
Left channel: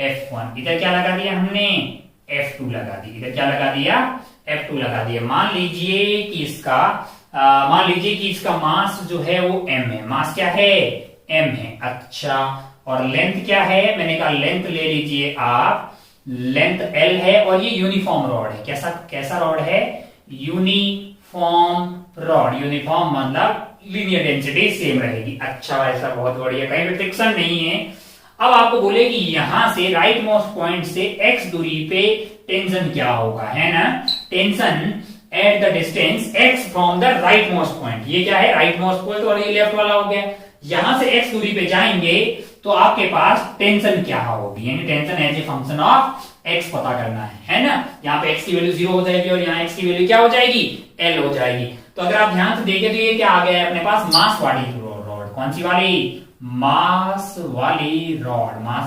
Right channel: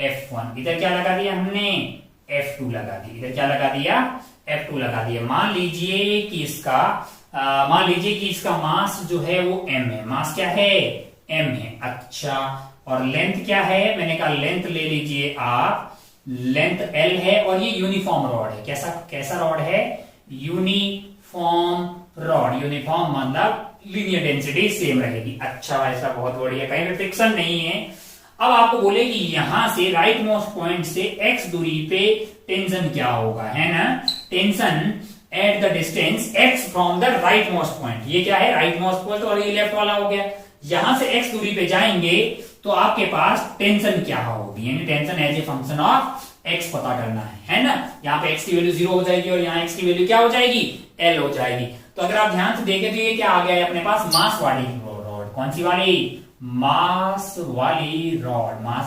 F1। इधर क्या लगा दिया हमने, F2 लगा दी। इधर क्या लगा दिया, F2 लगा दिया। मान लीजिए कि इसका मास जो है वो m है। मास क्या है, m है। अच्छा, और लेंथ क्या है, मैंने कहा लेंथ ले लीजिए आप, लेंथ L है, और ये यूनिफॉर्म रॉड है। कैसा रॉड है, यूनिफॉर्म रॉड। यूनिफॉर्म मतलब लीनियर डेंसिटी सेम रहेगी। अच्छा, ऐसा बहुत बढ़िया, कहीं पे फ्रिक्शन नहीं है। अब आपको बोले कि यहां से राइट मोस्ट पॉइंट से x दूरी पे टेंशन क्या होगा, है ना, tension at the distance x from the right most point. ये क्या है, राइट मोस्ट पॉइंट, और ये लेफ्ट वाला हो गया। यहां से x दूरी पे जाएंगे तो आपके पास टेंशन क्या होगी, यानी tension as a function of x पता करना है ना। यहाँ पे x की वैल्यू 0 हो जाएगी और यहाँ x की वैल्यू क्या हो जाएगी, L हो जाएगी। तो अगर आप ध्यान से देखें तो ये क्या आ गया है अपने पास, मास वाली रॉड। कौन सी वाली, मास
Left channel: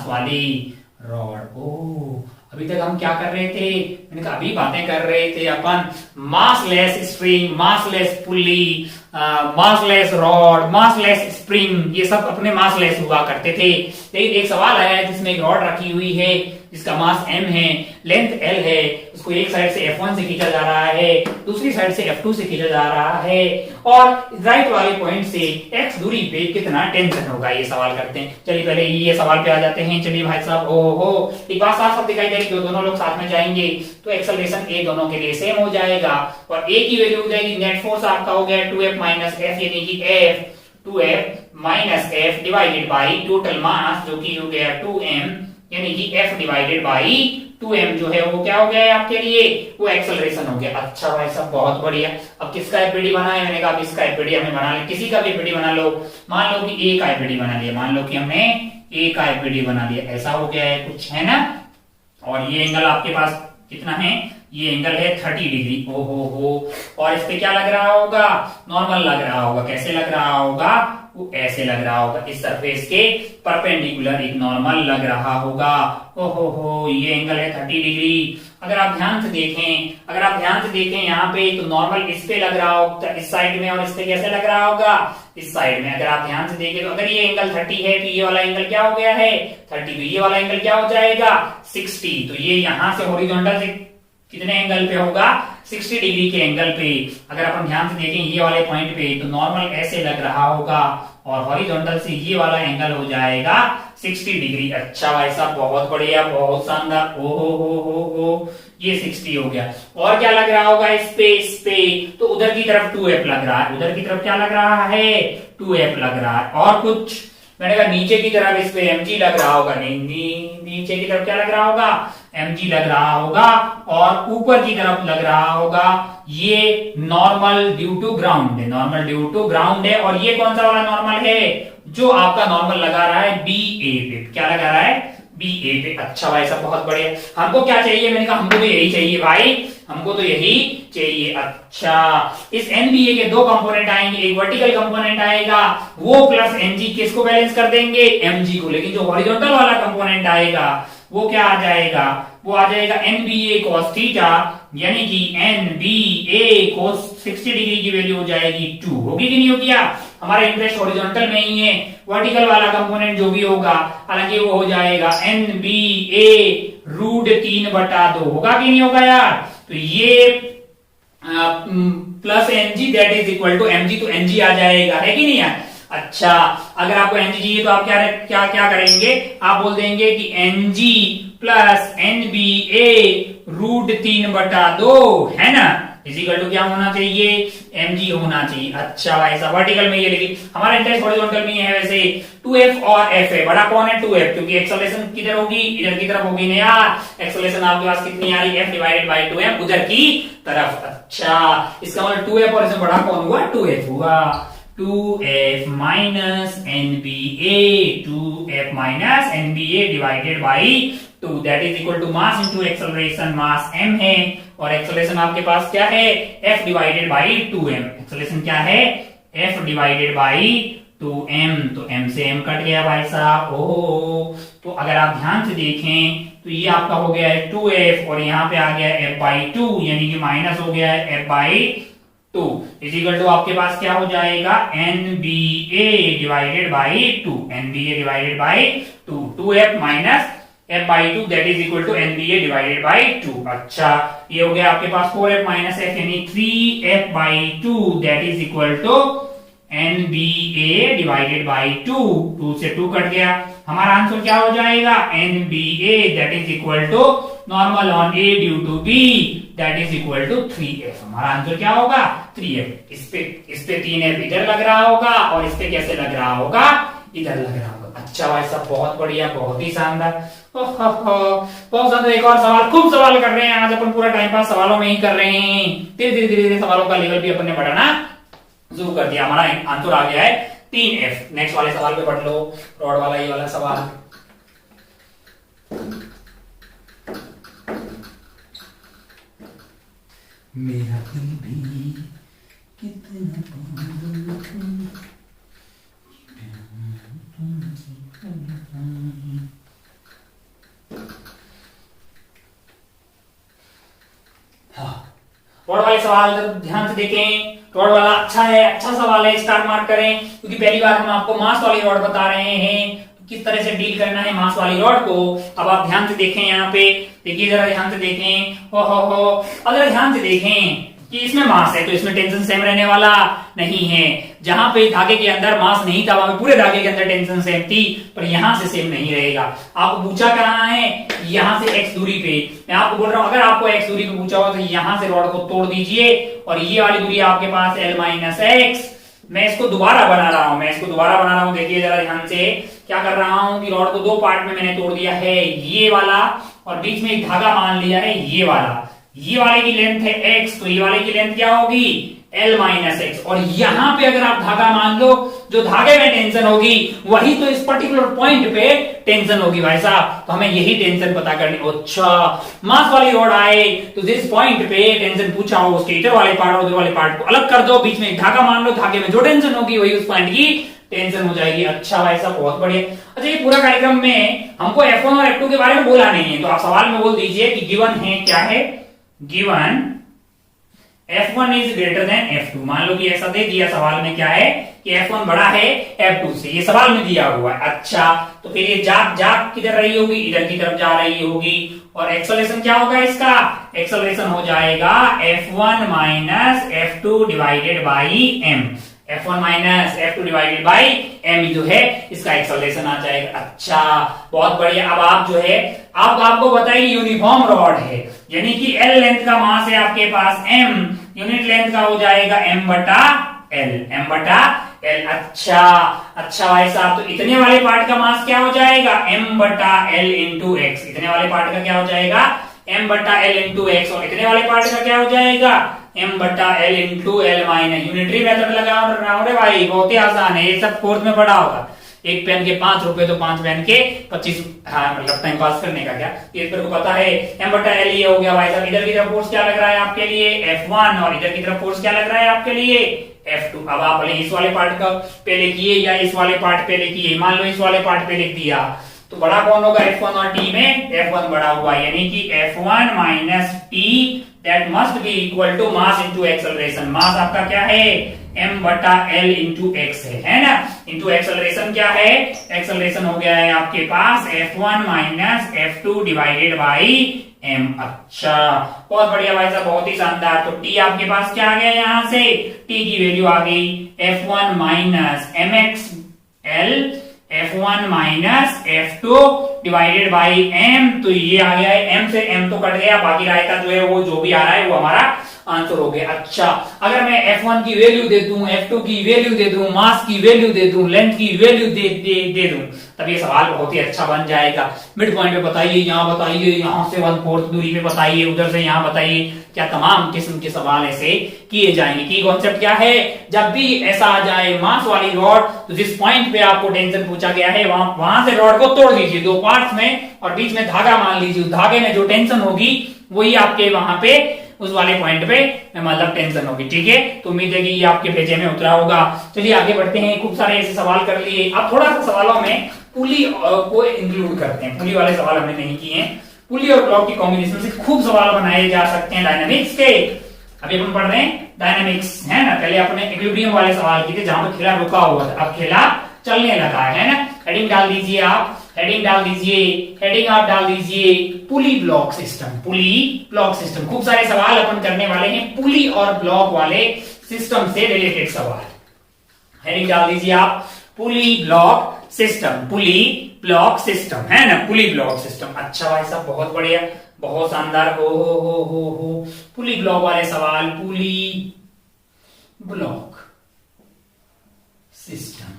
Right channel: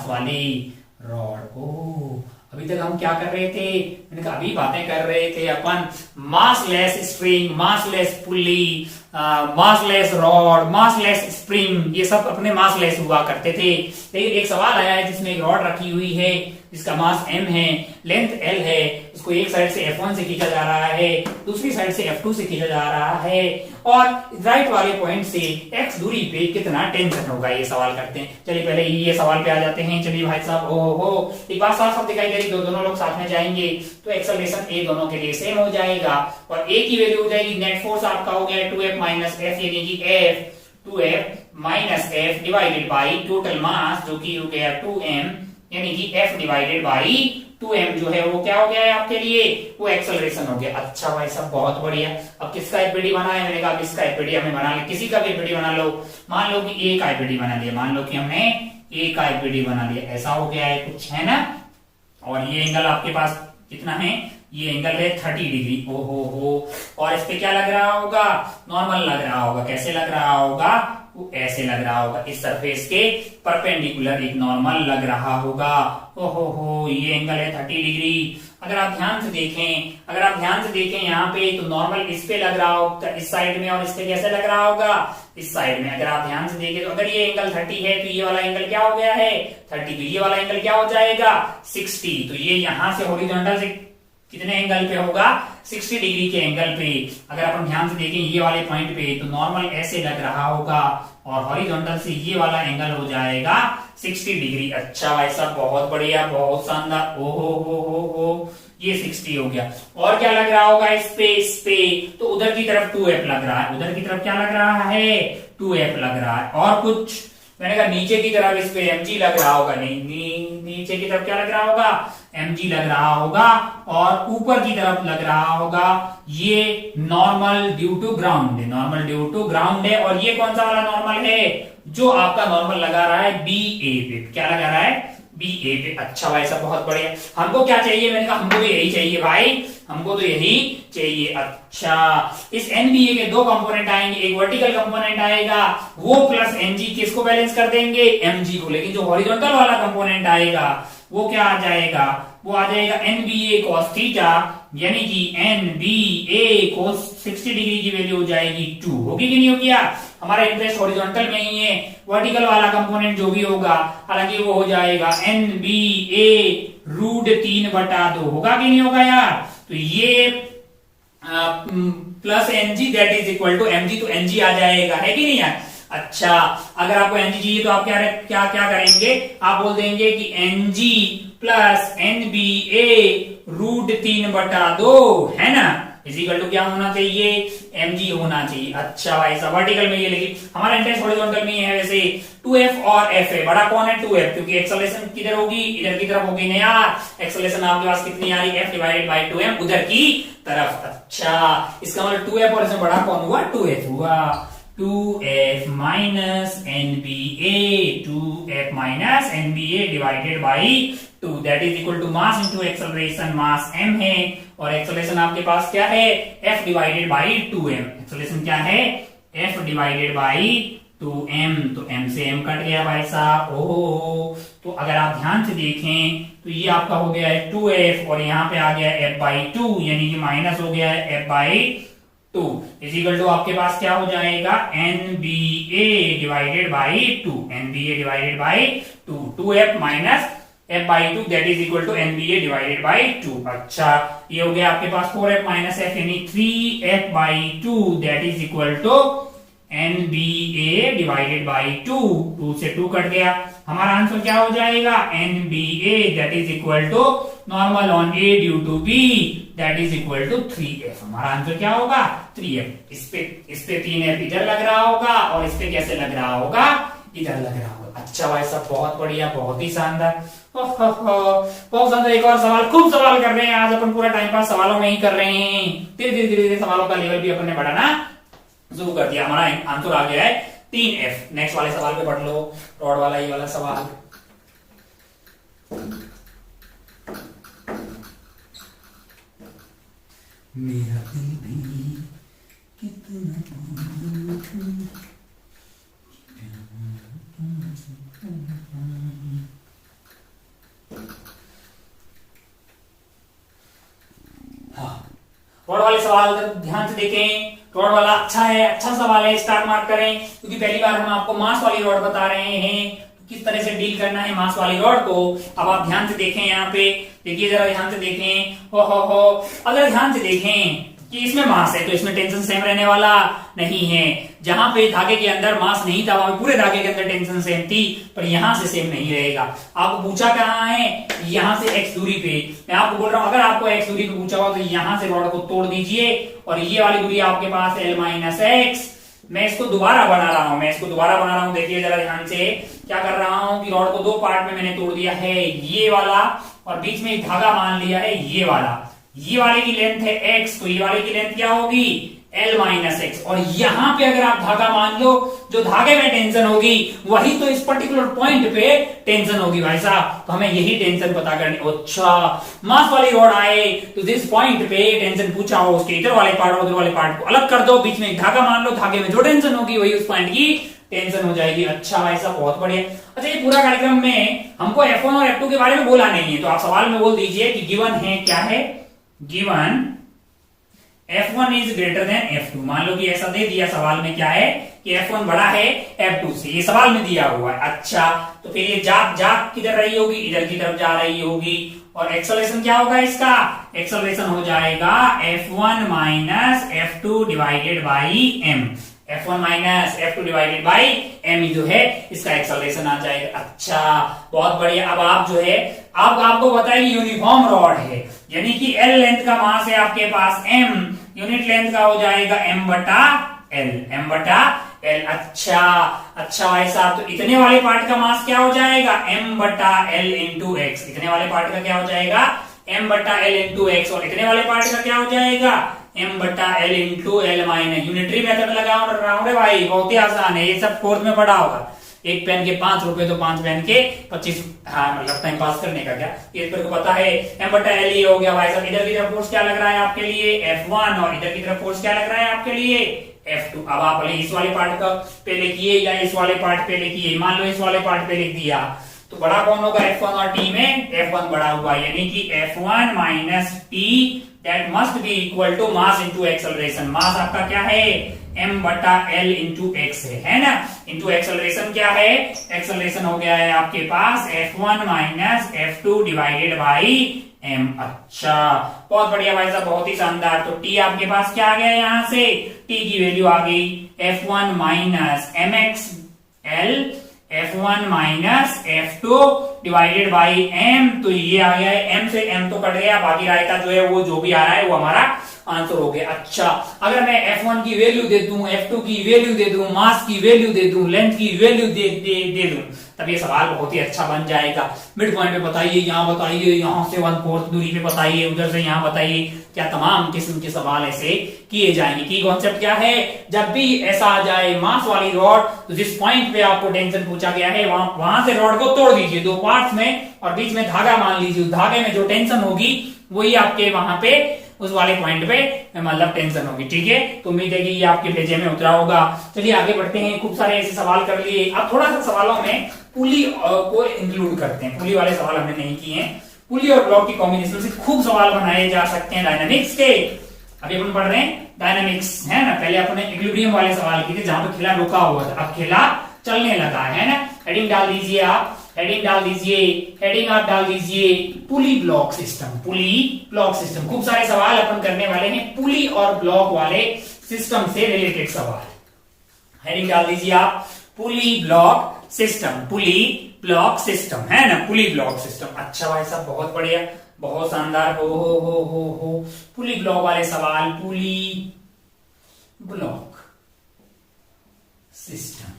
वाली रॉड। ओ, अभी तक हम क्या कर रहे थे, मैंने कहा अभी बातें कर रहे थे अपन massless string, massless pulley, massless rod, massless spring, ये सब अपने मासलेस हुआ करते थे। लेकिन एक सवाल आया है जिसमें एक रॉड रखी हुई है जिसका मास m है, लेंथ L है, उसको एक साइड से F1 से खींचा जा रहा है, दूसरी साइड से F2 से खींचा जा रहा है, और राइट वाले पॉइंट से x दूरी पे कितना टेंशन होगा, ये सवाल करते हैं। चलिए पहले ये सवाल पे आ जाते हैं। चलिए भाई साहब, ओहो, एक बात साफ साफ दिखाई दे रही, दोनों लोग साथ में जाएंगे तो एक्सेलरेशन A दोनों के लिए सेम हो जाएगा, और A की वैल्यू हो जाएगी, नेट फोर्स आपका हो गया 2F माइनस F, यानी कि F 2F minus F divided by total mass जो कि हो गया 2m, यानी कि F डिवाइडेड बाई 2m जो है वो क्या हो गया है आपके लिए, वो एक्सेलरेशन हो गया। अच्छा भाई साहब, बहुत बढ़िया। अब किसका एपीडी बना है, मैंने कहा अब इसका एपीडी हमें बना ले, किसी का भी एपीडी बना लो। मान लो कि A का एपीडी बना लिया, मान लो कि हमने A का एपीडी बना लिया, ऐसा हो गया है कुछ, है ना। और ये एंगल आपके पास कितना है, ये एंगल है 30 डिग्री। ओहो हो, और इस पे क्या लग रहा होगा, नॉर्मल लग रहा होगा। कैसे लग रहा होगा, वो ऐसे लग रहा होगा, इस सरफेस के परपेंडिकुलर एक नॉर्मल लग रहा होगा। ओहो हो, ये एंगल है 30 डिग्री। अगर आप ध्यान से देखें यहाँ पे तो नॉर्मल इस पे लग रहा होगा, इस साइड में, और इस पे कैसे लग रहा होगा, इस साइड में। अगर आप ध्यान से देखें तो अगर ये एंगल 30 है तो ये वाला एंगल क्या हो गया है 30, तो ये वाला एंगल क्या हो जाएगा 60। तो ये यहां से हॉरिजॉन्टल से कितने एंगल पे होगा, 60 डिग्री के एंगल पे अगर अपन ध्यान से देखें ये वाले पॉइंट पे, तो नॉर्मल ऐसे लग रहा होगा और हॉरिजॉन्टल से ये वाला एंगल हो जाएगा 60 डिग्री। अच्छा भाई साहब, बहुत बढ़िया, बहुत शानदार। ओ हो, ये 60 हो गया। और क्या लग रहा होगा इस पे तो उधर की तरफ 2f लग रहा है। उधर की तरफ क्या लग रहा है? 2f लग रहा है। और कुछ? मैंने कहा नीचे की तरफ इस पे mg लग रहा होगा। नहीं, नीचे की तरफ क्या लग रहा होगा? mg लग रहा होगा। और ऊपर की तरफ लग रहा होगा ये नॉर्मल ड्यू टू ग्राउंड है। नॉर्मल ड्यू टू ग्राउंड है। और ये कौन सा वाला नॉर्मल है? जो आपका नॉर्मल लगा रहा है BA पे। क्या लगा रहा है? BA पे। अच्छा भाई साहब, बहुत बढ़िया। हमको क्या चाहिए? मैंने कहा हमको तो यही चाहिए भाई, हमको तो यही चाहिए। अच्छा, इस NBA के दो कंपोनेंट आएंगे, एक वर्टिकल कंपोनेंट आएगा, वो प्लस NG किसको बैलेंस कर देंगे? MG को। लेकिन जो हॉरिजॉन्टल वाला कंपोनेंट आएगा वो क्या आ जाएगा? वो आ जाएगा NBA cos थीटा, यानी कि NBA cos 60 डिग्री की वैल्यू हो जाएगी 2। होगी कि नहीं होगी? हमारा इंटरेस्ट हॉरिजॉन्टल में ही है। वर्टिकल वाला कंपोनेंट जो भी होगा, हालांकि वो हो जाएगा NBA √3/2। होगा कि नहीं होगा यार? तो ये plus NG that is equal to MG, तो NG आ जाएगा, है कि नहीं यार? अच्छा, अगर आपको NG चाहिए तो आप क्या क्या क्या करेंगे? आप बोल देंगे कि NG प्लस NBA √3/2, है ना, इजिकल टू क्या होना चाहिए? mg होना चाहिए। अच्छा भाई साहब, वर्टिकल में ये, लेकिन हमारा इंटरेस्ट हॉरिजॉन्टल में है। वैसे 2f और f है, बड़ा कौन है? 2f, क्योंकि एक्सेलरेशन किधर होगी? इधर की तरफ होगी ना यार। एक्सेलरेशन आपके पास कितनी आ रही है? f डिवाइडेड बाई 2m, उधर की तरफ। अच्छा, इसका मतलब 2f और इसमें बड़ा कौन हुआ? 2f हुआ। 2f minus NBA, 2f minus NBA divided by 2, that is equal to mass into acceleration. Mass m है और एक्सेलरेशन आपके पास क्या है? f divided by 2m। Acceleration क्या है? f divided by 2m। तो m से m कट गया भाई साहब। ओहो, तो अगर आप ध्यान से देखें तो ये आपका हो गया है 2f और यहाँ पे आ गया f बाई 2, यानी कि माइनस हो गया है f बाई 2 इजिकल टू आपके पास क्या हो जाएगा? NBA divided by 2। NBA divided by 2, 2f minus f by 2 that is equal to NBA divided by 2। अच्छा, ये हो गया आपके पास 4f माइनस f, यानी 3f by 2 that is equal to NBA divided by 2। 2 से 2 कट गया। हमारा आंसर क्या हो जाएगा? NBA that is equal to normal on A due to B that is equal to 3f। हमारा आंसर क्या होगा? 3f। इस पे 3f इधर लग रहा होगा और इस पे कैसे लग रहा होगा? इधर लग रहा होगा। अच्छा भाई साहब, बहुत बढ़िया, बहुत ही शानदार। बहुत शानदार। एक और सवाल, खूब सवाल कर रहे हैं आज अपन, पूरा टाइम पास सवालों में ही कर रहे हैं। धीरे धीरे सवालों का लेवल भी अपन ने बढ़ाना शुरू कर दिया। हमारा आंसर आ गया है 3f। नेक्स्ट वाले सवाल पे पढ़ लो, रॉड वाला ये वाला सवाल। मेरा दिल भी कितना रॉड वाले सवाल ध्यान से देखें। रॉड वाला अच्छा है, अच्छा सवाल है, स्टार मार्क करें, क्योंकि पहली बार हम आपको मास वाली रॉड बता रहे हैं, किस तरह से डील करना है मास वाली रॉड को। अब आप ध्यान से देखें, यहाँ पे देखिए, जरा ध्यान से देखें। हो अगर ध्यान से देखें कि इसमें मास है तो इसमें टेंशन सेम रहने वाला नहीं है। जहां पे धागे के अंदर मास नहीं था वहां पे पूरे धागे के अंदर टेंशन सेम थी, पर यहां से सेम नहीं रहेगा। आपको पूछा कहाँ है? यहां से x दूरी पे। मैं आपको बोल रहा हूं, अगर आपको x दूरी पे पूछा हुआ तो यहां से रॉड को तोड़ दीजिए और ये वाली दूरी आपके पास l माइनस x। मैं इसको दोबारा बना रहा हूं, देखिए जरा ध्यान से। क्या कर रहा हूं कि रॉड को दो पार्ट में मैंने तोड़ दिया है, ये वाला, और बीच में एक धागा मान लिया है ये वाला। ये वाले की लेंथ है x, तो ये वाले की लेंथ क्या होगी? L minus x. और यहां पे अगर आप धागा मान लो, जो धागे में टेंशन होगी वही तो इस पर्टिकुलर पॉइंट पे टेंशन होगी भाई साहब। तो हमें यही टेंशन पता करनी। अच्छा, मास वाली रॉड आए तो जिस पॉइंट पे टेंशन पूछा हो उसके इधर वाले पार्ट और उधर वाले पार्ट को अलग कर दो, बीच में एक धागा मान लो, धागे में जो टेंशन होगी वही उस पॉइंट की टेंशन हो जाएगी। अच्छा भाई साहब, बहुत बढ़िया। अच्छा, ये पूरा कार्यक्रम में हमको F1 और F2 के बारे में बोला नहीं है, तो आप सवाल में बोल दीजिए कि गिवन है, क्या है? Given F1 is greater than F2। मान लो कि ऐसा दे दिया सवाल में, क्या है कि F1 बड़ा है F2 से, ये सवाल में दिया हुआ है। अच्छा, तो फिर ये जाग किधर रही होगी? इधर की तरफ जा रही होगी। और एक्सेलरेशन क्या होगा इसका, एक्सेलरेशन हो जाएगा F1 minus F2 divided by m, F1 minus F2 divided by m जो है इसका एक्सेलरेशन आ जाएगा। अच्छा बहुत बढ़िया। अब आप जो है अब आपको बताइए यूनिफॉर्म रॉड है यानी कि L लेंथ का मास है आपके पास m, यूनिट लेंथ का हो जाएगा m बटा l। अच्छा भाई साहब, तो इतने वाले पार्ट का मास क्या हो जाएगा, m बटा l इंटू एक्स। इतने वाले पार्ट का क्या हो जाएगा, m बटा l इंटू एक्स। और इतने वाले पार्ट का क्या हो जाएगा, m बटा l into L minus. Unitary method लगा रहा हूं रे भाई, बहुत ही आसान है, ये सब कोर्स में पढ़ा होगा। एक पेन के 5 रुपए तो 5 पेन के 25। हाँ मतलब टाइम पास करने का क्या, ये को पता है। m बटा l ये हो गया भाई साहब। इधर की तरफ फोर्स क्या लग रहा है आपके लिए, F1, और इधर की तरफ फोर्स क्या लग रहा है आपके लिए, F2। अब आप इस वाले पार्ट का पहले किए या इस वाले पार्ट पहले किए, मान लो इस वाले पार्ट पे लिख दिया, तो बड़ा कौन होगा F1 और T में, F1 बड़ा हुआ, यानी कि F1 minus T that must be equal to mass into acceleration. Mass आपका क्या है, m बटा l इंटू एक्स है ना, इंटू एक्सेलरेशन क्या है, एक्सेलरेशन हो गया है आपके पास F1 minus F2 divided by m। अच्छा बहुत बढ़िया भाई साहब, बहुत ही शानदार। तो t आपके पास क्या आ गया, यहां से t की वैल्यू आ गई F1 minus mx l, F1 minus F2 divided by m। तो ये आ गया है, m से m तो कट गया, बाकी रायता जो है वो जो भी आ रहा है वो हमारा आंसर हो गया। अच्छा अगर मैं F1 की वैल्यू दे दूं, F2 की वैल्यू दे दूं, मास की वैल्यू दे दूं, लेंथ की वैल्यू दे दूं, तब ये सवाल बहुत ही अच्छा बन जाएगा। मिड पॉइंट पे बताइए, यहाँ बताइए, यहाँ से 1/4 दूरी पे बताइए, उधर से यहाँ बताइए, क्या तमाम किस्म के सवाल ऐसे किए जाएंगे। की कॉन्सेप्ट क्या है, जब भी ऐसा आ जाए मास वाली रॉड, तो जिस पॉइंट पे आपको टेंशन पूछा गया है वहां से रॉड को तोड़ दीजिए 2 पार्ट्स में, और बीच में धागा मान लीजिए, उस धागे में जो टेंशन होगी वही आपके वहां पे उस वाले पॉइंट पे मतलब टेंशन होगी। ठीक है, तो उम्मीद है कि ये आपके पेजे में उतरा होगा। चलिए आगे बढ़ते हैं, खूब सारे ऐसे सवाल कर लिए। अब थोड़ा सा सवालों में पुली को इंक्लूड करते हैं, पुली वाले सवाल हमने नहीं किए हैं। पुली और ब्लॉक की कॉम्बिनेशन से खूब सवाल बनाए जा सकते हैं डायनामिक्स के। अभी अपन पढ़ रहे हैं डायनामिक्स, है ना। पहले अपने इक्विलिब्रियम वाले सवाल किए थे जहां पर खेला रुका हुआ था, अब खेला चलने लगा है ना। हेडिंग डाल दीजिए आप, हेडिंग डाल दीजिए, हेडिंग आप डाल दीजिए पुली ब्लॉक सिस्टम, पुली ब्लॉक सिस्टम। खूब सारे सवाल अपन करने वाले हैं पुली और ब्लॉक वाले सिस्टम से रिलेटेड सवाल। हेडिंग डाल दीजिए आप पुली ब्लॉक सिस्टम, पुली ब्लॉक सिस्टम, है ना, पुली ब्लॉक सिस्टम। अच्छा भाई साहब बहुत बढ़िया, बहुत शानदार। हो पुली ब्लॉक वाले सवाल, पुली ब्लॉक सिस्टम।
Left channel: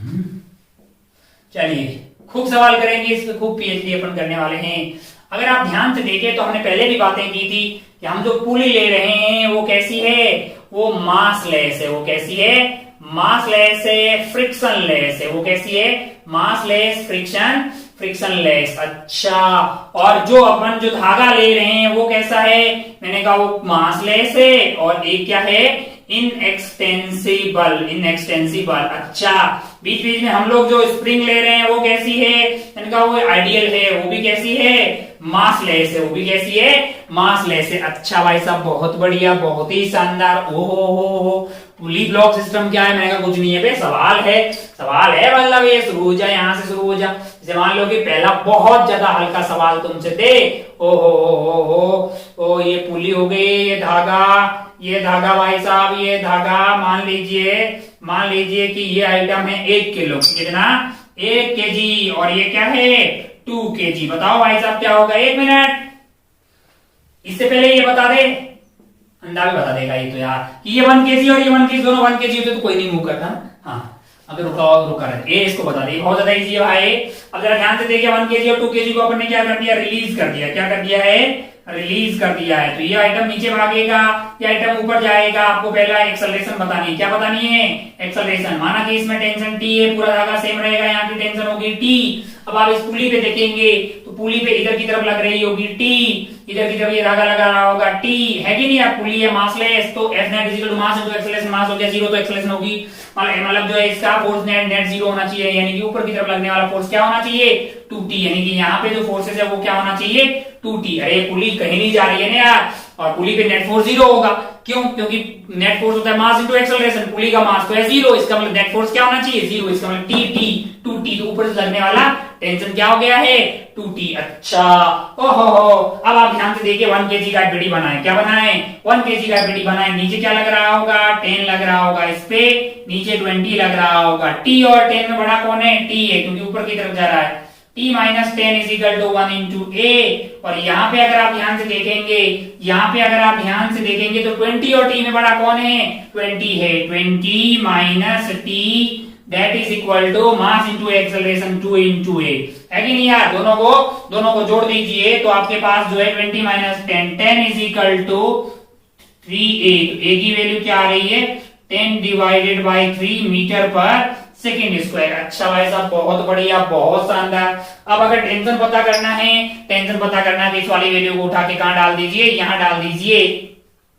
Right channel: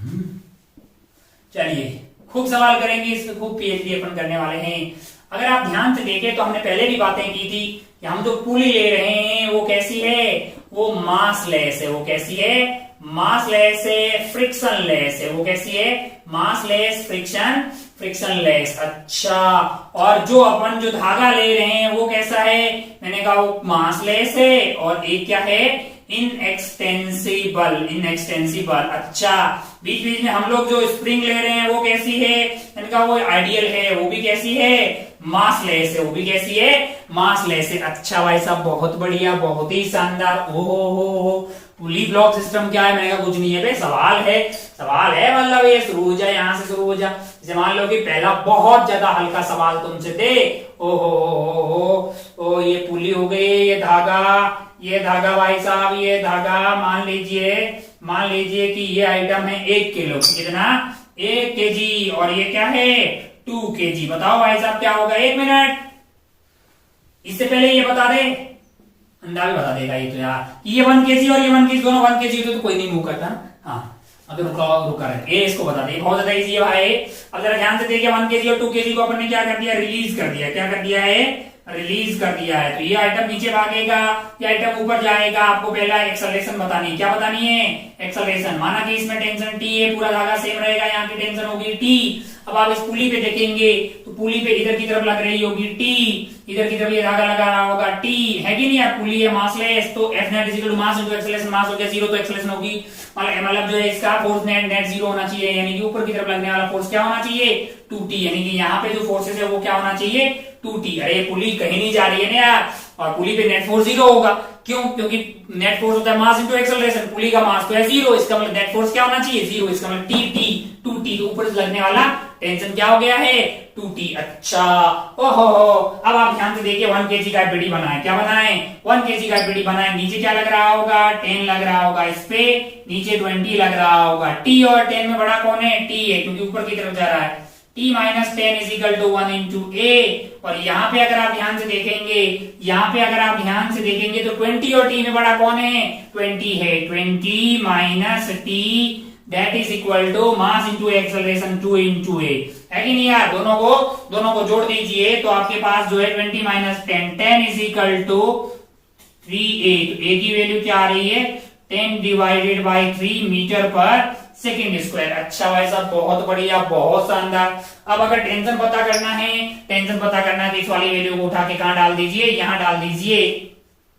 चलिए खूब सवाल करेंगे इस पे, खूब पीएचडी अपन करने वाले हैं। अगर आप ध्यान से देखें तो हमने पहले भी बातें की थी कि हम जो पुली ले रहे हैं वो कैसी है, वो मास लेस है। वो कैसी है, मास लेस है, फ्रिक्शन लेस है। वो कैसी है, मास लेस, फ्रिक्शन लेस। अच्छा, और जो अपन जो धागा ले रहे हैं वो कैसा है, मैंने कहा वो मास लेस है, और एक क्या है, इनएक्सटेंसिबल। अच्छा, बीच बीच में हम लोग जो स्प्रिंग ले रहे हैं वो कैसी है, मैंने कहा वो आइडियल है, वो भी कैसी है, मासलेस है। वो भी कैसी है, मासलेस है। अच्छा भाई साहब बहुत बढ़िया, बहुत ही शानदार। ओहो पुली ब्लॉक सिस्टम क्या है, मैंने कहा कुछ नहीं है बे, सवाल है मतलब ये शुरू हो जाए, यहां से शुरू हो जाए। जैसे मान लो कि पहला बहुत ज्यादा हल्का सवाल तुमसे दे, ओ ये पुली हो गई, ये धागा भाई साहब, ये धागा मान लीजिए कि ये आइटम है 1 किलो, कितना, 1 केजी, और ये क्या है 2 केजी। बताओ भाई साहब क्या होगा, 1 मिनट। इससे पहले ये बता दे, अंडा भी बता देगा ये तो यार, कि ये 1 केजी और ये 1 केजी दोनों 1 केजी होते तो कोई नहीं मूव करता ना। हाँ अगर रुका रहे, ये इसको बता दे, बहुत ज्यादा इजी है भाई। अब जरा ध्यान से देखिए, 1 केजी और 2 केजी को अपन ने क्या कर दिया, रिलीज कर दिया। क्या कर दिया है, रिलीज कर दिया है। तो ये आइटम नीचे भागेगा, ये आइटम ऊपर जाएगा। आपको पहला एक्सेलरेशन बतानी है। क्या बतानी है, एक्सेलरेशन। माना कि इसमें टेंशन T है, पूरा धागा सेम रहेगा, यहाँ की टेंशन होगी T। अब आप इस पुली पे देखेंगे तो पुली पे इधर की तरफ लग रही होगी T, इधर की तरफ ये धागा लगा रहा होगा T, है कि नहीं यार। पुली है मासलेस, तो F net equal to mass into acceleration. Mass हो गया 0 तो एक्सेलरेशन होगी, मतलब जो है इसका फोर्स नेट 0 होना चाहिए, यानी कि ऊपर की तरफ लगने वाला फोर्स क्या होना चाहिए, 2T, यानी कि यहाँ पे जो फोर्सेस है वो क्या होना चाहिए, 2T। अरे पुली कहीं नहीं जा रही है ना यार, और पुली पे नेट फोर्स 0 होगा। क्यों, क्योंकि नेट फोर्स होता है मास इंटू एक्सेलरेशन, पुली का मास तो है 0, इसका मतलब नेट फोर्स क्या होना चाहिए, 0, इसका मतलब T 2T, तो ऊपर से लगने वाला टेंशन क्या हो गया है 2t। अच्छा ओहो अब आप ध्यान से देखिए 1 kg का एफबीडी बनाए, क्या बनाए 1 kg का एफबीडी बनाए। नीचे क्या लग रहा होगा 10 लग रहा होगा, इस पे नीचे 20 लग रहा होगा। t और 10 में बड़ा कौन है t है, क्योंकि ऊपर की तरफ जा रहा है। t minus 10 is equal to 1 into a. और यहाँ पे अगर आप ध्यान से देखेंगे, यहाँ पे अगर आप ध्यान से देखेंगे तो 20 और t में बड़ा कौन है 20 है। 20 minus t that is equal to mass into acceleration 2 into a, है कि नहीं यार। दोनों को जोड़ दीजिए तो आपके पास जो है 20 minus 10 is equal to 3a। तो a की वैल्यू क्या आ रही है 10 डिवाइडेड बाई 3 मीटर पर सेकेंड स्क्वायर। अच्छा भाई साहब बहुत बढ़िया, बहुत शानदार। अब अगर टेंशन पता करना है तो इस वाली वैल्यू को उठा के कहां डाल दीजिए, यहां डाल दीजिए।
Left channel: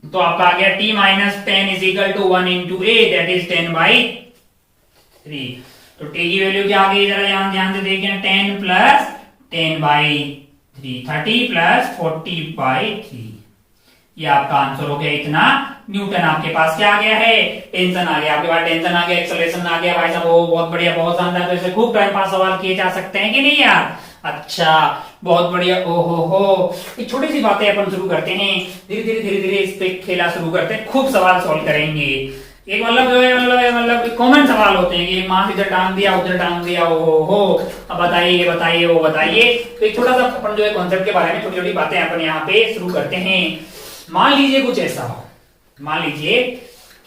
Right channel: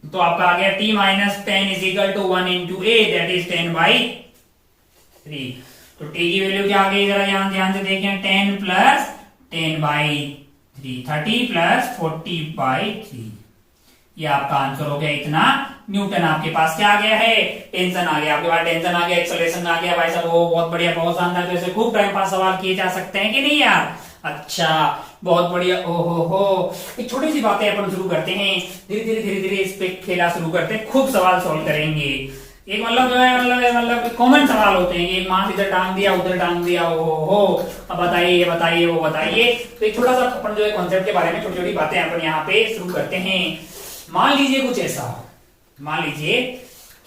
तो आपका आ गया t minus 10 is equal to 1 into A that is 10 by 3। तो t की वैल्यू क्या आ गई, जरा यहां ध्यान से देखें 10 प्लस 10 बाई 3 30 प्लस 40 बाई 3। ये आपका आंसर हो गया इतना न्यूटन। आपके पास क्या आ गया है टेंशन आ गया, आपके पास टेंशन आ गया, एक्सेलरेशन आ गया। भाई साहब वो बहुत बढ़िया, बहुत शानदार। तो ऐसे खूब टाइम पास सवाल किए जा सकते हैं कि नहीं यार। अच्छा बहुत बढ़िया। ओहो हो एक छोटी सी बातें अपन शुरू करते हैं, धीरे धीरे इस पे खेला शुरू करते हैं, खूब सवाल सॉल्व करेंगे। एक मतलब जो है मतलब कॉमन सवाल होते हैं कि मास इधर टांग दिया उधर टांग दिया, ओहो हो अब बताइए ये बताइए वो बताइए। तो एक छोटा सा अपन जो है कॉन्सेप्ट के बारे में छोटी छोटी बातें अपन यहाँ पे शुरू करते हैं। मान लीजिए कुछ ऐसा हो, मान लीजिए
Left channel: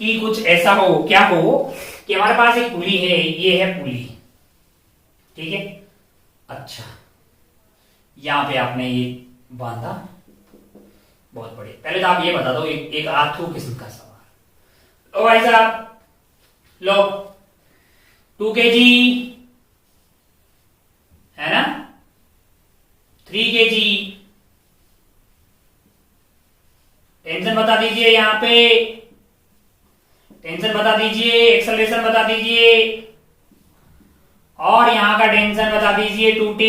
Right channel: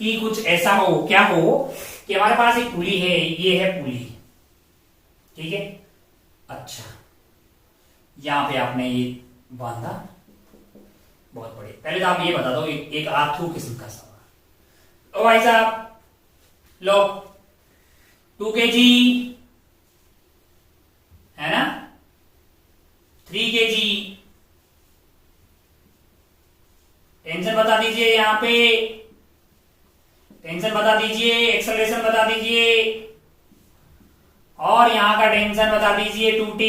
कि कुछ ऐसा हो, क्या हो कि हमारे पास एक पुली है, ये है पुली, ठीक है। अच्छा यहां पे आपने ये बांधा, बहुत बढ़िया। पहले तो आप ये बता दो एक आर्थू किस्म का सवाल। ओ भाई साहब लो 2 kg है ना, 3 kg, टेंशन बता दीजिए, यहां पे टेंशन बता दीजिए, एक्सेलरेशन बता दीजिए और यहां का टेंशन बता दीजिए 2t।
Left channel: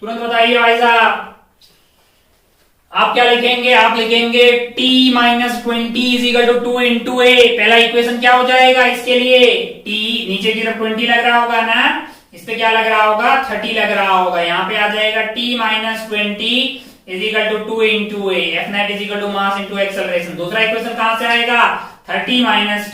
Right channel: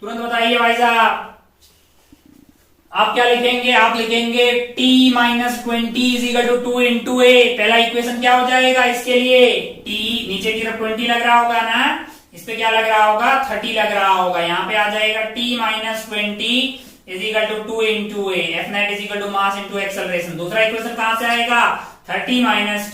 तुरंत बताइए भाई साहब आप क्या लिखेंगे, आप लिखेंगे t minus 20 is equal to 2 into a. पहला इक्वेशन क्या हो जाएगा इसके लिए, t नीचे की तरफ 20 लग रहा होगा ना, इस पे क्या लग रहा होगा 30 लग रहा होगा। यहां पे आ जाएगा t minus 20 is equal to 2 into a, F net is equal to mass into acceleration. दूसरा इक्वेशन कहां से आएगा 30 minus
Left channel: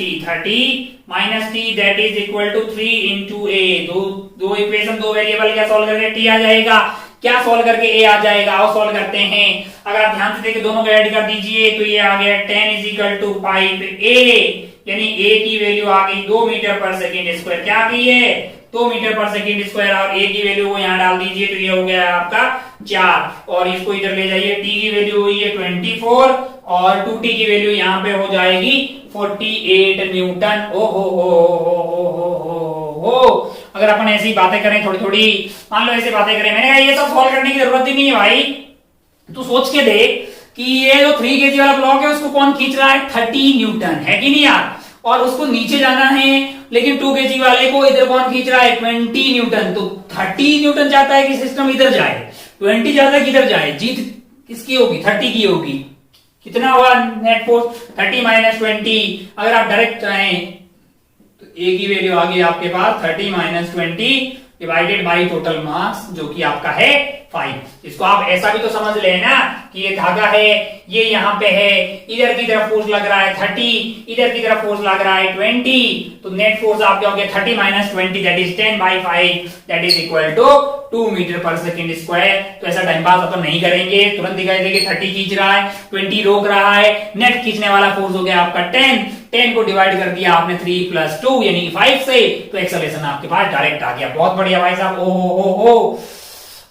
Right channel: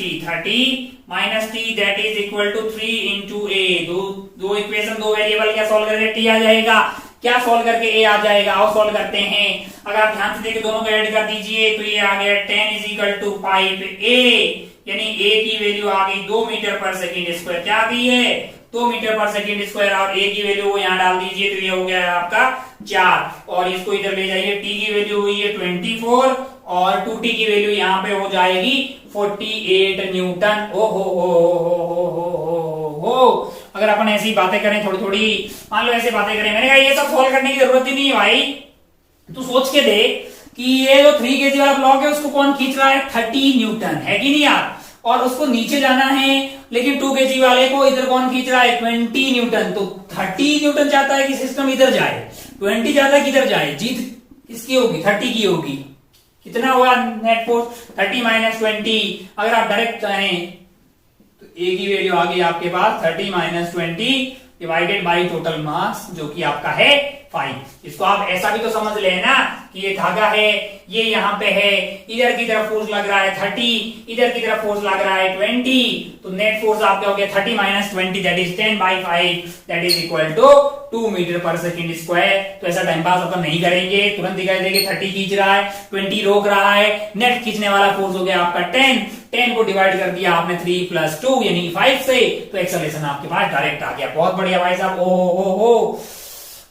T that is equal to 3 into a. दो इक्वेशन दो वेरिएबल क्या सॉल्व करके टी आ जाएगा, क्या सॉल्व करके ए आ जाएगा। और सॉल्व करते हैं, अगर आप ध्यान से देखिए दोनों को ऐड कर दीजिए तो ये आ गया 10 इज इक्वल टू 5 ए, यानी ए की वैल्यू आ गई 2 मीटर पर सेकेंड स्क्वायर। क्या आ गई है 2 मीटर पर सेकेंड स्क्वायर। और ए की वैल्यू को यहाँ डाल दीजिए तो ये हो गया आपका 4, और इसको इधर ले जाइए, टी की वैल्यू हुई है 24 और 2t की वैल्यू यहाँ पे हो जाएगी 48 न्यूटन। ओ हो अगर अपन ऐसी बातें करें थोड़ी थोड़ी, मान लो ऐसी बातें करें, मैंने कहा ये सब सॉल्व करने की जरूरत ही नहीं है भाई। तू सोच के देख कि ये जो 3 kg वाला ब्लॉक है उसको कौन खींच रहा है 30 न्यूटन, है कि नहीं यार। और उसको नीचे जाना है, लेकिन 2 kg वाले को इधर कौन खींच रहा है 20 न्यूटन। तो 30 न्यूटन चाहता है कि सिस्टम इधर जाए, 20 चाहता है कि इधर जाए। जीत किसकी होगी 30 की होगी। कितना हुआ नेट फोर्स 30 माइनस 20। अगर आप डायरेक्ट चाहें तो ए की वैल्यू आ गई आपके पास 30 minus 20 divided by total mass जो कि आपका है 5। इसको आप ऐसा भी तो समझ लेना कि ये धागा है, ये यहाँ पे है, इधर की तरफ फोर्स लग रहा है 30, इधर की तरफ फोर्स लग रहा है 20। तो नेट फोर्स आपका हो गया 30 minus 20 that is 10 by 5 that is equal to 2 metre पर सेकेंड स्क्वायर। तो ऐसा टाइम पास अपन नहीं करेंगे, तुरंत दिखाई देगी 30 खींच रहा है 20 रोक रहा है, नेट खींचने वाला फोर्स हो गया आपका 10 को डिवाइड कर दिया आपने 3 प्लस 2 यानी 5 से, तो एक्सेलरेशन आपके पास डायरेक्ट आ गया। बहुत बढ़िया भाई साहब। ओ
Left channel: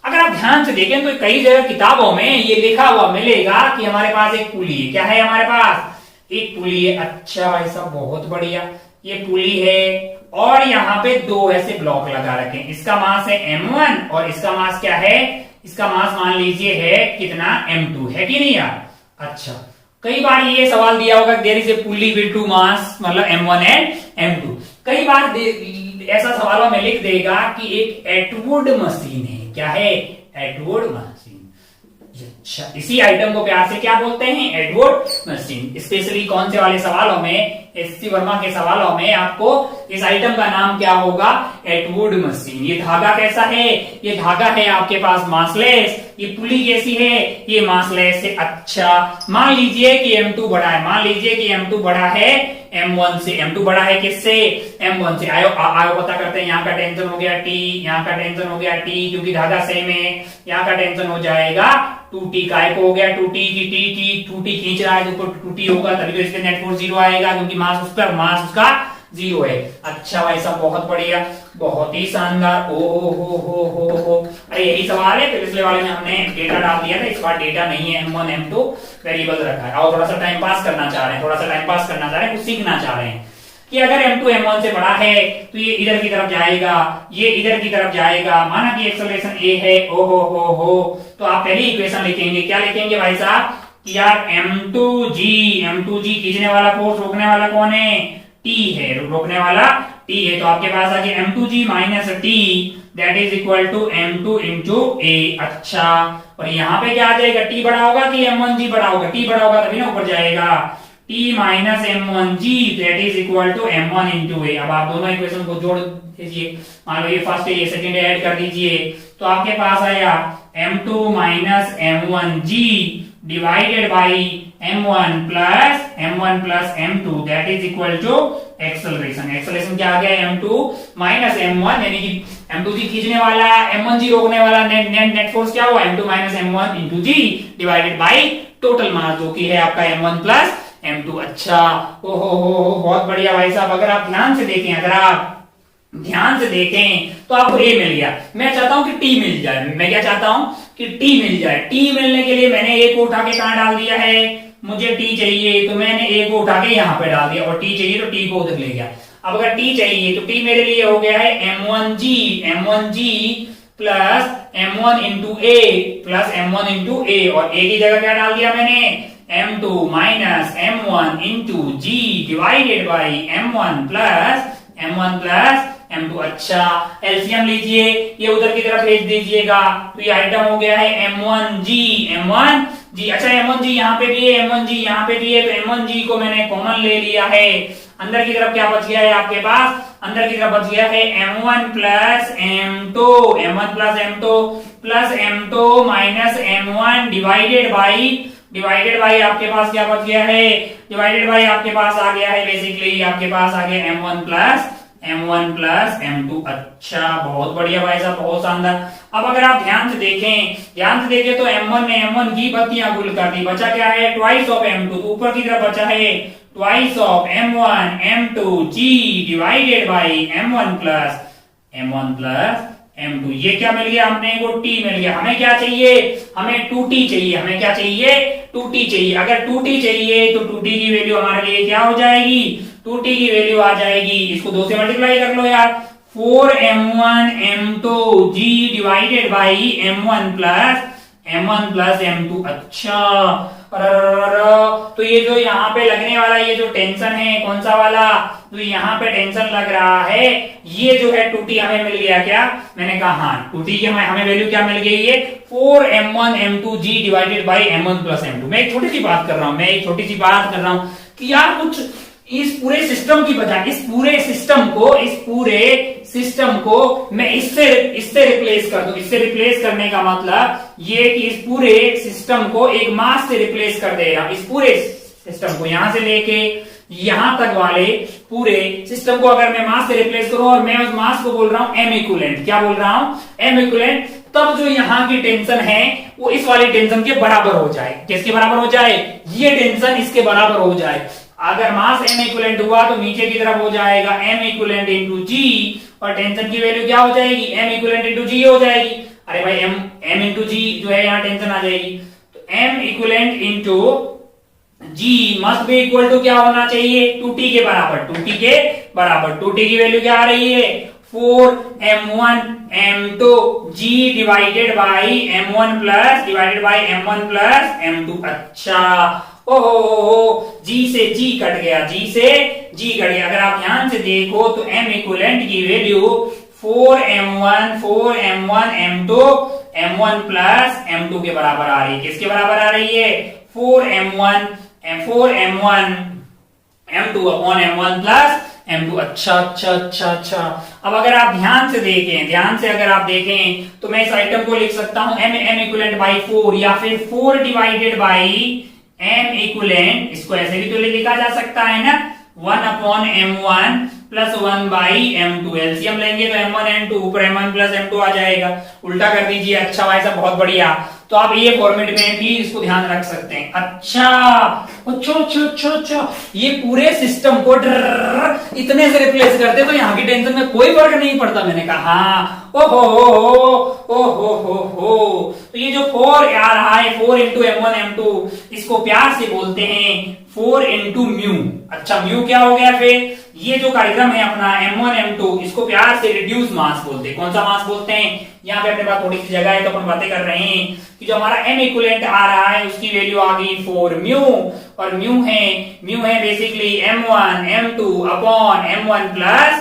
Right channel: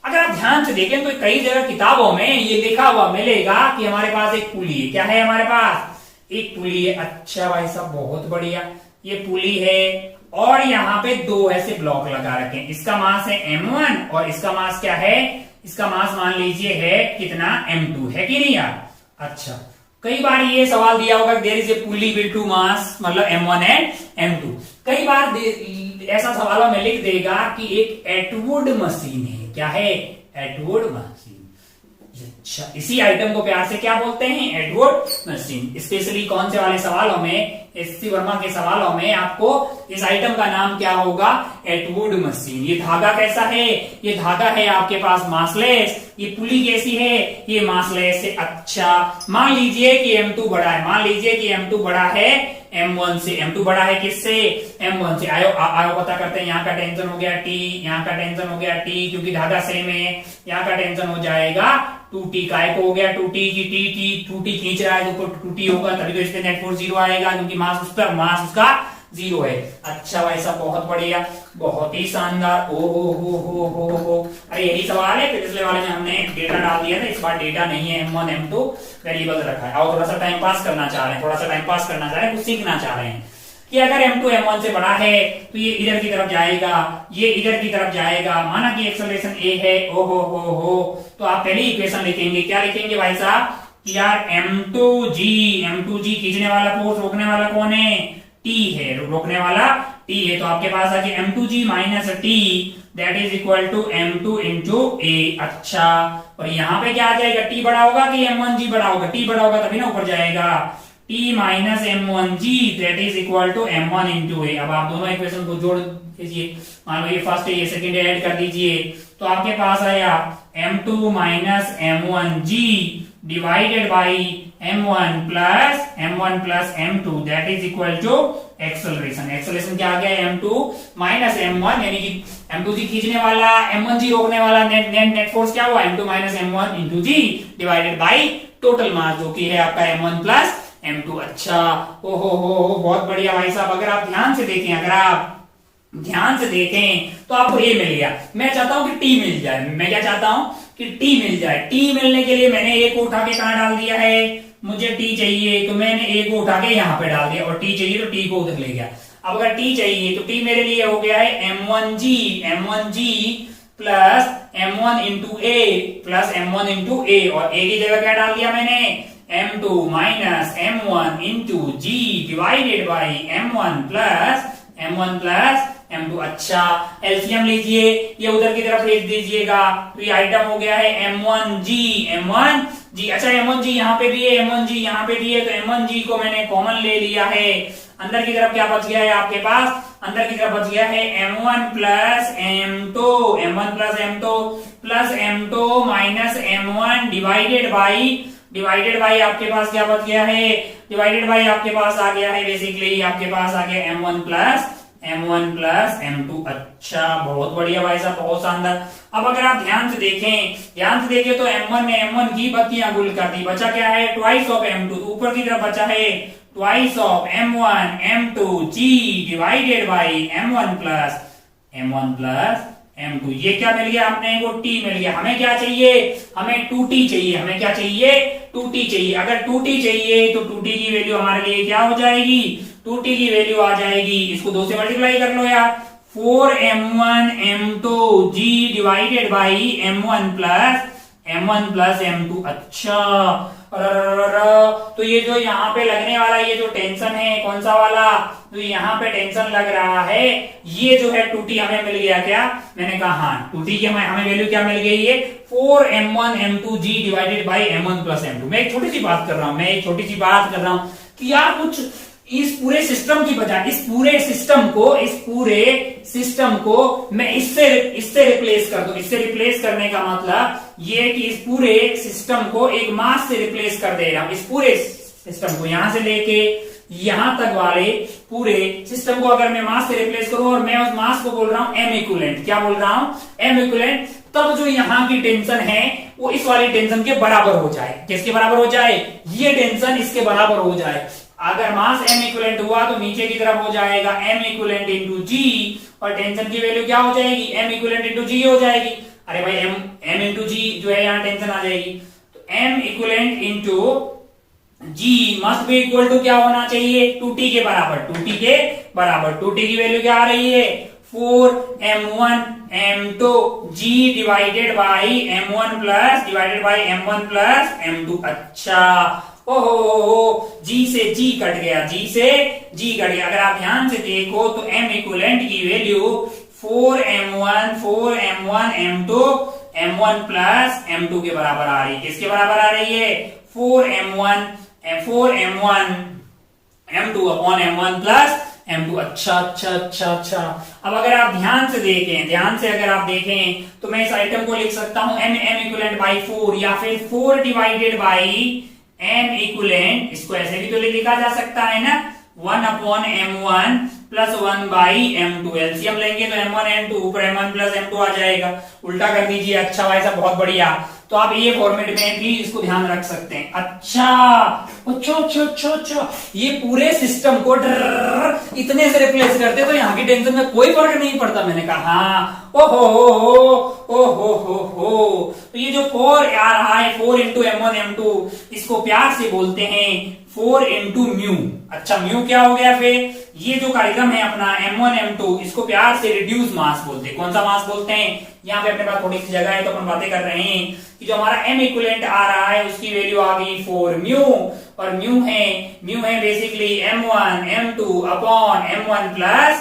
अगर आप ध्यान से देखें तो कई जगह किताबों में ये लिखा हुआ मिलेगा कि हमारे पास एक पुली है। क्या है हमारे पास एक पुली है। अच्छा भाई साहब बहुत बढ़िया, ये पुली है और यहाँ पे 2 ऐसे ब्लॉक लगा रखे हैं। इसका मास है m1 और इसका मास क्या है, इसका मास मान लीजिए है कितना m2, है कि नहीं यार। अच्छा कई बार ये सवाल दिया होगा there is a pulley with 2 mass, मतलब m1 एंड m2। कई बार ऐसा सवालों में लिख देगा कि एक एटवुड मशीन है। क्या है एटवुड मशीन। अच्छा, इसी आइटम को प्यार से क्या बोलते हैं? Edward machine. स्पेशली कौन से वाले सवालों में, एससी वर्मा के सवालों में आपको इस आइटम का नाम क्या होगा? Atwood machine. ये धागा कैसा है? ये धागा है आपके पास मासलेस। ये पुली कैसी है? ये मासलेस है। अच्छा, मान लीजिए कि M2 बड़ा है, मान लीजिए कि M2 बड़ा है M1 से। M2 बड़ा है किससे? M1 से। आयो पता करते हैं। यहाँ का टेंशन हो गया T, यहाँ का टेंशन हो गया T, क्योंकि धागा सेम है। यहाँ का टेंशन हो जाएगा 2T। काय को हो गया 2T की 2T खींच रहा है तो ऊपर 2T होगा, तभी तो इसके नेट फोर्स 0 आएगा, क्योंकि मास उस पर, मास उसका 0 है। अच्छा भाई साहब, बहुत बढ़िया, बहुत ही शानदार। ओ हो। अरे यही सवाल है, पिछले वाले में हमने डेटा डाल दिया था, इस बार डेटा नहीं है। M1 M2 वेरिएबल रखा है। और थोड़ा सा टाइम पास करना चाह रहे हैं, कुछ सीखना चाह रहे हैं कि अगर M2 M1 से बड़ा है तो ये इधर की तरफ जाएगा, ये इधर की तरफ जाएगा। माना कि एक्सेलरेशन A है, ओ हो, तो आप पहली इक्वेशन लिखेंगे। क्या लिखेंगे भाई साहब? यार M2G खींचने वाला फोर्स, रोकने वाला कौन है? T है, रोकने वाला T है। तो आपके पास आ गया M2G minus T, that is equal to M2 into A। अच्छा, और यहाँ पे क्या आ जाएगा? T बड़ा होगा कि M1G बड़ा होगा? T बड़ा होगा तभी ना ऊपर जाएगा। T minus M1G that is equal to M1 into A। अब आप दोनों इक्वेशन को जोड़ दीजिए। मान लो ये फर्स्ट है, ये सेकंड है, ऐड कर दीजिए। तो आपके पास आया M2 minus M1G divided by M1 plus M2 that is equal to acceleration. Acceleration क्या आ गया? M2 माइनस M1, यानी कि M2G खींचने वाला, M1G रोकने वाला, नेट फोर्स क्या हुआ? M2 minus M1 into G divided by total mass, जो कि है आपका M1 प्लस M2। अच्छा, ओ हो, बहुत बढ़िया भाई साहब। अगर आप ध्यान से देखें, तो आपको A मिल गया। मैं चाहता हूं कि T मिल जाए। मैं क्या चाहता हूं? कि T मिल जाए। T मिलने के लिए मैंने A को उठा के कहां डाल दिया है? मुझे T चाहिए तो मैंने A को उठा के यहां पे डाल दिया, और T चाहिए तो T को उधर ले गया। अब अगर T चाहिए तो T मेरे लिए हो गया है M1G plus M1 into A, और A की जगह क्या डाल दिया मैंने? M2 minus M1 into G divided by M1 plus M2। अच्छा, एलसीएम लीजिए, ये उधर की तरफ भेज दीजिएगा। तो ये आइटम हो गया है M1G। अच्छा, M1G यहाँ पे भी है, M1G यहाँ पे भी है, तो M1G को मैंने कॉमन ले लिया है। अंदर की तरफ क्या बच गया है आपके पास? अंदर की तरफ बच गया है M1 plus M2 minus M1 divided by आपके पास क्या बच गया है? डिवाइडेड बाई आपके पास आ गया है, बेसिकली आपके पास आ गया M1 प्लस M2। अच्छा, बहुत बढ़िया भाई साहब, बहुत शानदार। अब अगर आप ध्यान से देखें तो M1 ने M1 की बत्तियां गुल कर दी। बचा क्या है? Twice of M2। तो ऊपर की तरफ बचा है twice of M1 M2G divided by M1 plus M2। ये क्या मिल गया? हमने को T मिल गया। हमें क्या चाहिए? हमें 2T चाहिए। हमें क्या चाहिए? 2T चाहिए। अगर 2T चाहिए तो 2T की वैल्यू हमारे लिए क्या हो जाएगी? 2T की वैल्यू आ जाएगी, इसको 2 से मल्टीप्लाई कर लो यार, 4M1 M2G divided by M1 plus M2। अच्छा, तो ये जो यहाँ पे लगने वाला ये जो टेंशन है, कौन सा वाला? तो यहाँ पे टेंशन लग रहा है, ये जो है 2T हमें मिल गया। क्या मैंने कहा? हाँ, 2T की हमें वैल्यू क्या मिल गई है? 4M1 M2G divided by M1 plus M2। मैं एक छोटी सी बात कर रहा हूँ कि यार कुछ इस पूरे सिस्टम की बजाय इस पूरे सिस्टम को मैं इससे रिप्लेस कर दूं। इससे रिप्लेस करने का मतलब ये कि इस पूरे सिस्टम को एक मास से रिप्लेस कर दे रहा हूं। इस पूरे सिस्टम को यहां से लेके यहां तक वाले पूरे सिस्टम को अगर मैं मास से रिप्लेस करूं, और मैं उस मास को बोल रहा हूं M इक्विवेलेंट। क्या बोल रहा हूं? M equivalent. तब जो यहां की टेंशन है वो इस वाली टेंशन के बराबर हो जाए। किसके बराबर हो जाए? ये टेंशन इसके बराबर हो जाए। अगर मास M इक्विवेलेंट हुआ तो नीचे की तरफ हो जाएगा M इक्विवेलेंट इंटू G, और टेंशन की वैल्यू क्या हो जाएगी? M इक्विवेलेंट इंटू G हो जाएगी। अरे भाई M इंटू G जो है यहाँ टेंशन आ जाएगी, तो M equivalent into G must be equal to क्या होना चाहिए? 2T के बराबर। 2T की वैल्यू क्या आ रही है? 4M1 M2 G divided by M1 plus M2। अच्छा, ओहो, G से G कट गया। अगर आप ध्यान से देखो तो M इक्विवेलेंट की value 4M1 M2 m1 plus m2 के बराबर आ रही है। किसके बराबर आ रही है? 4m1 m2 upon m1 plus m2। अच्छा। अब अगर आप ध्यान से अगर आप देखें तो मैं इस आइटम को लिख सकता हूं m इक्वलेंट बाई 4 या फिर 4 डिवाइडेड बाई m इक्वलेंट। इसको ऐसे भी तो लिखा जा सकता है ना, 1 upon m1 plus 1 by m2। LCM लेंगे तो m1 m2 ऊपर m1 प्लस m2 आ जाएगा। उल्टा कर दीजिए। अच्छा भाई साहब बहुत बढ़िया। तो आप ये फॉर्मेट में भी इसको ध्यान रख सकते हैं। अच्छा, ये पूरे सिस्टम को इतने से रिप्लेस करते तो यहाँ की टेंशन में कोई फर्क नहीं पड़ता। मैंने कहा हाँ, ओहो। तो ये जो 4 आ रहा है 4 इंटू m1 m2, इसको प्यार से बोलते हैं 4 इंटू म्यू। अच्छा म्यू क्या हो गया? फिर ये जो कार्यक्रम है अपना m1 m2, इसको प्यार से रिड्यूस मास बोलते हैं। कौन सा मास बोलते हैं? यहाँ पे अपने पास थोड़ी सी जगह है तो अपन बातें कर रहे हैं कि जो हमारा m इक्विवेलेंट आ रहा है उसकी वैल्यू आ गई 4 म्यू, और म्यू है basically m1 m2 upon m1 plus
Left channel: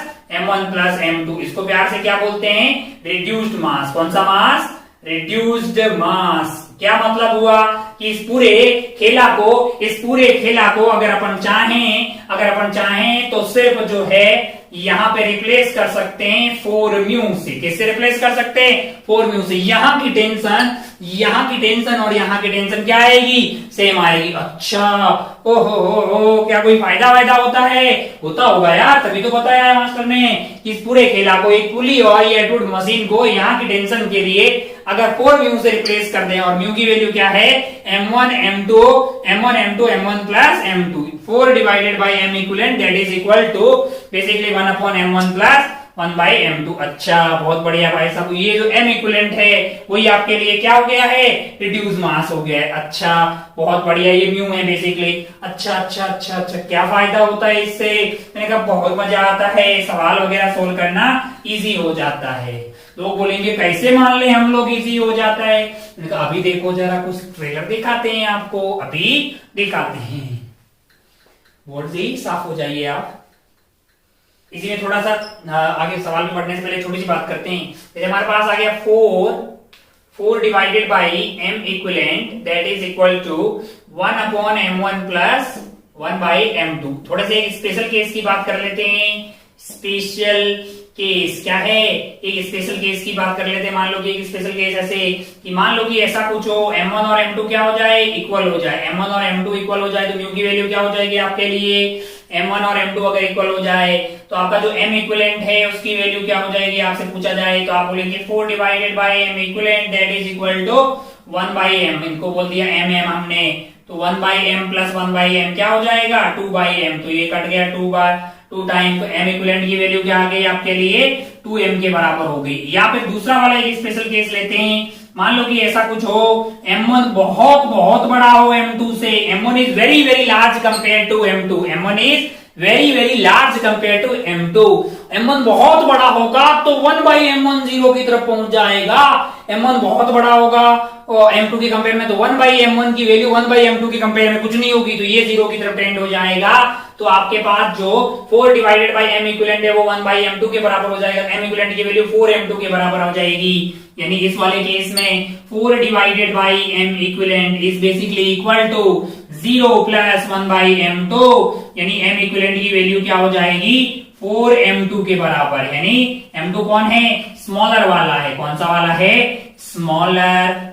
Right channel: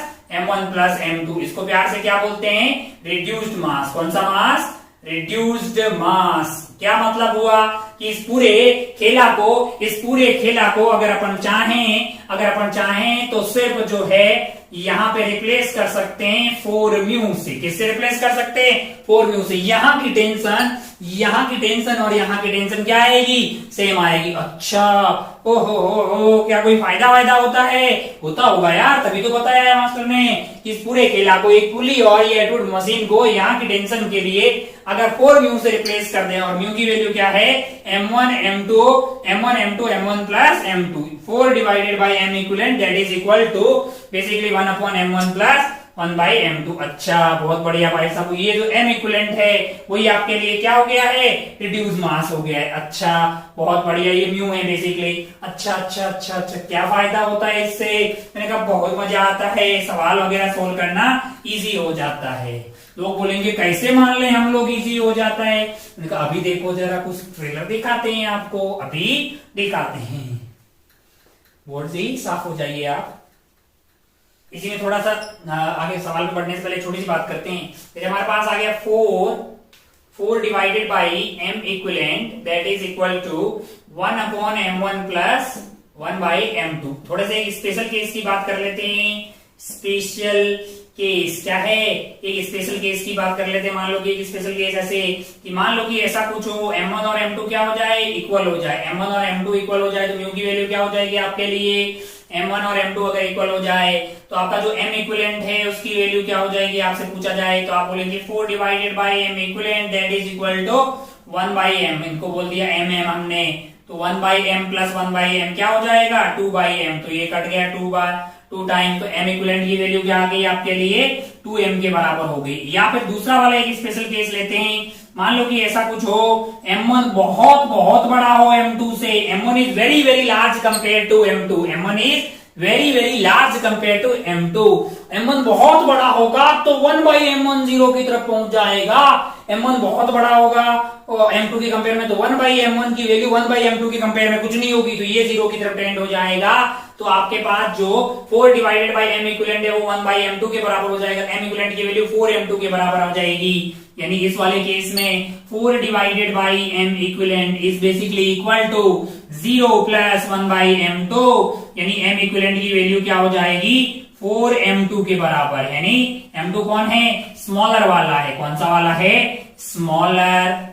m2। इसको प्यार से क्या बोलते हैं? रिड्यूस्ड मास। कौन सा मास? रिड्यूस्ड मास। क्या मतलब हुआ कि इस पूरे खेला को अगर अपन चाहें तो सिर्फ जो है यहाँ पे रिप्लेस कर सकते हैं 4 म्यू से। किससे रिप्लेस कर सकते हैं? 4 म्यू से। यहाँ की टेंशन और यहाँ की टेंशन क्या आएगी? सेम आएगी। अच्छा ओहो, क्या कोई फायदा होता है? होता होगा यार, तभी तो बताया है मास्टर ने कि इस पूरे खेला को एक पुली और ये एटवुड मशीन को यहाँ की टेंशन के लिए अगर 4 म्यू से रिप्लेस कर दें, और म्यू की वैल्यू क्या है? m1 m1 plus m2। 4 divided by m equivalent that is equal to basically 1 upon m1 plus 1 by m2। अच्छा बहुत बढ़िया भाई साहब। ये जो m इक्विवेलेंट है वही आपके लिए क्या हो गया है? रिड्यूस मास हो गया है। अच्छा बहुत बढ़िया। ये म्यू है बेसिकली। अच्छा, क्या फायदा होता है इससे? मैंने कहा बहुत मजा आता है, सवाल वगैरह सोल्व करना इजी हो जाता है। लोग बोलेंगे कैसे मान ले हम लोग इजी हो जाता है? मैंने कहा अभी देखो जरा, कुछ ट्रेलर दिखाते हैं आपको, अभी दिखाते हैं। बोर्ड से ही साफ हो जाइए आप। इसी में थोड़ा सा आगे सवाल में बढ़ने से पहले छोटी सी बात करते हैं। जैसे हमारे पास आ गया 4 divided by m equivalent that is equal to 1 upon m1 plus 1 by m2। थोड़े से एक स्पेशल केस की बात कर लेते हैं। स्पेशल केस क्या है? एक स्पेशल केस की बात कर लेते हैं। मान लो कि एक स्पेशल केस ऐसे कि मान लो कि ऐसा कुछ हो, m1 और m2 क्या हो जाए? इक्वल हो जाए। m1 और m2 इक्वल हो जाए तो म्यू की वैल्यू क्या हो जाएगी आपके लिए? m1 और m2 अगर इक्वल हो जाए तो आपका जो m इक्विवेलेंट है उसकी वैल्यू क्या हो जाएगी आपसे पूछा जाए तो आप बोलेंगे 4 divided by m equivalent that is equal to 1 by m। इनको बोल दिया m हमने, तो 1 by m plus 1 by m क्या हो जाएगा? 2 बाई m। तो ये कट गया 2 टाइम, तो m इक्विवेलेंट की वैल्यू क्या आ गई आपके लिए? 2m के बराबर हो गई। या फिर दूसरा वाला एक स्पेशल केस लेते हैं। मान लो कि ऐसा कुछ हो, m1 बहुत बड़ा हो m2 से। m1 is very large compare to m2। m1 is very large compare to m2। m1 बहुत बड़ा होगा तो 1 बाई m1 जीरो की तरफ पहुंच जाएगा। m1 बहुत बड़ा होगा और m2 के कंपेयर में, तो 1 बाई m1 की वैल्यू 1 बाई m2 के कंपेयर में कुछ नहीं होगी, तो ये जीरो की तरफ टेंड हो जाएगा। तो आपके पास जो 4 डिवाइडेड बाई m इक्विवेलेंट है वो 1 बाई m2 के बराबर हो जाएगा। m इक्विवेलेंट की वैल्यू 4m2 के बराबर हो जाएगी। यानी इस वाले केस में 4 divided by m equivalent is basically equal to 0 plus 1 by m2। यानी m इक्विवेलेंट की वैल्यू क्या हो जाएगी? 4m2 के बराबर। यानी m2 कौन है? स्मॉलर वाला है। कौन सा वाला है? स्मॉलर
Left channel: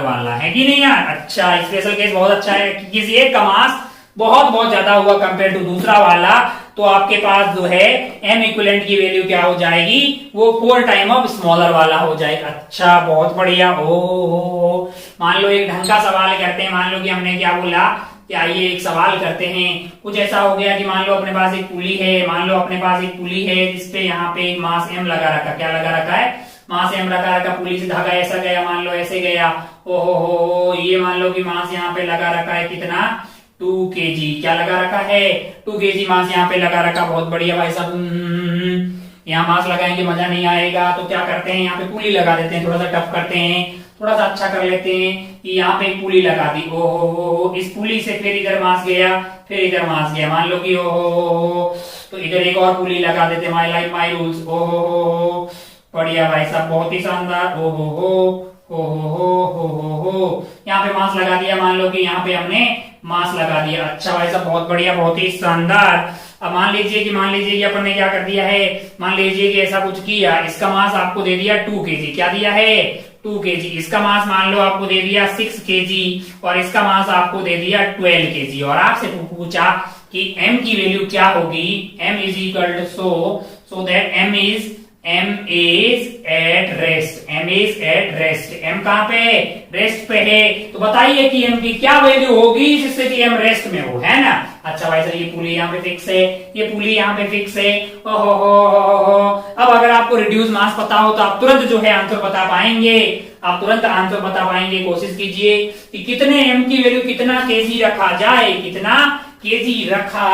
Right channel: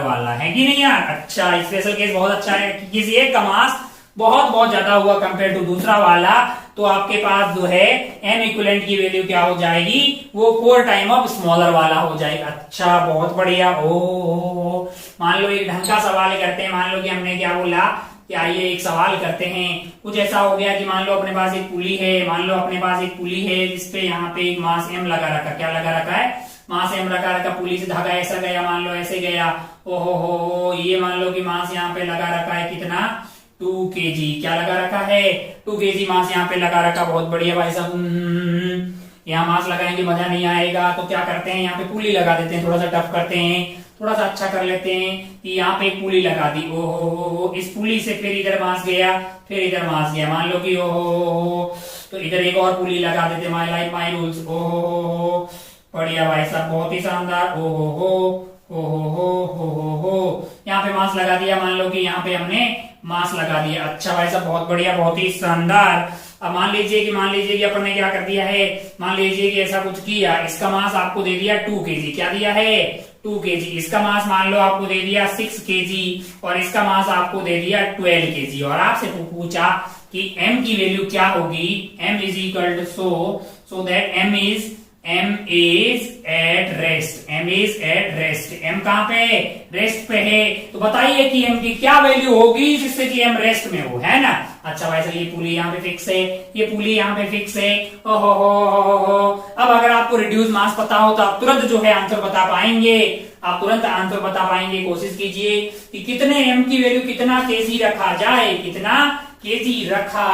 वाला है कि नहीं यार? अच्छा स्पेशल केस बहुत अच्छा है कि किसी एक का मास बहुत ज्यादा हुआ कंपेयर टू दूसरा वाला, तो आपके पास जो है m इक्विवेलेंट की वैल्यू क्या हो जाएगी? वो 4 टाइम ऑफ स्मॉलर वाला हो जाएगा। अच्छा बहुत बढ़िया। ओ मान लो एक ढंग का सवाल करते हैं। मान लो कि हमने क्या बोला कि आइए एक सवाल करते हैं। कुछ ऐसा हो गया कि मान लो अपने पास एक पुली है, जिसपे यहाँ पे एक मास m लगा रखा। क्या लगा रखा है? मास m लगा रखा। पुली से धागा ऐसा गया, मान लो ऐसे गया। ओहो ये मान लो कि मास यहाँ पे लगा रखा है कितना? 2 kg। क्या लगा रखा है? 2 kg मास यहाँ पे लगा रखा। बहुत बढ़िया भाई साहब। यहाँ मास लगाएंगे मजा नहीं आएगा, तो क्या करते हैं यहाँ पे पुली लगा देते हैं। थोड़ा सा टफ करते हैं, थोड़ा सा अच्छा कर लेते हैं कि यहाँ पे एक पुली लगा दी। ओहो इस पुली से फिर इधर मास गया, फिर इधर मास गया। मान लो कि ओहो तो इधर एक और पुली लगा देते। My life my rules. ओहो बढ़िया भाई साहब, बहुत ही शानदार। ओ हो। यहाँ पे मास लगा दिया, मान लो कि यहाँ पे हमने मास लगा दिया। अच्छा भाई साहब, बहुत बढ़िया, बहुत ही शानदार। अब मान लीजिए कि अपन ने क्या कर दिया है, मान लीजिए कि ऐसा कुछ किया, इसका मास आपको दे दिया 2 kg। क्या दिया है? 2 kg। इसका मास मान लो आपको दे दिया 6 kg और इसका मास आपको दे दिया 12 kg। और आपसे पूछा कि m की वैल्यू क्या होगी। m is equal to so that m is at rest. m is at rest. m कहां पे? रेस्ट पे है। तो बताइए कि m की क्या वैल्यू होगी जिससे कि m रेस्ट में हो, है ना। अच्छा भाई साहब, ये पुली यहाँ पे फिक्स है, ये पुली यहाँ पे फिक्स है। ओहो। अब अगर आपको रिड्यूस मास पता हो तो आप तुरंत जो है आंसर बता पाएंगे, आप तुरंत आंसर बता पाएंगे। कोशिश कीजिए कि कितने m की वैल्यू, कितना केजी रखा जाए, कितना केजी रखा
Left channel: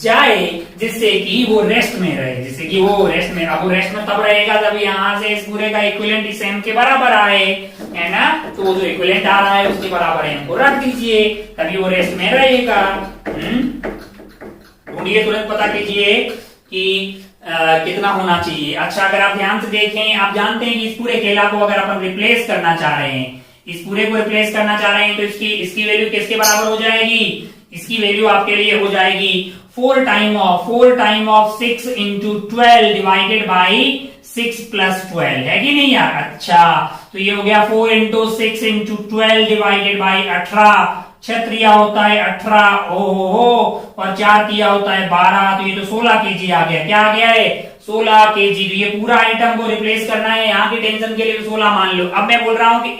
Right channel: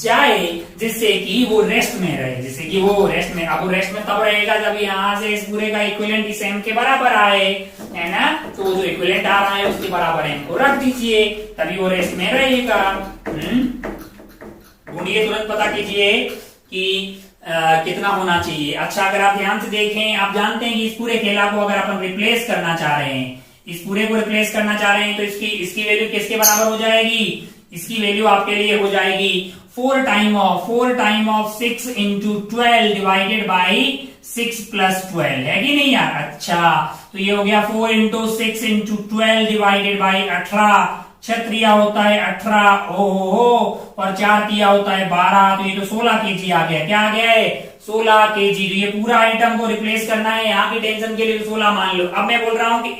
जाए जिससे कि वो रेस्ट में रहे, जिससे कि वो रेस्ट में। अब वो रेस्ट में तब रहेगा जब यहाँ से इस पूरे का इक्विवेलेंट इस m के बराबर आए, है ना। तो वो जो इक्विवेलेंट आ रहा है उसके बराबर m को रख दीजिए, तभी वो रेस्ट में रहेगा। ढूंढिए, तुरंत पता कीजिए कि कितना होना चाहिए। अच्छा, अगर आप ध्यान से देखें, आप जानते हैं कि इस पूरे खेला को अगर अपन रिप्लेस करना चाह रहे हैं, इस पूरे को रिप्लेस करना चाह रहे हैं, तो इसकी वैल्यू किसके बराबर हो जाएगी? इसकी वैल्यू आपके लिए हो जाएगी 4 time of 6 into 12 divided by 6 plus 12, है कि नहीं यार। अच्छा, तो ये हो गया 4 इंटू 6 इंटू 12 डिवाइडेड बाई 18। 6 त्रिया होता है 18, ओहो, और 4 तिया होता है 12, तो ये तो 16 केजी आ गया। क्या आ गया है? 16 केजी। तो ये पूरा आइटम को रिप्लेस करना है, यहाँ की टेंशन के लिए 16 मान लो। अब मैं बोल रहा हूं कि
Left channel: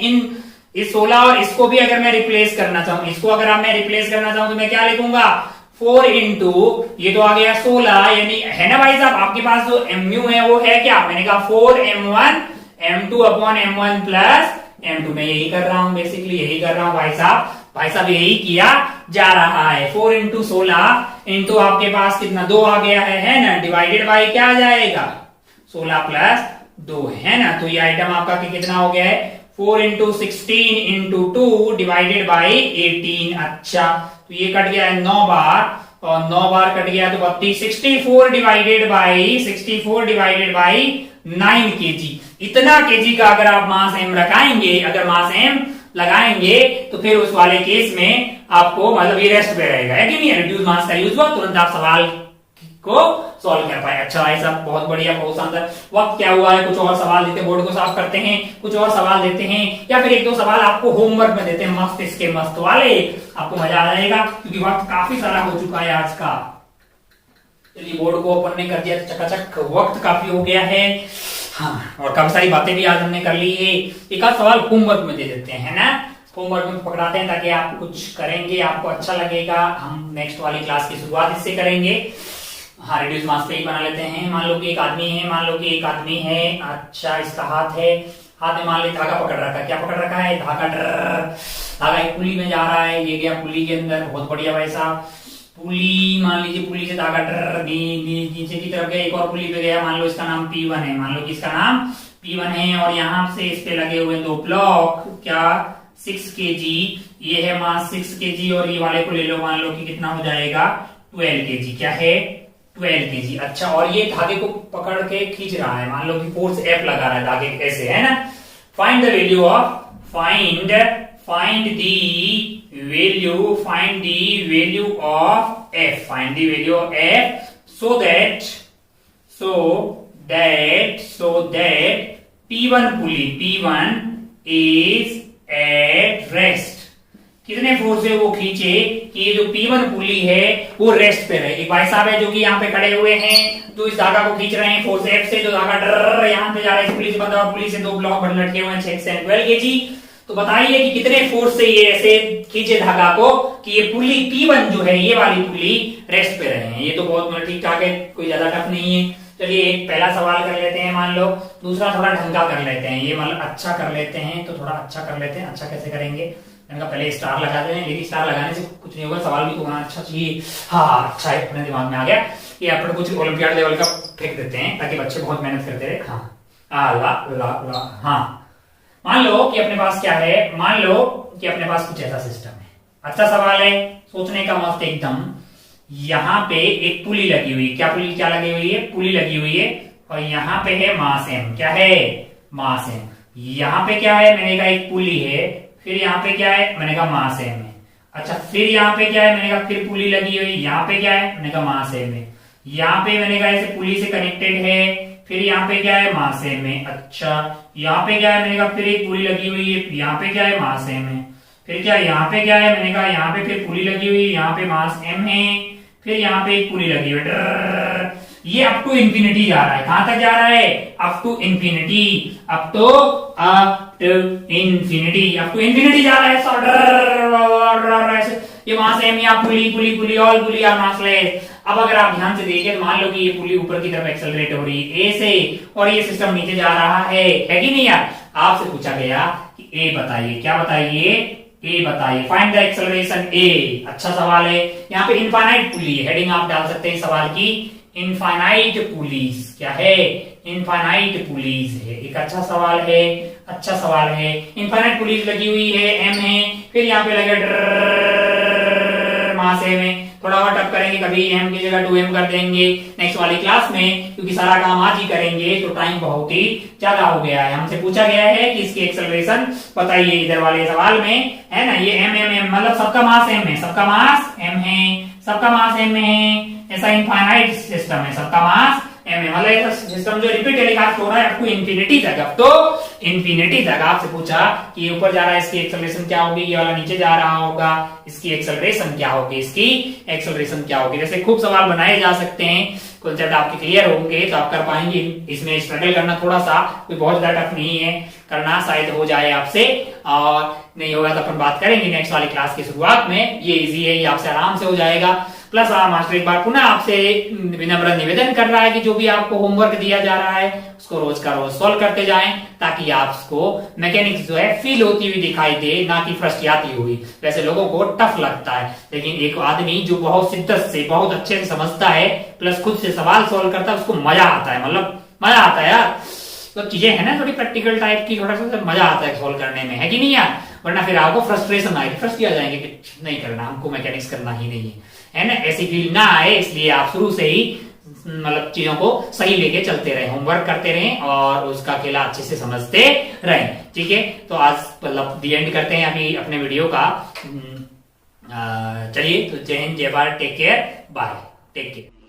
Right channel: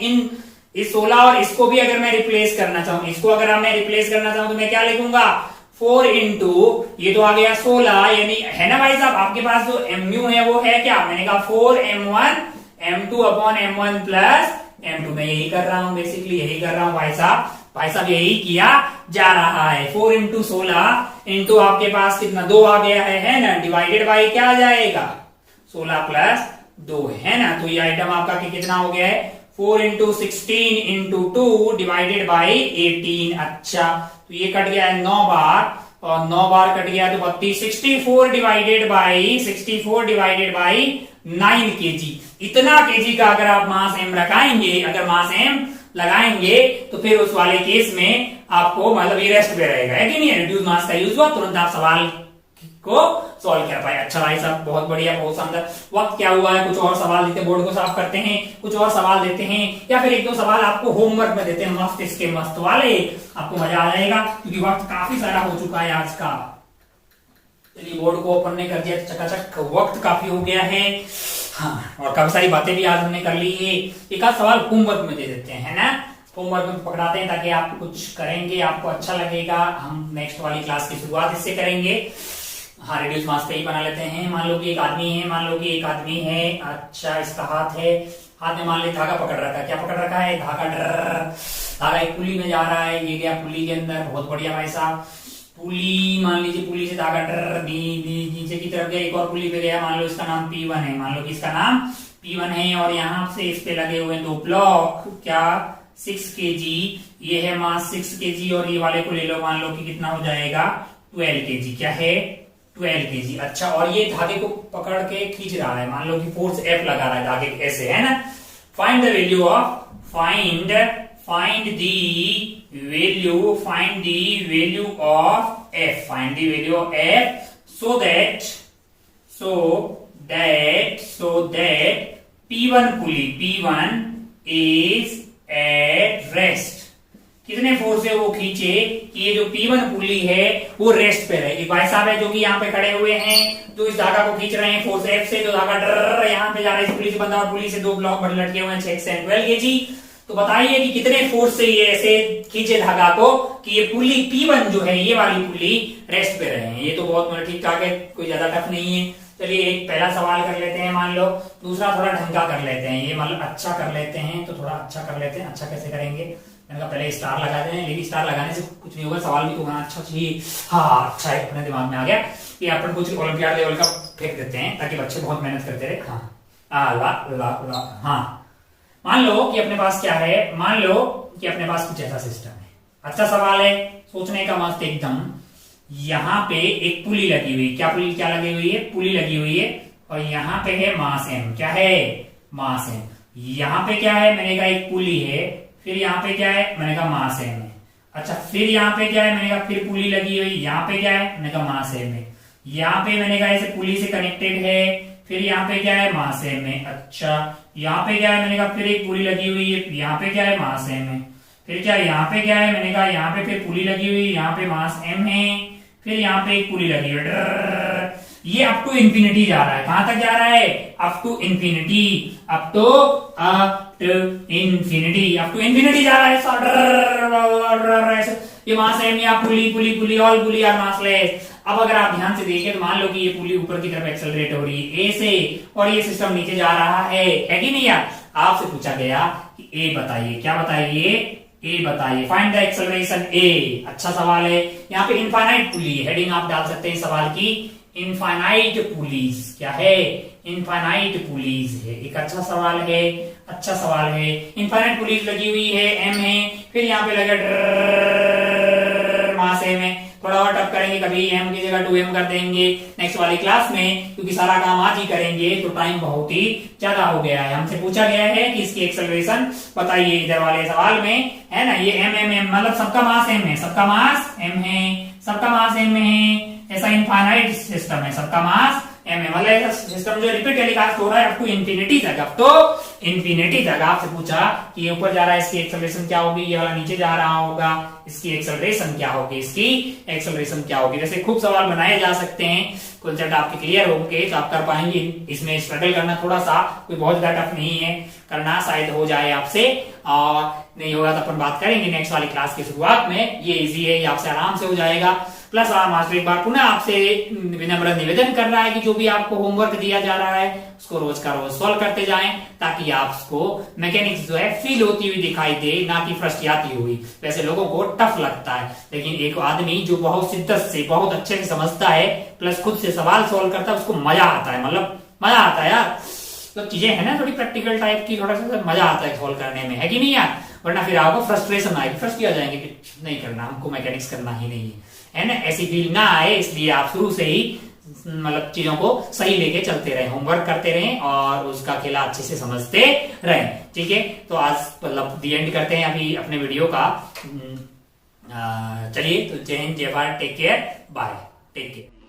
इस 16 और इसको भी अगर मैं रिप्लेस करना चाहूं, इसको अगर मैं रिप्लेस करना चाहूं तो मैं क्या लिखूंगा? 4 इंटू, ये तो आ गया 16, यानी, है ना भाई साहब, आपके पास जो mu है वो है क्या? मैंने कहा 4m1 m2 upon m1 plus m2। मैं यही कर रहा हूं, बेसिकली यही कर रहा हूं भाई साहब, यही किया जा रहा है। 4 इंटू 16 इंटू आपके पास कितना 2 आ गया है ना, डिवाइडेड बाई क्या आ जाएगा? 16 प्लस 2, है ना। तो ये आइटम आपका कितना हो गया है? 4 इंटू 16 इंटू 2 डिवाइडेड बाई 18। अच्छा, तो ये कट गया है 9 बार, और 9 बार कट गया तो 32। 64 डिवाइडेड बाई 9 केजी। इतना केजी का अगर आप मास m रखाएंगे, अगर मास m लगाएंगे, तो फिर उस वाले केस में आपको मतलब ये रेस्ट पे रहेगा, है कि नहीं। रिड्यूस मास का यूज हुआ, तुरंत आप सवाल को सॉल्व कर पाए। अच्छा भाई साहब, बहुत बढ़िया, बहुत शानदार। वक्त क्या हुआ है, कुछ और सवाल देते, बोर्ड को साफ करते हैं, कुछ और सवाल देते हैं, या फिर 1-2 सवाल आपको होमवर्क में देते हैं, मस्त इसके मस्त वाले, आपको मजा आ जाएगा, क्योंकि वक्त काफी सारा हो चुका है आज का। चलिए, बोर्ड को ओपन नहीं कर दिया तो चकाचक, वक्त काफी हो गया है। हाँ, और काफी सारी बातें भी आज हमने कर ली है। एक आध सवाल होमवर्क में दे देते हैं, है ना। होमवर्क में पकड़ाते हैं ताकि आप कुछ करेंगे, आपको अच्छा लगेगा। हम नेक्स्ट वाली क्लास की शुरुआत इससे करेंगे। हाँ, रिड्यूस मास पे ही बना लेते हैं। मान लो कि एक आदमी है, अच्छा, इसका हाथ है, हाथ में मान ली धागा पकड़ रखा है। क्या पकड़ रखा है? धागा एक पुली में जा रहा है, ये गया पुली के अंदर। बहुत बढ़िया भाई साहब। पुली, मान लीजिए पुली से धागा नीचे की तरफ गया, एक और पुली पे गया, मान लो इसका नाम P1 है, मान लो कि इसका नाम P1 है, और यहाँ से इस पे लगे हुए 2 ब्लॉक, क्या 6 kg, ये है मास 6 kg, और ये वाले को ले लो, मान लो कि कितना हो जाएगा 12 kg। क्या है? 12 kg। अच्छा, और ये धागे को पकड़ के खींच रहा है, मान लो कि फोर्स F लगा रहा है धागे ऐसे, है ना। Find the value of, find the value of F, find the value of F, so that P1 is at rest। कितने फोर्स से वो खींचे कि ये जो P1 पुली है वो रेस्ट पे रहे। एक भाई साहब है जो कि यहाँ पे खड़े हुए हैं, जो इस धागा को खींच रहे हैं फोर्स F से, जो धागा यहाँ पे जा रहा है, इस पुली से बंधा हुआ, पुली से 2 ब्लॉक भर लटके हुए हैं 6 से 12 kg। तो बताइए कि कितने फोर्स से ये ऐसे खींचे धागा को कि ये पुली P1 जो है, ये वाली पुली रेस्ट पे रहे हैं। ये तो बहुत ठीक ठाक है, कोई ज्यादा टफ नहीं है। चलिए, एक पहला सवाल कर लेते हैं, मान लो। दूसरा थोड़ा ढंगा कर लेते हैं, ये मतलब अच्छा कर लेते हैं, तो थोड़ा अच्छा कर लेते हैं। अच्छा कैसे करेंगे? मैंने कहा पहले स्टार लगा दें, लेकिन स्टार लगाने से कुछ नहीं होगा, सवाल भी तो होना अच्छा चाहिए। हाँ, अच्छा है, अपने दिमाग में आ गया कि अपन कुछ ओलंपियाड लेवल का फेंक देते हैं ताकि बच्चे बहुत मेहनत करते रहे। हाँ, हाँ, मान लो कि अपने पास क्या है, मान लो कि अपने पास कुछ ऐसा सिस्टम है। अच्छा सवाल है, सोचने का मस्त एकदम। यहाँ पे एक पुली लगी हुई, क्या लगी हुई है? पुली लगी हुई है, और यहाँ पे है मास m। क्या है? मास m। यहाँ पे क्या है? मैंने कहा एक पुली है, फिर यहाँ पे क्या है? मैंने कहा मास m है। अच्छा, फिर यहाँ पे क्या है? मैंने कहा फिर पुली लगी हुई, यहाँ पे क्या है? मैंने कहा मास m है। यहाँ पे मैंने कहा ऐसे पुली से कनेक्टेड है, फिर यहाँ पे क्या है? मास m है। अच्छा, यहाँ पे क्या है? मैंने कहा फिर एक पुली लगी हुई है, यहाँ पे क्या है? मास m है। फिर क्या यहाँ पे क्या है? मैंने कहा यहाँ पे फिर पुली लगी हुई, यहाँ पे मास m है, फिर यहाँ पे एक पुली लगी हुई है। ये अप टू इंफिनिटी जा रहा है। कहां तक जा रहा है? Up to infinity, up to infinity, up to infinity जा रहा है। ये वहां से यहाँ pulley pulley pulley all pulley are massless. अब अगर आप ध्यान से देखें तो मान लो कि ये पुली ऊपर की तरफ एक्सेलरेट हो रही है ए से, और ये सिस्टम नीचे जा रहा है कि नहीं यार? आपसे पूछा गया कि ए बताइए। क्या बताइए? ए बताइए। फाइंड द एक्सेलरेशन ए। अच्छा सवाल है। यहाँ पे इनफाइनाइट पुली है, हेडिंग आप डाल सकते हैं सवाल की, इनफाइनाइट पुलीज। क्या है? इनफाइनाइट पुलीज है। एक अच्छा सवाल है, अच्छा सवाल है। इनफाइनाइट पुलीज लगी हुई है, एम है, फिर यहाँ पे लगे मास एम है। थोड़ा और टफ करेंगे, कभी एम की जगह 2m कर देंगे नेक्स्ट वाली क्लास में, क्योंकि सारा काम आज ही करेंगे तो टाइम बहुत ही ज्यादा हो गया है। हमसे पूछा गया है कि इसकी एक्सेलरेशन बताइए इधर वाले सवाल में, है ना? ये एम एम एम मतलब सबका मास एम है, सबका मास एम है, सबका मास एम है। ऐसा इनफाइनाइट सिस्टम है, सबका मास एम है, मतलब ऐसा सिस्टम जो रिपीट टेलीकास्ट हो रहा है अप टू इंफिनिटी तक, अप तो इंफिनिटी तक। आपसे पूछा कि ये ऊपर जा रहा है, इसकी एक्सेलरेशन क्या होगी? ये वाला नीचे जा रहा होगा, इसकी एक्सेलरेशन क्या होगी? इसकी एक्सेलरेशन क्या होगी? जैसे खूब सवाल बनाए जा सकते हैं, कॉन्सेप्ट आपके क्लियर होंगे तो आप कर पाएंगे। इसमें स्ट्रगल करना थोड़ा सा कोई बहुत ज्यादा टफ नहीं है, करना शायद हो जाए आपसे, और नहीं होगा तो अपन बात करेंगे नेक्स्ट वाली क्लास की शुरुआत में। ये इजी है, ये आपसे आराम से हो जाएगा। प्लस मास्टर एक बार पुनः आपसे विनम्र निवेदन कर रहा है कि जो भी आपको होमवर्क दिया जा रहा है उसको रोज का रोज सॉल्व करते जाएं, ताकि आपको मैकेनिक्स जो है फील होती हुई दिखाई दे, ना कि फ्रस्ट्रेटी हुई। वैसे लोगों को टफ लगता है, लेकिन एक आदमी जो बहुत शिद्दत से, बहुत अच्छे से समझता है, प्लस खुद से सवाल सॉल्व करता है, उसको मजा आता है। मतलब मजा आता है यार, तो चीजें है ना थोड़ी प्रैक्टिकल टाइप की, थोड़ा सा मजा आता है सॉल्व करने में, है कि नहीं यार? वरना फिर आपको फ्रस्ट्रेशन आएगी, फ्रस्ट्रेट आ जाएंगे कि नहीं करना, हमको मैकेनिक्स करना ही नहीं है ना? ऐसी फील ना आए, इसलिए आप शुरू से ही मतलब चीजों को सही लेके चलते रहे, होमवर्क करते रहें और उसका खेला अच्छे से समझते रहें। ठीक है, तो आज मतलब दी एंड करते हैं अभी अपने वीडियो का। चलिए, तो जय हिंद, जय Bharat, take care, bye, take care.